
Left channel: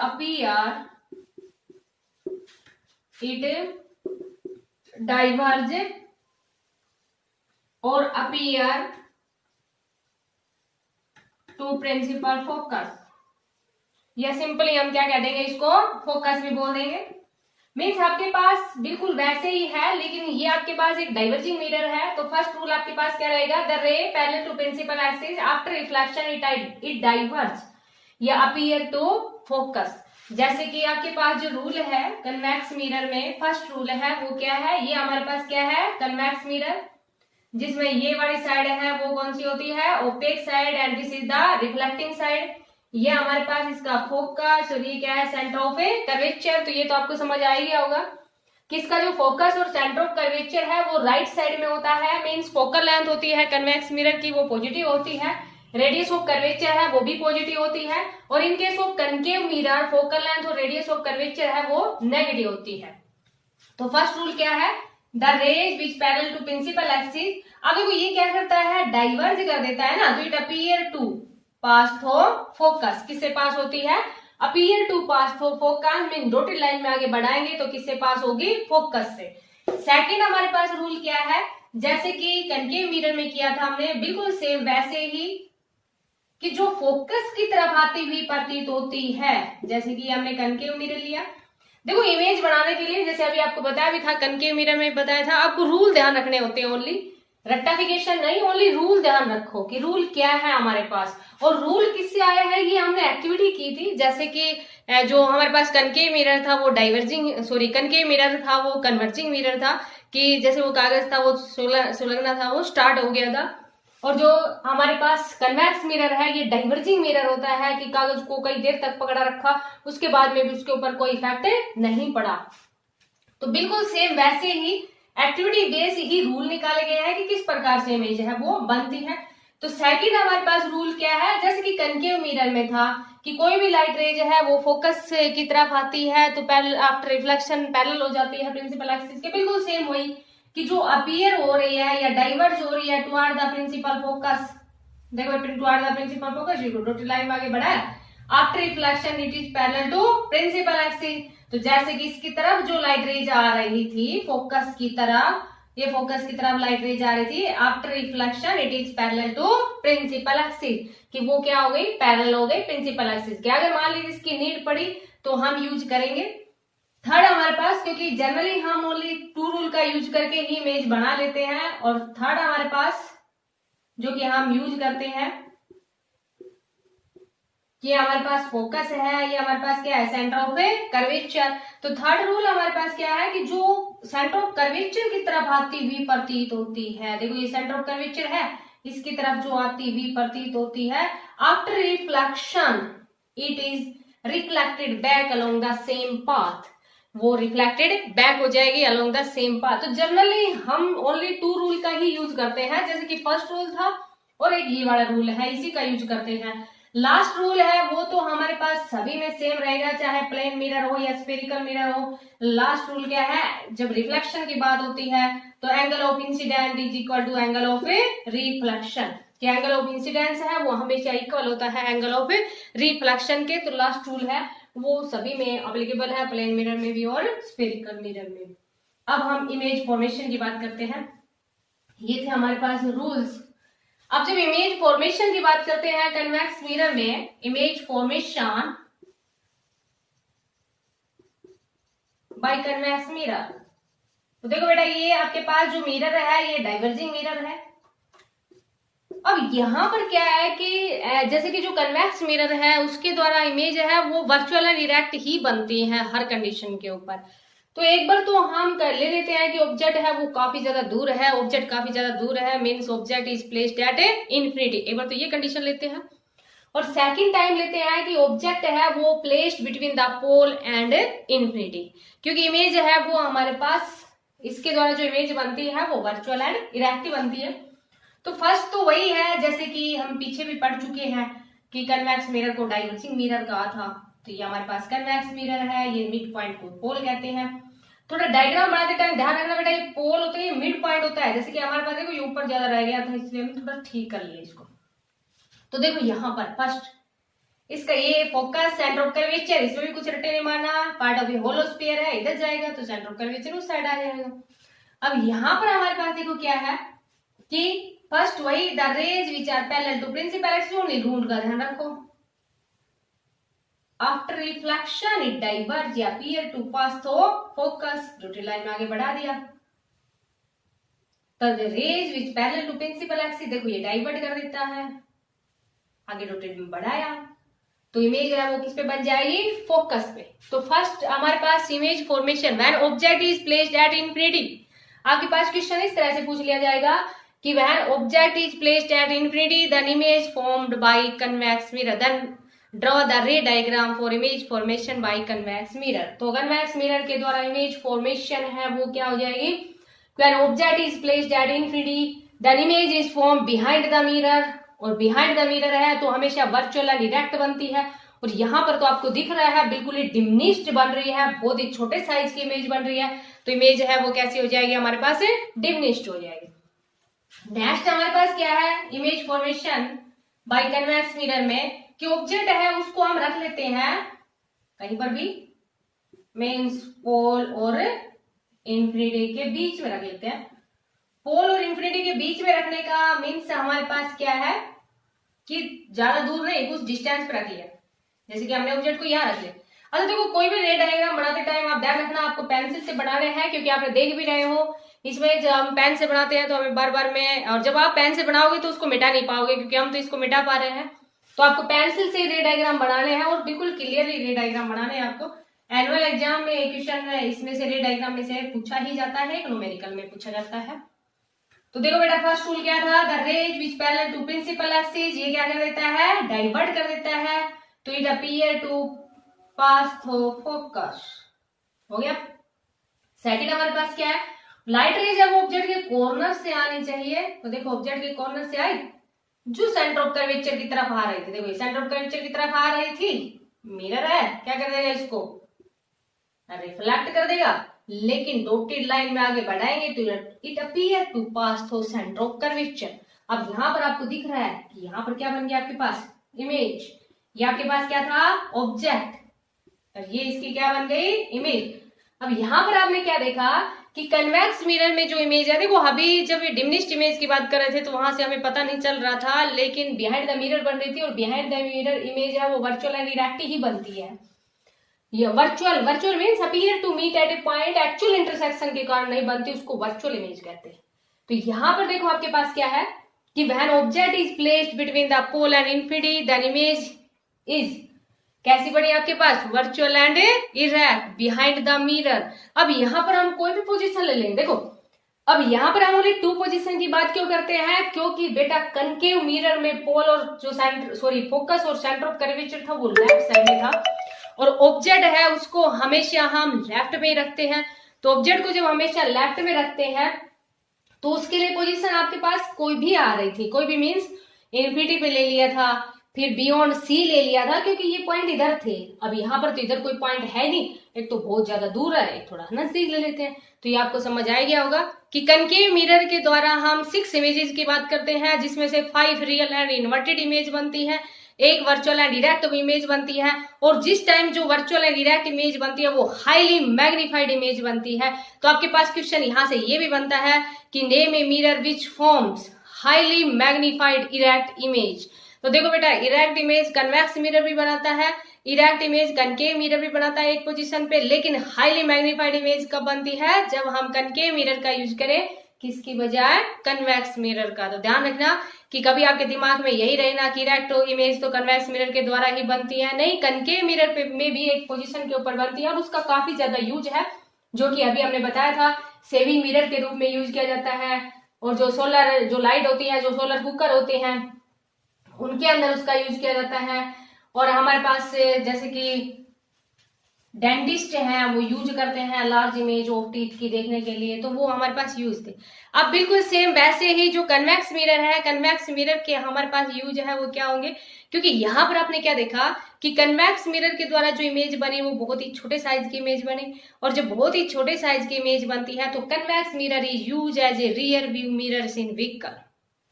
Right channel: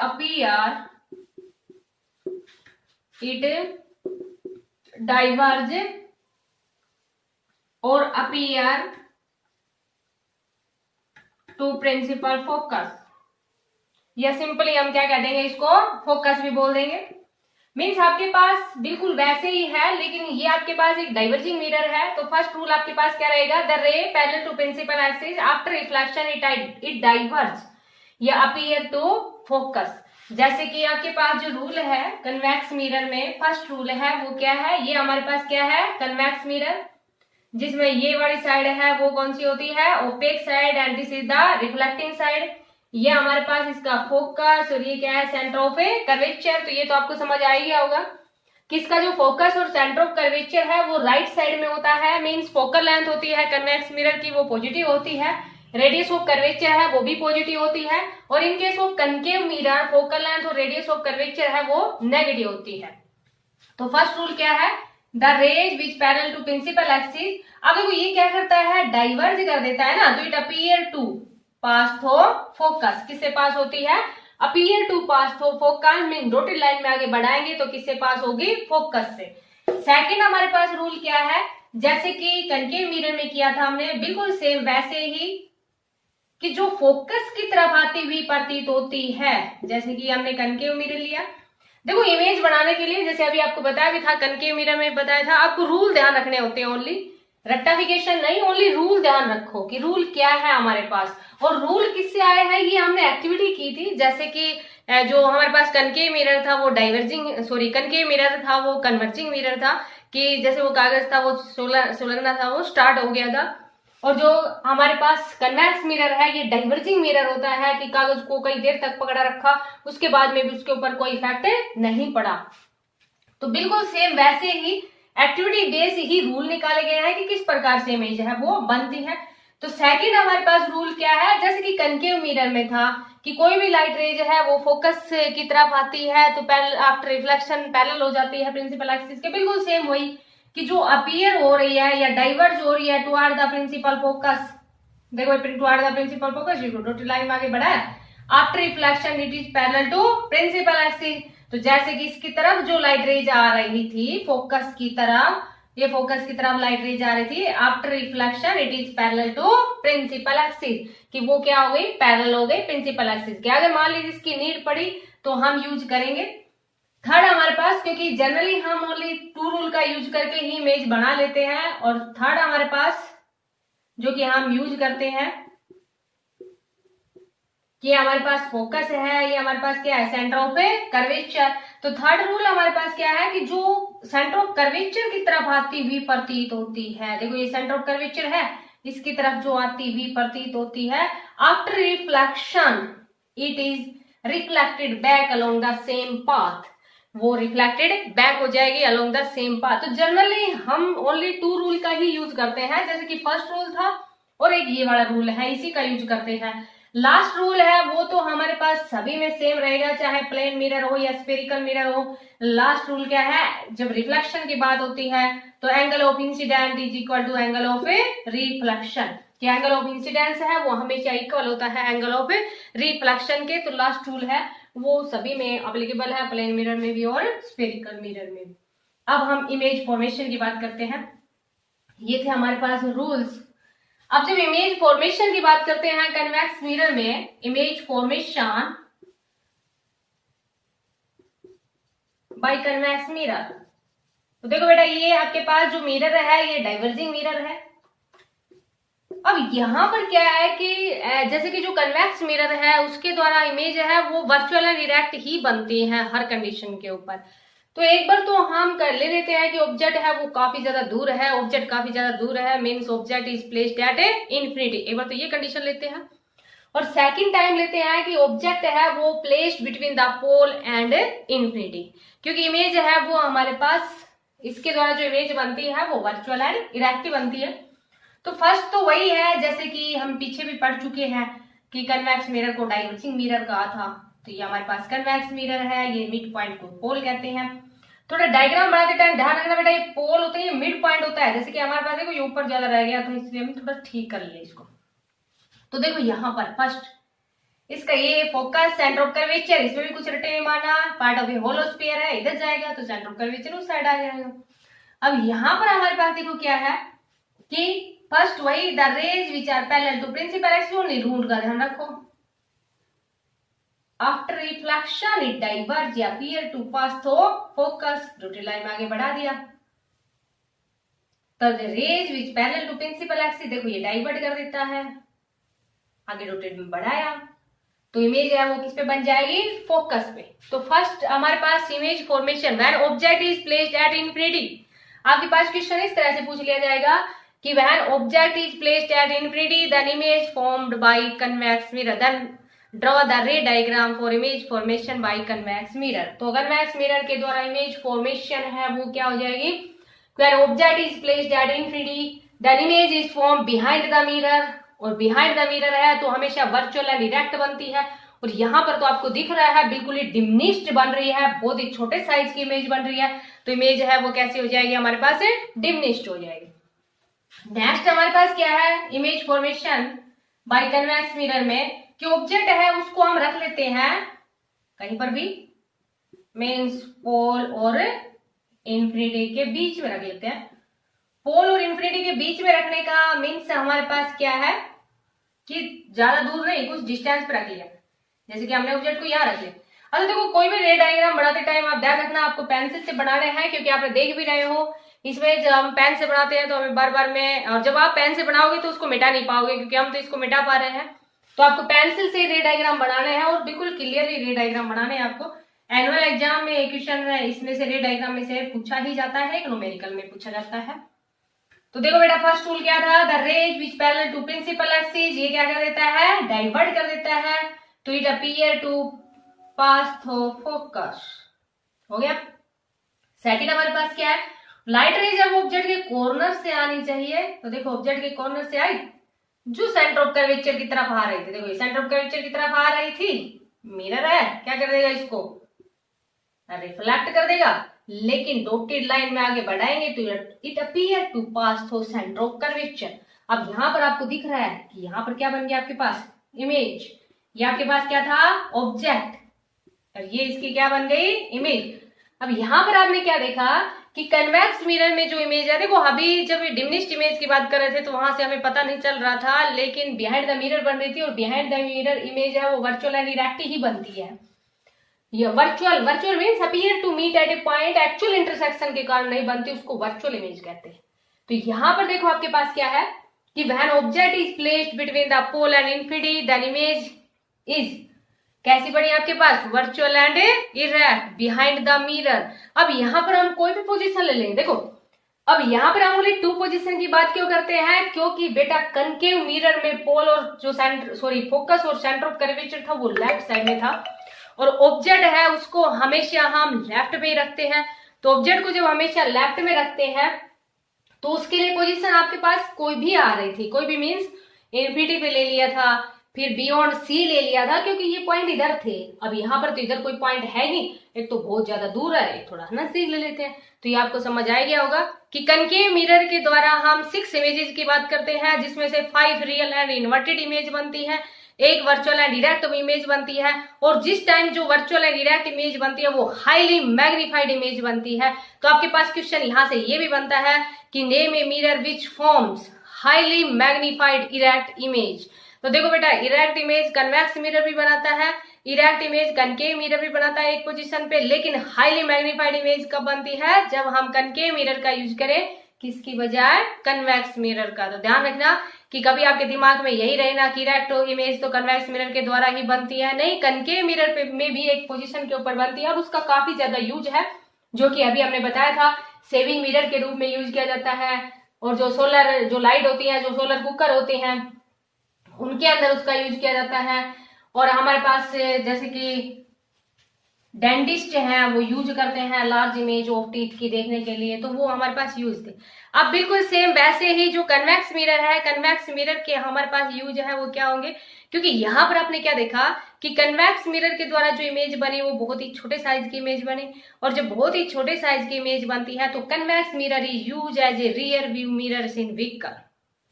diverge or appear to principal focus, या सिंपली हम क्या कह देंगे, इसको फोकस भी बोल देंगे। मीन्स आपके पास बिल्कुल वैसे ही है, लेकिन ये आपके पास एक डाइवर्जिंग मिरर है। तो फर्स्ट रूल आपके पास क्या रहेगा, the ray parallel to principal axis after reflection it diverge या अपीयर टू फोकस। जैसे कि आपके पास जो रूल है कन्वेक्स मिरर में, फर्स्ट रूल है वो क्या है, ये हमारे पास क्या है, कन्वेक्स मिरर, जिसमें ये वाली साइड है वो कौन सी होती है, opaque side, and this is the reflecting side. ये हमारे पास इसका फोकस, और ये क्या है, सेंटर ऑफ ए कर्वेचर। तो ये तो आपको समझ आ ही गया होगा कि इसका जो फोकस और सेंटर ऑफ कर्वेचर है वो राइट साइड में होता है। मींस फोकल लेंथ होती है कन्वेक्स मिरर की वो पॉजिटिव होती है, रेडियस ऑफ कर्वेचर है वो भी पॉजिटिव होती है, और इन case of concave mirror focal length और रेडियस ऑफ कर्वेचर है वो नेगेटिव होती है। तो फर्स्ट रूल क्या है, the rays which parallel to principal axis. अब देखो ये क्या करता है, डाइवर्ज कर देता है ना, तो it appear to pass through focus, किससे पास होती है, appear to pass through focus, mean dotted line में आगे बढ़ाएंगे तो किससे पास होगी, फोकस से। सेकंड हमारे पास रूल क्या है, जैसे कि कनकेव मिरर में किया था हमने, बिल्कुल सेम वैसे ही कि जो फोकस की तरफ आती हुई प्रतीत होती है, जैसे कि हमने कनकेव मिरर लिया। देखो इमेज बनाने के लिए जैसे अभी आपको बताया भी था, कनकेव मिरर में बताया था, आपको रूल ध्यान रखने होते हैं, ओनली रेक्टिफिकेशन नहीं, ओनली रूल ध्यान रखो कि रूल क्या है हमारे पास। और रूल किससे आए हैं, ये हमने एक्टिविटी की थी, जैसे कि जो हमारे पास कनकेव मिरर था वो कनकेव मिरर था वो कन्वर्जिंग मिरर था, कि जैसे वो कागज था वो सुलगना था वो स्टार्ट हो गया था, और जो हमारे पास कन्वेक्स मिरर है ये डाइवर्जिंग मिरर होता है कि कागज को कई देर तक पकड़ा रखा, उसके बाद में भी उसके ऊपर कोई इफेक्ट नहीं पड़ा। तो बिल्कुल सेम वैसे ही एक्टिविटी बेस ही रूल निकाले गए हैं कि किस प्रकार से इमेज है वो बनती है। तो सेकंड हमारे पास रूल क्या है, जैसे कि कनकेव मिरर में था कि कोई भी लाइट रेज है वो फोकस की तरफ आती है तो आफ्टर रिफ्लेक्शन पैरेलल हो जाती है प्रिंसिपल एक्सिस के, बिल्कुल सेम वही कि जो अपीयर हो रही है या डाइवर्ज हो रही है टुवर्ड द प्रिंसिपल फोकस। देखो toward the principal focus, dotted line में आगे बढ़ा है, after reflection it is parallel to principal axis. तो जैसे कि इसकी तरफ जो लाइट रेज आ रही थी फोकस की तरफ, ये फोकस की तरफ लाइट रेज आ रही थी, after reflection it is parallel to principal axis, कि वो क्या हो गई, पैरेलल हो गई प्रिंसिपल एक्सिस के। अगर मान लीजिए इसकी नीड पड़ी तो हम यूज करेंगे। थर्ड हमारे पास, क्योंकि जनरली हम ओनली टू रूल का यूज करके ही इमेज बना लेते हैं, और थर्ड हमारे पास जो कि हम यूज करते हैं कि हमारे पास फोकस है, ये हमारे पास क्या है, सेंटर ऑफ कर्वेचर। तो थर्ड रूल हमारे पास क्या है कि जो सेंटर ऑफ कर्वेचर की तरफ आती हुई प्रतीत होती है, देखो ये सेंटर ऑफ कर्वेचर है, इसकी तरफ जो आती हुई प्रतीत होती है, after reflection it is reflected back along the same path, वो रिफ्लेक्टेड बैक हो जाएगी अलोंग द सेम पाथ। तो जनरली हम ओनली टू रूल का ही यूज करते हैं, जैसे कि फर्स्ट रूल था और एक ये वाला रूल है, इसी का यूज करते हैं। लास्ट रूल है वो तो हमारे पास सभी में सेम रहेगा, चाहे प्लेन मिरर हो या स्फेरिकल मिरर हो। लास्ट रूल क्या है, जब रिफ्लेक्शन की बात होती है तो angle of incident is equal to angle of reflection, कि एंगल ऑफ इंसिडेंस है वो हमेशा इक्वल होता है एंगल ऑफ रिफ्लेक्शन के। तो लास्ट रूल है वो सभी में अप्लीकेबल है, प्लेन मिरर में भी और स्फेरिकल मिरर में भी। अब हम इमेज फॉर्मेशन की बात करते हैं। ये थे हमारे पास रूल्स। अब जब इमेज फॉर्मेशन की बात करते हैं कन्वेक्स मिरर में, image formation by convex mirror, तो देखो बेटा ये आपके पास जो मिरर है ये डाइवर्जिंग मिरर है। अब यहां पर क्या है कि जैसे कि जो कन्वेक्स मिरर है उसके द्वारा इमेज है वो वर्चुअल एंड डायरेक्ट ही बनती है हर कंडीशन के ऊपर। तो एक बार तो हम कर ले लेते हैं कि ऑब्जेक्ट है वो काफी ज्यादा दूर है, ऑब्जेक्ट काफी ज्यादा दूर है, means object is placed at infinity. एक बार तो ये कंडीशन लेते हैं, और सेकंड टाइम लेते हैं कि ऑब्जेक्ट है वो placed between the pole and infinity, क्योंकि इमेज है वो हमारे पास इसके द्वारा जो इमेज बनती है वो वर्चुअल एंड डायरेक्ट बनती है। तो फर्स्ट तो वही है, जैसे कि हम पीछे भी पढ़ चुके हैं कि कन्वेक्स मिरर को डाइवर्जिंग मिरर कहा था। तो ये हमारे पास कन्वेक्स मिरर है, ये मिड पॉइंट को पोल कहते हैं। थोड़ा डायग्राम बनाते टाइम ध्यान रखना बेटा, ये पोल होता है, ये मिड पॉइंट होता है। जैसे कि हमारे पास देखो ये ऊपर ज्यादा रह गया तो इसलिए हम थोड़ा ठीक कर लिए इसको। तो देखो यहाँ पर फर्स्ट इसका ये फोकस सेंटर ऑफ कर्वेचर, इसमें भी कुछ रटे नहीं मारना, part of a hollow sphere है, इधर जाएगा तो सेंटर ऑफ कर्वेचर उस साइड आ जाएगा। अब यहाँ पर हमारे पास देखो क्या है कि फर्स्ट वही the rays which are parallel to principal axis, only rule का ध्यान रखो। आफ्टर रिफ्लेक्शन इट डाइवर्ज या appear to pass through focus, dotted line में आगे बढ़ा दिया। तो the rays which parallel to principal axis, देखो ये डाइवर्ट कर देता है, आगे डॉटेड में बढ़ाया, तो इमेज है वो किस पे बन जाएगी, फोकस पे। तो फर्स्ट हमारे पास image formation when object is placed at infinity. आपके पास क्वेश्चन इस तरह से पूछ लिया जाएगा कि when object is placed at infinity then image formed by convex mirror, then draw the ray diagram for image formation by convex mirror. तो कन्वेक्स मिरर के द्वारा इमेज फॉर्मेशन है वो क्या हो जाएगी, when object is placed at infinity then image is form behind the mirror, और behind the mirror है तो हमेशा वर्चुअल एंड डायरेक्ट बनती है। और यहाँ पर तो आपको दिख रहा है बिल्कुल ही डिमिनिश्ड बन रही है, बहुत ही छोटे साइज की इमेज बन रही है, तो इमेज है वो कैसी हो जाएगी हमारे पास, डिमिनिश्ड हो जाएगी। नेक्स्ट हमारे पास क्या है, image formation by convex mirror में कि ऑब्जेक्ट है उसको हम रख लेते हैं कहीं पर भी, मीन्स पोल और इंफिनिटी के बीच में रख लेते हैं। पोल और इंफिनिटी के बीच में रखने का मीन्स हमारे पास क्या है कि ज्यादा दूर नहीं, कुछ डिस्टेंस पर रख लिया, जैसे कि हमने ऑब्जेक्ट को यहाँ रख लिया। अच्छा देखो कोई भी रे डायग्राम बनाते टाइम आप ध्यान रखना आपको पेंसिल से बनाने हैं, क्योंकि आप देख भी रहे हो इसमें जब हम पेन से बनाते हैं तो हमें बार बार में, और जब आप पेन से बनाओगे तो उसको मिटा नहीं पाओगे, क्योंकि हम तो इसको मिटा पा रहे हैं। तो आपको पेंसिल से रे डायग्राम बनाने हैं और बिल्कुल क्लियरली रे डायग्राम बनाने हैं आपको। एनुअल एग्जाम में क्वेश्चन है इसमें से रे डायग्राम में से पूछा ही जाता है, न्यूमेरिकल में पूछा जाता है। तो देखो बेटा फर्स्ट रूल क्या था, the rays which parallel to principal axis, ये क्या कर देता है, डाइवर्ट कर देता है to it appear to pass through focus, हो गया। सेकंड हमारे पास क्या है, लाइट रेज है वो ऑब्जेक्ट के कॉर्नर से आनी चाहिए। तो देखो ऑब्जेक्ट के कॉर्नर से आई जो सेंटर ऑफ कर्वेचर की तरफ आ रही थी, देखो सेंटर ऑफ कर्वेचर की तरफ आ रही थी, मिरर है क्या कर देगा, इसको रिफ्लेक्ट कर देगा, लेकिन डॉटेड लाइन में आगे बढ़ाएंगे तो it appear to pass through centre of curvature. अब यहाँ पर आपको दिख रहा है कि यहाँ पर क्या बन गया आपके पास, इमेज। ये आपके पास क्या था, ऑब्जेक्ट, और ये इसकी क्या बन गई, इमेज। अब यहाँ पर आपने क्या देखा कि कन्वेक्स मिरर में जो इमेज है, देखो अभी जब ये डिमिनिश्ड इमेज की बात कर रहे थे तो वहां से हमें पता नहीं चल रहा था, लेकिन बिहाइंड द मिरर बन रही थी, और बिहाइंड द मिरर इमेज है वो वर्चुअल एंड इरेक्ट ही बनती है। ये virtual means appear to meet at a point, actual intersection के कारण नहीं बनती, उसको वर्चुअल इमेज कहते हैं। तो यहाँ पर देखो आपके पास क्या है कि when object is placed between the pole and infinity the image is कैसी बनी आपके पास, virtual and erect behind the mirror. अब यहाँ पर हम कोई भी पोजीशन ले लेंगे, देखो अब यहाँ पर हम ओनली 2 पोजीशन की बात क्यों करते हैं, क्योंकि बेटा कनकेव मिरर में पोल और जो फोकस और सेंटर ऑफ कर्वेचर था वो लेफ्ट साइड में था, और ऑब्जेक्ट है उसको हमेशा हम लेफ्ट में ही रखते हैं। तो ऑब्जेक्ट को जब हमेशा लेफ्ट में रखते हैं तो उसके लिए पोजीशन आपके पास कोई भी आ रही थी, कोई भी मीन्स इन्फिनिटी पे ले लिया था, फिर बियॉन्ड सी ले लिया था, क्योंकि ये पॉइंट इधर थे। अब यहाँ पर तो इधर कोई पॉइंट है नहीं, एक तो बहुत ज्यादा दूर है, एक थोड़ा नजदीक ले लेते हैं। तो ये आपको समझ आ गया होगा कि कनकेव मिरर के द्वारा हम 6 इमेजेस की बात करते हैं, जिसमें से 5 रियल एंड इन्वर्टेड इमेज बनती है, एक वर्चुअल एंड इरेक्ट इमेज बनती है, और जिस टाइम जो वर्चुअल एंड इरेक्ट इमेज बनती है वो हाईली मैग्नीफाइड इमेज बनती है। तो आपके पास क्वेश्चन यहाँ से ये भी बनता है कि name a mirror which forms highly magnified erect image. तो देखो बेटा, इरेक्ट इमेज कन्वेक्स मिरर भी बनाता है, इरेक्ट इमेज कनकेव मिरर भी बनाता है एक पोजीशन पे, लेकिन हाईली मैग्नीफाइड इमेज कब बनती है, जब हम कनकेव मिरर का यूज करें किसकी बजाय, कन्वेक्स मिरर का। तो ध्यान रखना कि कभी आपके दिमाग में यही रहे ना कि इरेक्ट इमेज तो कन्वेक्स मिरर के द्वारा ही बनती है, नहीं, कनकेव मिरर पे में भी एक पोजीशन के ऊपर बनती है, और उसका काफी ज्यादा यूज है, जो कि अभी हमने बताया था, सेविंग मिरर के रूप में यूज किया जाता है, और जो सोलर जो लाइट होती है, जो सोलर कुकर होते हैं उनके अंदर उसका यूज किया जाता है। और हमारे पास जैसे कि डेंटिस्ट हैं वो यूज करते हैं लार्ज इमेज ऑफ टीथ की देखने के लिए, तो वो हमारे पास यूज थे। अब बिल्कुल सेम वैसे ही जो कन्वेक्स मिरर है, कन्वेक्स मिरर के हमारे पास यूज है वो क्या होंगे, क्योंकि यहाँ पर आपने क्या देखा कि कन्वेक्स मिरर के द्वारा जो इमेज बनी वो बहुत ही छोटे साइज की इमेज बनी, और जब बहुत ही छोटे साइज की इमेज बनती है तो convex mirror is use as a rear view mirrors in vehicle,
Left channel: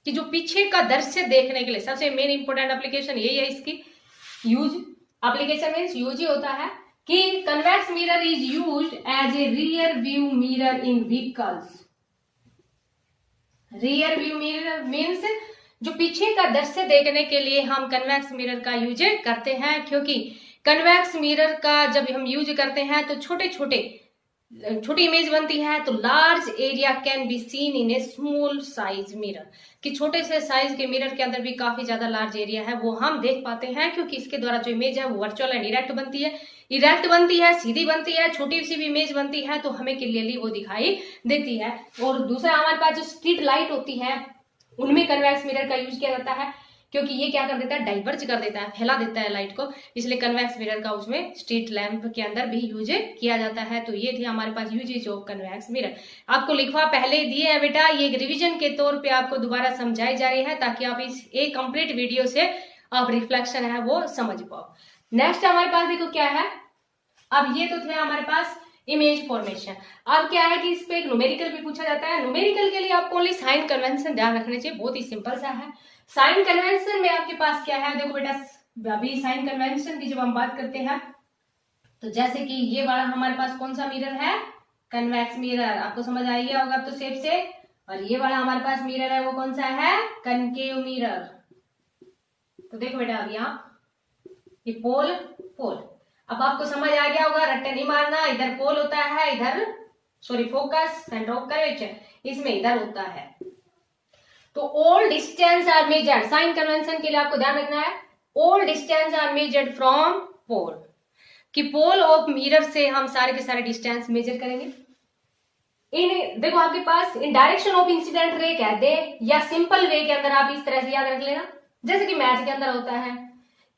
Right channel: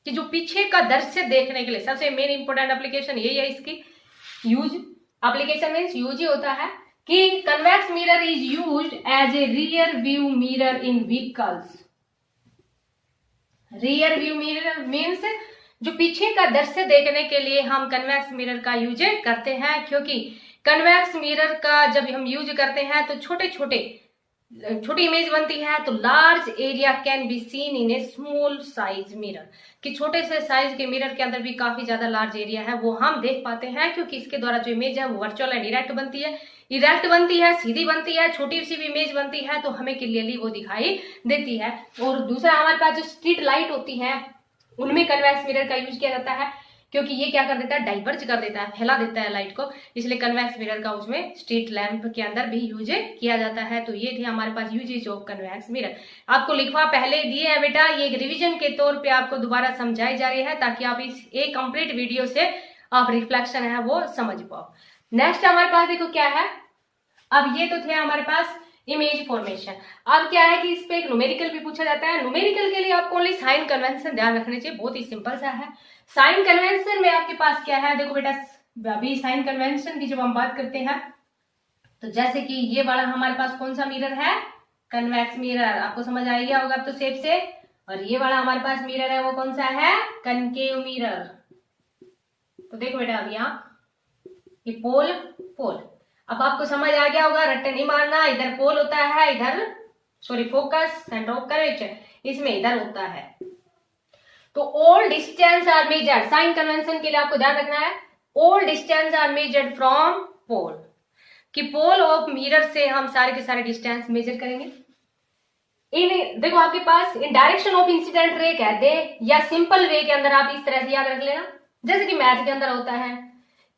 कि जो पीछे का दृश्य देखने के लिए सबसे मेन इंपोर्टेंट एप्लीकेशन यही है इसकी। यूज एप्लीकेशन मीन्स यूज ही होता है कि convex mirror is used as a rear view mirror in vehicles. Rear view mirror means जो पीछे का दृश्य देखने के लिए हम कन्वेक्स मिरर का यूज करते हैं, क्योंकि कन्वेक्स मिरर का जब हम यूज करते हैं तो छोटी इमेज बनती है, तो large area can be seen in A small size mirror, कि छोटे से साइज के मिरर के अंदर भी काफी ज्यादा लार्ज एरिया है वो हम देख पाते हैं, क्योंकि इसके द्वारा जो इमेज है वो वर्चुअल एंड इरेक्ट बनती है, सीधी बनती है, छोटी सी भी इमेज बनती है तो हमें क्लियरली वो दिखाई देती है। और दूसरा हमारे पास जो स्ट्रीट लाइट होती है उनमें कन्वेक्स मिरर का यूज किया जाता है, क्योंकि ये क्या कर देता है, डाइवर्ज कर देता है, फैला देता है लाइट को, इसलिए कन्वेक्स मिरर का उसमें स्ट्रीट लैंप के अंदर भी यूज किया जाता है। तो ये थे हमारे पास यूजेज ऑफ कन्वेक्स मिरर। आपको लिखवा पहले दिए है बेटा, ये रिवीजन के तौर पे आपको दोबारा समझाई जा रही है ताकि आप इस एक कंप्लीट वीडियो से आप रिफ्लेक्शन है वो समझ पाओ। नेक्स्ट हमारे पास देखो क्या है, अब ये तो थे हमारे पास इमेज फॉर्मेशन। अब क्या है कि इस पे एक न्यूमेरिकल भी पूछा जाता है। न्यूमेरिकल के लिए आपको ओनली साइन कन्वेंशन ध्यान रखने चाहिए, बहुत ही सिंपल सा है। साइन कन्वेंशन में आपके पास क्या है, देखो बेटा अभी साइन कन्वेंशन की जब हम बात करते हैं तो जैसे कि ये वाला हमारे पास कौन सा मिरर है, कन्वेक्स मिरर, आपको समझ आ गया होगा अब तो शेप से। और ये वाला हमारे पास मिरर है वो कौन सा है, कनकेव मिरर। तो देखो बेटा अब यहाँ ये पोल अब आपको समझ आ गया होगा, रट्टे नहीं मारना, इधर पोल होता है, इधर फोकस सेंटर ऑफ कर्वेचर, इसमें इधर होता है। तो all distance are measured, sign convention के लिए आपको ध्यान रखना है, all distance are measured from pole, कि पोल ऑफ मिरर से हम सारे के सारे डिस्टेंस मेजर करेंगे। इन देखो आपके पास in direction of incident ray कह दे या सिंपल वे के अंदर आप इस तरह से याद रख लेना, जैसे कि मैथ के अंदर होता है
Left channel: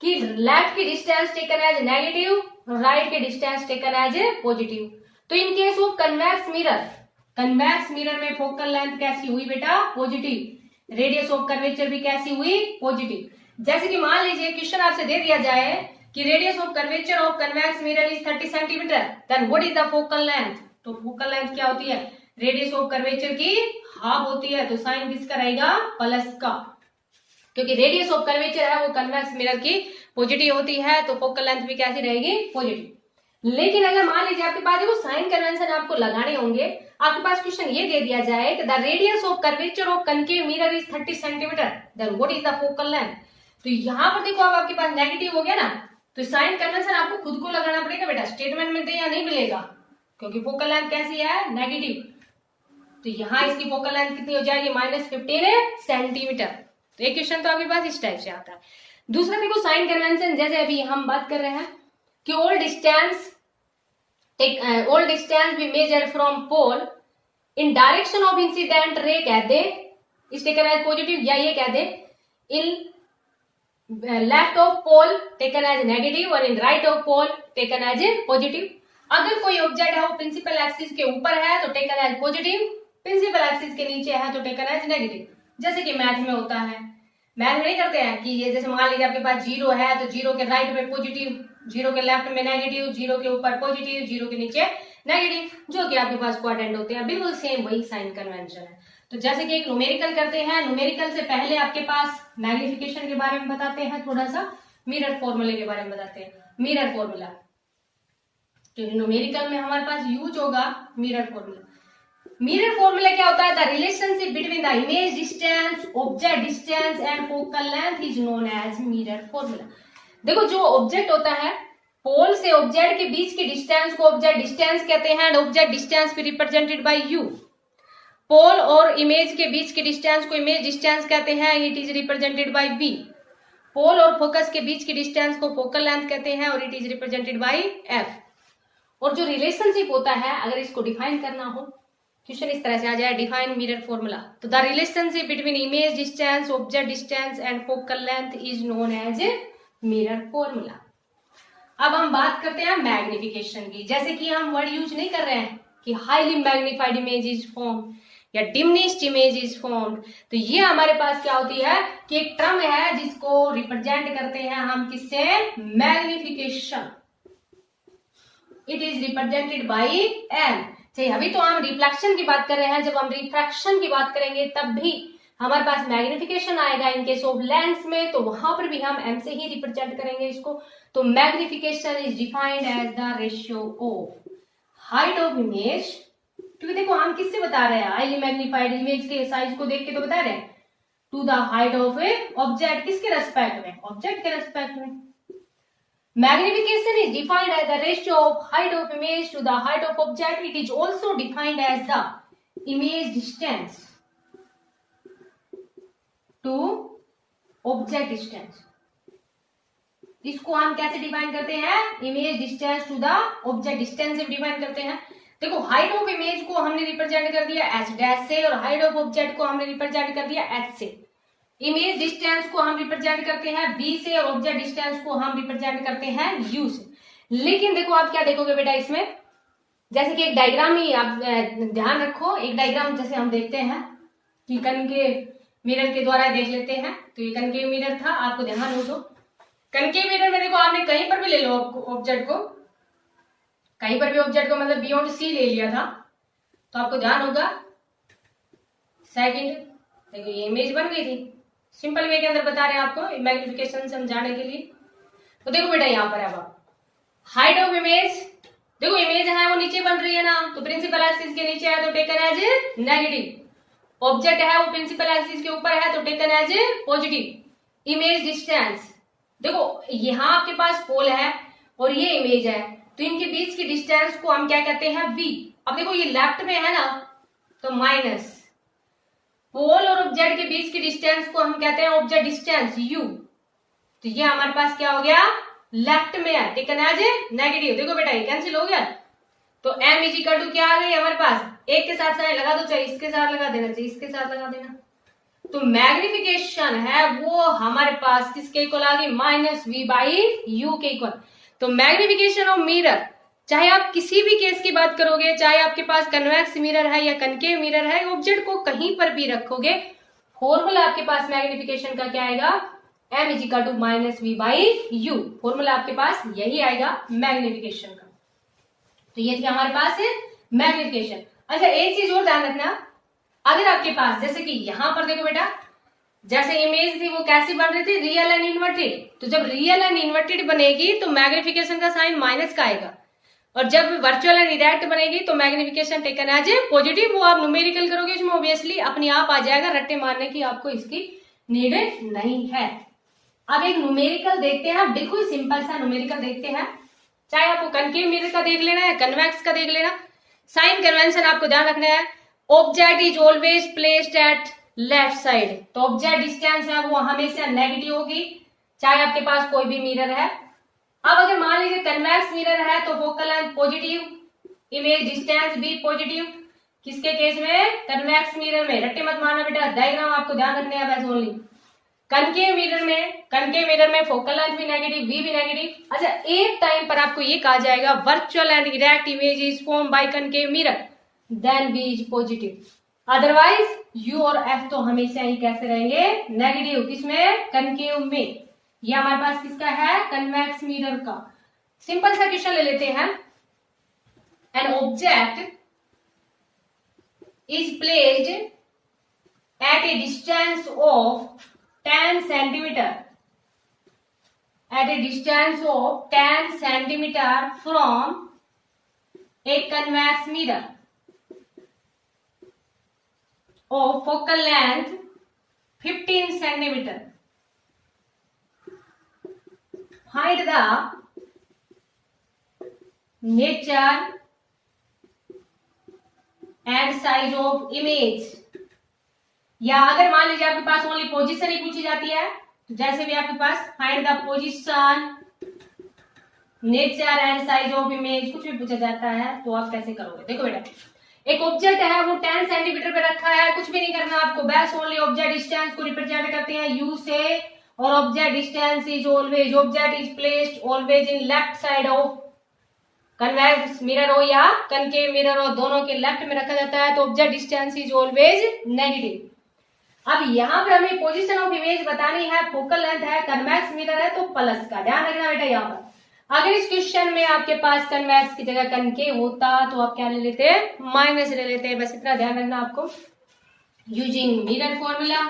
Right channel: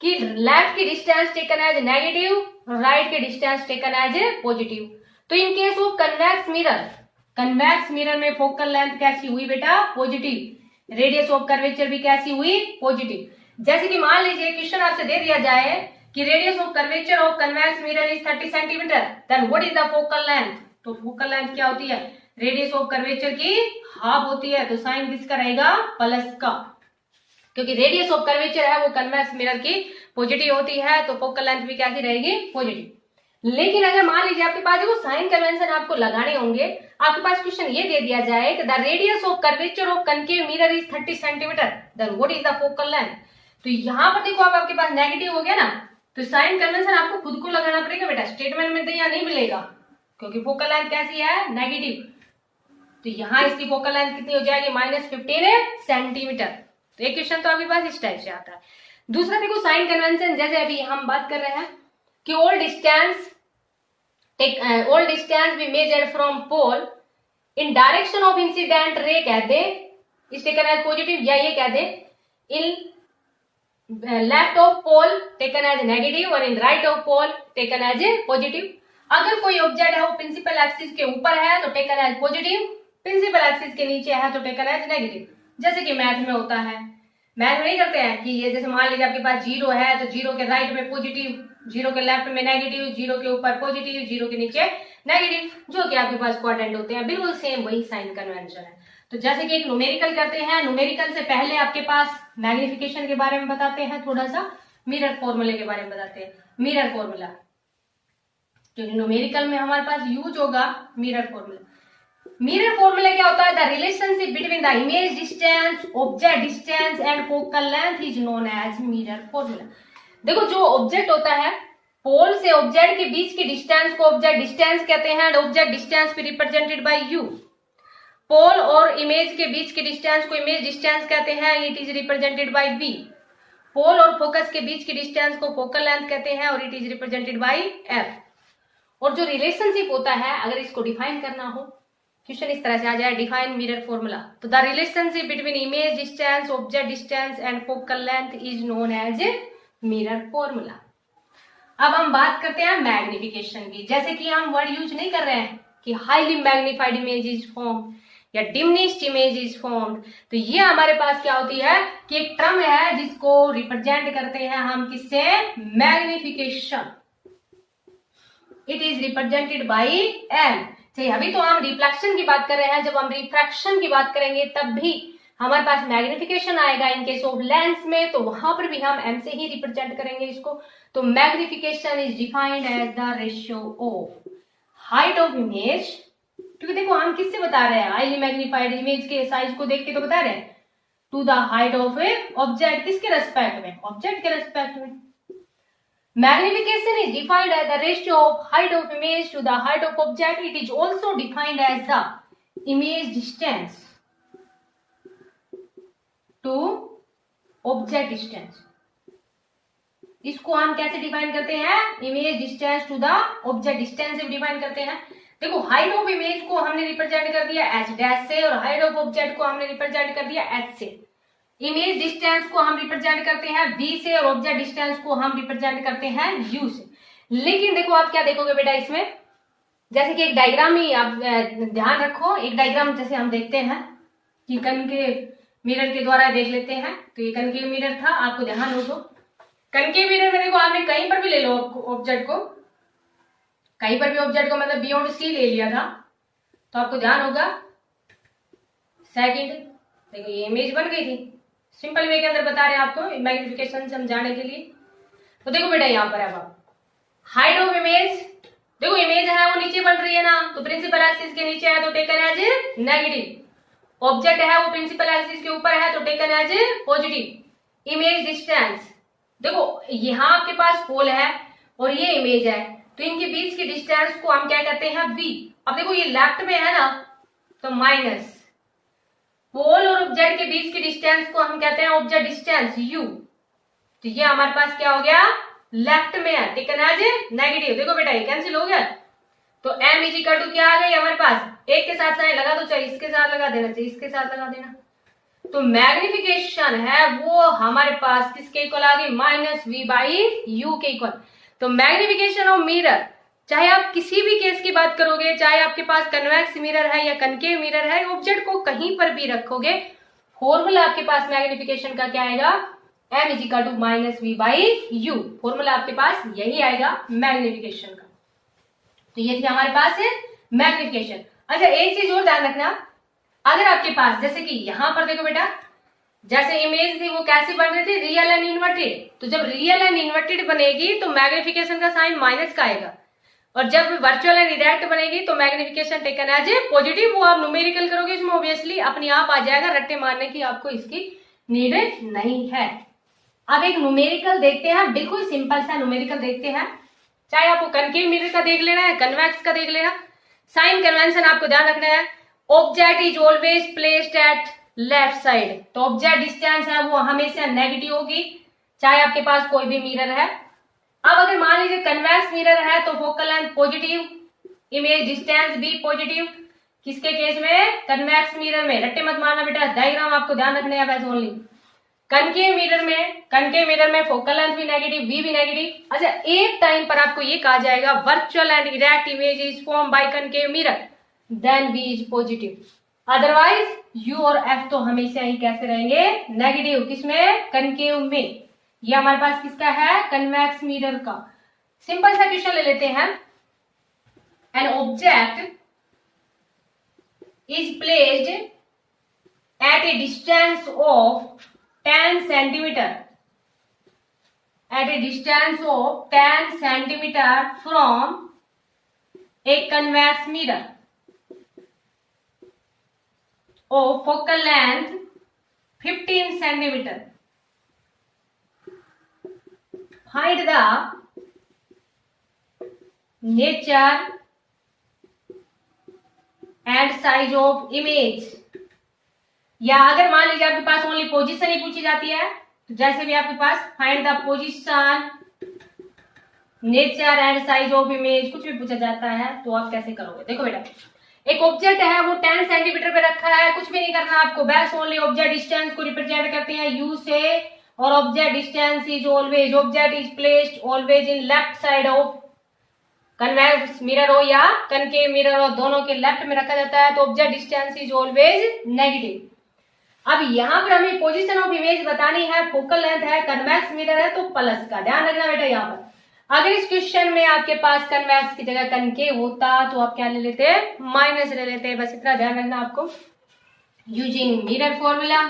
कि लेफ्ट की distance taken as negative, right के डिस्टेंस टेकन एज पॉजिटिव। तो in case of convex mirror में फोकल लेंथ कैसी हुई बेटा, पॉजिटिव, रेडियस ऑफ कर्वेचर भी कैसी हुई, पॉजिटिव। जैसे कि मान लीजिए क्वेश्चन आपसे दे दिया जाए कि radius of curvature of convex mirror is 30 centimetre, then what is the focal length. तो फोकल लेंथ क्या होती है, रेडियस ऑफ कर्वेचर की हाफ होती है, तो साइन किसका रहेगा, प्लस का, क्योंकि रेडियस ऑफ कर्वेचर है वो कन्वेक्स मिरर की पॉजिटिव होती है, तो फोकल लेंथ भी कैसी रहेगी, पॉजिटिव। लेकिन अगर मान लीजिए आपके पास देखो साइन कन्वेंशन आपको लगाने होंगे, आपके पास क्वेश्चन ये दे दिया जाए कि the radius of curvature of concave mirror is 30 centimetre, then what is the focal length. तो यहाँ पर देखो अब आपके पास नेगेटिव हो गया ना, तो साइन कन्वेंशन आपको खुद को लगाना पड़ेगा बेटा, स्टेटमेंट में तो यहाँ नहीं मिलेगा क्योंकि फोकल लेंथ कैसी है, नेगेटिव। तो यहाँ इसकी फोकल लेंथ कितनी हो जाएगी, -15 सेंटीमीटर। तो एक क्वेश्चन तो आपके पास इस टाइप से आता है। दूसरा देखो साइन कन्वेंशन, जैसे अभी हम बात कर रहे हैं कि all distance we measure from pole in direction of incident ray कह दे, इस टेकन एज पॉजिटिव, या ये कह दे in left of pole taken as negative और in right of pole taken as positive. अगर कोई ऑब्जेक्ट है वो प्रिंसिपल एक्सिस के ऊपर है तो taken as positive, principal axis के नीचे है तो टेकन एज नेगेटिव। जैसे कि मैथ में होता है, मैथ में नहीं करते हैं कि ये जैसे मान लीजिए आपके पास 0 है तो 0 के राइट में पॉजिटिव, 0 के लेफ्ट में नेगेटिव, 0 के ऊपर पॉजिटिव, 0 के नीचे नेगेटिव, जो कि आपके पास क्वाड्रेंट होते हैं। बिल्कुल सेम वही साइन कन्वेंशन है। तो जैसे कि एक न्यूमेरिकल करते हैं, न्यूमेरिकल से पहले आपके पास मैग्निफिकेशन के बारे में बताते हैं, थोड़ा सा मिरर फॉर्मूले के बारे में बताते हैं। मिरर फॉर्मूला जो न्यूमेरिकल में हमारे पास यूज होगा मिरर फॉर्मूला। मिरर फॉर्मूला क्या होता है, the relationship between the image distance, object distance and focal length is known as mirror formula. देखो जो ऑब्जेक्ट होता है, पोल से ऑब्जेक्ट के बीच की डिस्टेंस को ऑब्जेक्ट डिस्टेंस कहते हैं एंड ऑब्जेक्ट डिस्टेंस भी रिप्रेजेंटेड बाय यू। पोल और इमेज के बीच के डिस्टेंस को इमेज डिस्टेंस कहते हैं, it is represented by V. Pole और फोकस के बीच की डिस्टेंस को फोकल लेंथ कहते हैं और it is represented bye F. और जो रिलेशनशिप होता है, अगर इसको डिफाइन करना हो, क्वेश्चन इस तरह से आ जाए, डिफाइन मिरर फॉर्मूला, तो the relationship between image distance, object distance and focal length is known as mirror formula. अब हम बात करते हैं मैग्निफिकेशन की। जैसे कि हम वर्ड यूज नहीं कर रहे हैं कि highly magnified image is form या डिमिनिश्ड इमेज इज फॉर्म, तो ये हमारे पास क्या होती है कि एक टर्म है जिसको रिप्रेजेंट करते हैं हम किससे, magnification. It is represented by L. चाहिए अभी तो हम रिफ्लेक्शन की बात कर रहे हैं, जब हम रिफ्रैक्शन की बात करेंगे तब भी हमारे पास मैग्निफिकेशन आएगा। इन केस ऑफ लेंस में तो वहां पर भी हम एम से ही रिप्रेजेंट करेंगे इसको। तो magnification is defined as the ratio of height of image, क्योंकि देखो हम किससे बता रहे हैं, हाईली मैग्निफाइड इमेज के साइज को देख के तो बता रहे हैं, to the height of a object, किसके रेस्पेक्ट में, ऑब्जेक्ट के रेस्पेक्ट में। Magnification is defined as the ratio of height of image to the height of object. It is also defined as the image distance to object distance. इसको हम कैसे define करते हैं, image distance to the object distance से define करते हैं। देखो height of image को हमने रिप्रेजेंट कर दिया एच डैश से और हाइट ऑफ ऑब्जेक्ट को हमने रिप्रेजेंट कर दिया एच से। इमेज डिस्टेंस को हम रिप्रेजेंट करते हैं v से और ऑब्जेक्ट डिस्टेंस को हम रिप्रेजेंट करते हैं u से। लेकिन देखो आप क्या देखोगे बेटा इसमें, जैसे कि एक डायग्राम ही आप ध्यान रखो, एक डायग्राम जैसे हम देखते हैं कि कनकेव मिरर के द्वारा देख लेते हैं। तो ये कनकेव मिरर था, आपको ध्यान हो तो कनकेव मिरर में देखो आपने कहीं पर भी ले लो ऑब्जेक्ट को, कहीं पर भी ऑब्जेक्ट को मतलब बियॉन्ड सी ले लिया था तो आपको ध्यान होगा। सेकंड देखो ये इमेज बन गई थी, सिंपल वे के अंदर बता रहे हैं आपको मैग्निफिकेशन समझाने के लिए। तो देखो बेटा यहाँ पर अब हाइट ऑफ इमेज, देखो इमेज है वो नीचे बन रही है ना, तो प्रिंसिपल एक्सिस के नीचे है तो टेकन एज नेगेटिव। ऑब्जेक्ट है वो प्रिंसिपल एक्सिस के ऊपर है तो taken as positive. Image distance, देखो यहाँ आपके पास पोल है और ये इमेज है, तो इनके बीच की डिस्टेंस को हम क्या कहते हैं, v। अब देखो ये लेफ्ट में है ना तो माइनस, पोल और ऑब्जेक्ट के बीच की डिस्टेंस को हम कहते हैं ऑब्जेक्ट डिस्टेंस u। तो ये हमारे पास क्या हो गया, लेफ्ट में है, टेकन एज नेगेटिव। देखो बेटा ये कैंसिल हो गया, तो m इज इक्वल टू क्या आ गई हमारे पास, एक के साथ साइन लगा दो, चाहे इसके साथ लगा देना, चाहे इसके साथ लगा देना। तो मैग्निफिकेशन है वो हमारे पास किसके इक्वल आ गई, -v/u के इक्वल। तो मैग्निफिकेशन ऑफ मिरर, चाहे आप किसी भी केस की बात करोगे, चाहे आपके पास कन्वेक्स मिरर है या कनकेव मिरर है, ऑब्जेक्ट को कहीं पर भी रखोगे, फॉर्मूला आपके पास मैग्निफिकेशन का क्या आएगा, m is equal to -v/u। Formula आपके पास यही आएगा मैग्निफिकेशन का। तो ये थी हमारे पास है मैग्निफिकेशन। अच्छा एक चीज और ध्यान रखना, अगर आपके पास जैसे कि यहां पर देखो बेटा, जैसे इमेज थी वो कैसी बन रही थी, रियल एंड इन्वर्टेड। तो जब रियल एंड इन्वर्टेड बनेगी तो मैग्निफिकेशन का साइन माइनस का आएगा। और जब वर्चुअल एंड इरेक्ट बनेगी तो magnification taken as a positive, वो आप न्यूमेरिकल करोगे इसमें ऑब्वियसली अपने आप आ जाएगा, रट्टे मारने की आपको इसकी नीड नहीं है। अब एक न्यूमेरिकल देखते हैं, बिल्कुल सिंपल सा न्यूमेरिकल देखते हैं, चाहे आपको कनकेव मिरर का देख लेना है, कन्वेक्स का देख लेना। साइन कन्वेंशन आपको ध्यान रखना है, object is always placed at left side, तो ऑब्जेक्ट डिस्टेंस है वो हमेशा नेगेटिव होगी चाहे आपके पास कोई भी मिरर है। अब अगर मान लीजिए कन्वेक्स मिरर है तो focal length positive, image distance भी पॉजिटिव, किसके केस में, कन्वेक्स मिरर में। रट्टे मत मारना बेटा, डायग्राम आपको ध्यान रखने हैं बस ओनली। कनकेव मिरर में फोकल लेंथ भी नेगेटिव, वी भी नेगेटिव। अच्छा, एक टाइम पर आपको ये कहा जाएगा virtual and erect image is form by concave mirror, then v is positive, otherwise u और एफ तो हमेशा ही कैसे रहेंगे, नेगेटिव। किसमें, कनकेव में। ये हमारे पास किसका है, कन्वेक्स मिरर का। सिंपल सा क्वेश्चन ले लेते हैं, an object is placed at a distance of 10 centimeter at a distance of 10 centimeter from a convex mirror of focal length 15 centimeter. Find the nature and size of image. या अगर मान लीजिए आपके पास only position ही पूछी जाती है, तो जैसे भी आपके पास find the position, nature and size of image, कुछ भी पूछा जाता है तो आप कैसे करोगे। देखो बेटा, एक ऑब्जेक्ट है वो 10 सेंटीमीटर पे रखा है, कुछ भी नहीं करना आपको, बस ओनली ऑब्जेक्ट डिस्टेंस को रिप्रेजेंट करते हैं यू से, और object distance is always, object is placed always in left side of convex mirror हो या कनकेव मिरर हो, दोनों के लेफ्ट में रखा जाता है, तो object distance is always negative. अब यहां पर हमें पोजीशन ऑफ इमेज बतानी है, फोकल लेंथ है, कन्वेक्स मिरर है, तो प्लस का ध्यान रखना बेटा। यहाँ पर अगर इस क्वेश्चन में आपके पास कन्वेक्स की जगह कनकेव होता तो आप क्या ले लेते, माइनस ले लेते, बस इतना ध्यान रखना आपको। यूजिंग मिरर फॉर्मूला,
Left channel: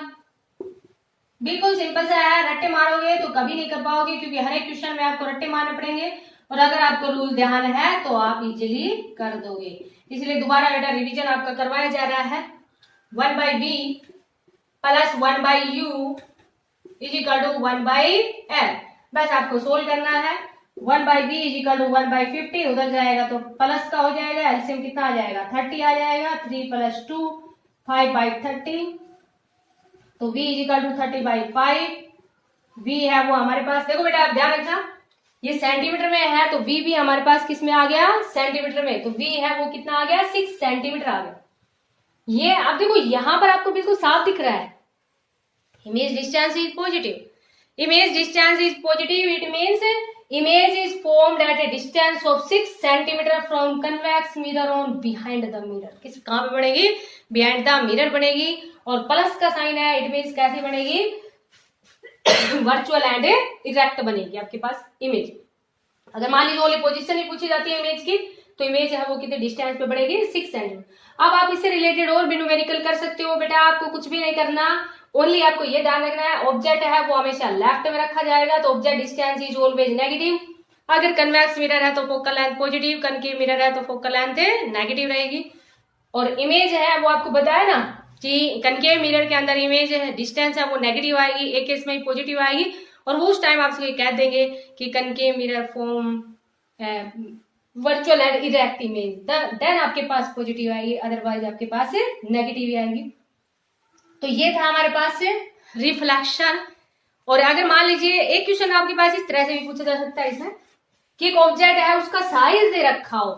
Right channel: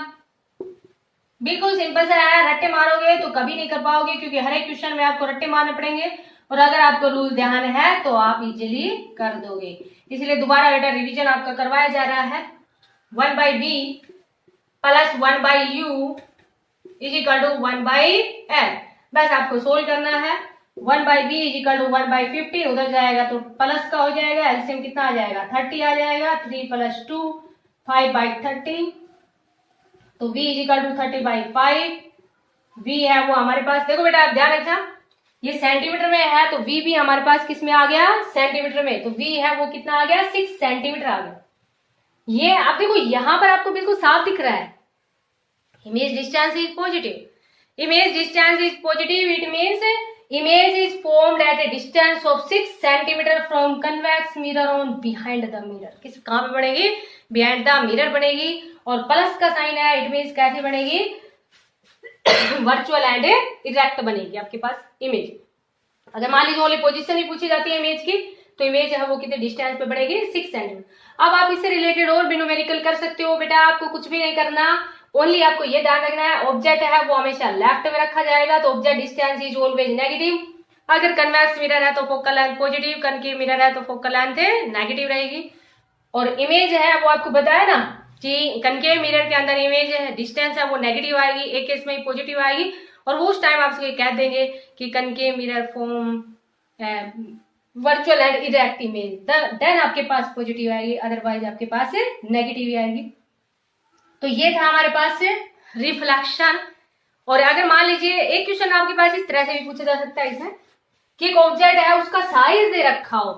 बिल्कुल सिंपल सा है, रट्टे मारोगे तो कभी नहीं कर पाओगे, क्योंकि हर एक क्वेश्चन में आपको रट्टे मारने पड़ेंगे, और अगर आपको रूल ध्यान है तो आप इजिली कर दोगे। इसलिए दोबारा बेटा रिविजन आपका करवाया जा रहा है। 1/b plus 1/u is equal to 1/l, बस आपको सोल्व करना है। 1/b इज इक्वल टू 1/50, उधर जाएगा तो प्लस का हो जाएगा, एलसीएम कितना आ जाएगा, 30 आ जाएगा, 3 + 2 5/30, तो v is equal to 30/5। v है वो हमारे पास, देखो बेटा आप ध्यान रखना, ये सेंटीमीटर में है तो v भी हमारे पास किस में आ गया, सेंटीमीटर में, तो v है वो कितना आ गया, 6 सेंटीमीटर आ गया। ये अब देखो यहां पर आपको बिल्कुल साफ दिख रहा है, image distance is positive, image distance is positive, it means image is formed eight a distance of 6 centimetre from convex mirror on behind the mirror. किस कहां पे बनेगी, बिहाइंड द मिरर बनेगी, और प्लस का साइन है, इट मीन्स कैसे बनेगी, वर्चुअल एंड इरेक्ट बनेगी आपके पास इमेज। अगर मान लीजिए ओनली पोजीशन ही पूछी जाती है इमेज की, तो इमेज है वो कितने डिस्टेंस पे बढ़ेगी, 6 सेंटीमीटर। अब आप इससे रिलेटेड और भी न्यूमेरिकल कर सकते हो बेटा, आपको कुछ भी नहीं करना, ओनली आपको ये ध्यान रखना है ऑब्जेक्ट है वो हमेशा लेफ्ट में रखा जाएगा, तो object distance is always negative. अगर कन्वेक्स मिरर है तो focal length positive, concave mirror है तो फोकल लेंथ नेगेटिव रहेगी। और इमेज है वो आपको बताया ना कि कनकेव मिरर के अंदर इमेज है डिस्टेंस है वो नेगेटिव आएगी, एक केस में ही पॉजिटिव आएगी, और वो उस टाइम आपसे कह देंगे कि concave mirror form virtual and erect image, then आपके पास पॉजिटिव आएगी, अदरवाइज आपके पास नेगेटिव ही आएगी। तो ये था हमारे पास रिफ्लेक्शन। और अगर मान लीजिए एक क्वेश्चन आपके पास इस तरह से भी पूछा जा सकता है इसमें कि एक ऑब्जेक्ट है उसका साइज दे रखा हो,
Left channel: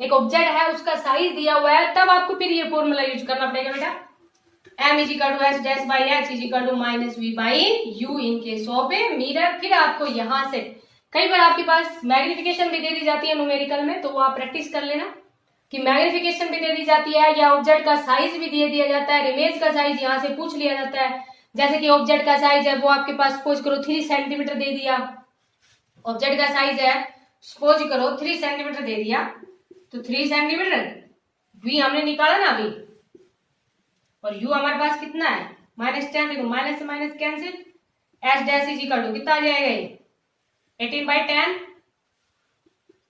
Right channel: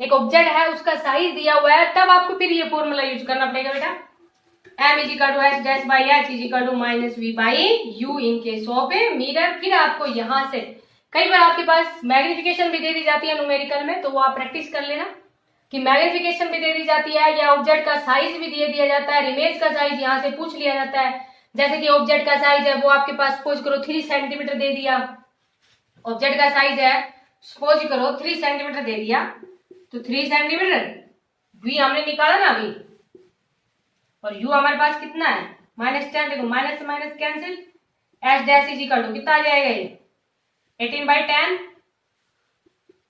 एक ऑब्जेक्ट है उसका साइज दिया हुआ है, तब आपको फिर ये फॉर्मूला यूज करना पड़ेगा बेटा, m is equal to h-h is equal to -v/u in case of a mirror. फिर आपको यहां से कई बार आपके पास मैग्निफिकेशन भी दे दी जाती है न्यूमेरिकल में, तो वो आप प्रैक्टिस कर लेना कि मैग्निफिकेशन भी दे दी जाती है, या ऑब्जेक्ट का साइज भी दे दिया जाता है, इमेज का साइज यहाँ से पूछ लिया जाता है। जैसे कि ऑब्जेक्ट का साइज है वो आपके पास सपोज करो 3 सेंटीमीटर दे दिया, ऑब्जेक्ट का साइज है सपोज करो 3 सेंटीमीटर दे दिया, तो 3 सेंटीमीटर v हमने निकाला ना अभी, और u हमारे पास कितना है -10, देखो माइनस से minus cancel, h dash is equal to कितना आ जाएगा ये 18/10,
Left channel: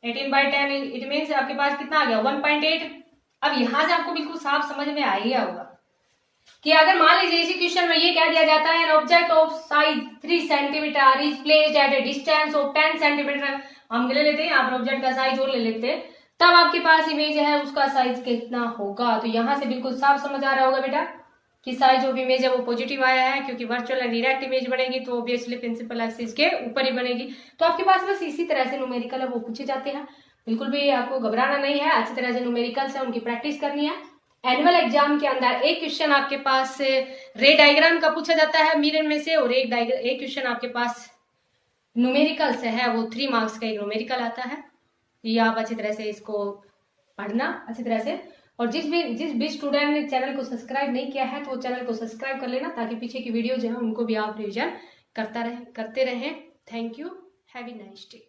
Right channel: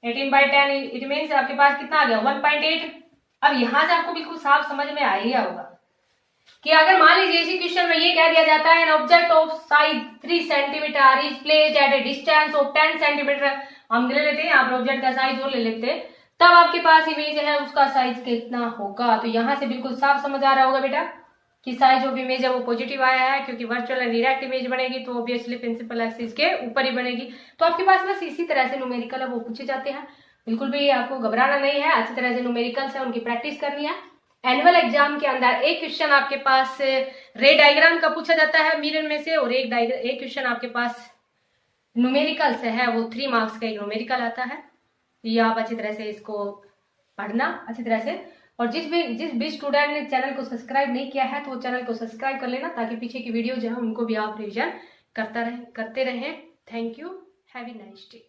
18/10 इट मीन्स आपके पास कितना आ गया 1.8। अब यहां से आपको बिल्कुल साफ समझ में आ ही गया होगा कि अगर मान लीजिए इसी क्वेश्चन में ये कह दिया जाता है an object of size 3 centimetre is placed at a distance of 10 centimetre, हम ले लेते हैं यहाँ पर ऑब्जेक्ट का साइज और ले लेते हैं, तब आपके पास इमेज है उसका साइज कितना होगा। तो यहाँ से बिल्कुल साफ समझ आ रहा होगा बेटा कि साइज ऑफ इमेज है वो पॉजिटिव आया है, क्योंकि वर्चुअल एंड डायरेक्ट इमेज बनेगी तो ऑब्वियसली प्रिंसिपल एक्सिस के ऊपर ही बनेगी। तो आपके पास बस इसी तरह से न्यूमेरिकल है वो पूछे जाते हैं, बिल्कुल भी आपको घबराना नहीं है, अच्छी तरह से न्यूमेरिकल्स है उनकी प्रैक्टिस करनी है। एनुअल एग्जाम के अंदर एक क्वेश्चन आपके पास रे डायग्राम का पूछा जाता है मिरर में से, और एक क्वेश्चन आपके पास न्यूमेरिकल्स है वो 3 मार्क्स का न्यूमेरिकल आता है। ये आप अच्छी तरह से इसको पढ़ना अच्छी तरह से, और जिस भी स्टूडेंट ने चैनल को सब्सक्राइब नहीं किया है तो वो चैनल को सब्सक्राइब कर लेना, ताकि पीछे की वीडियो जो है उनको भी आप रिविजन करते रहें। Thank you, have a nice day.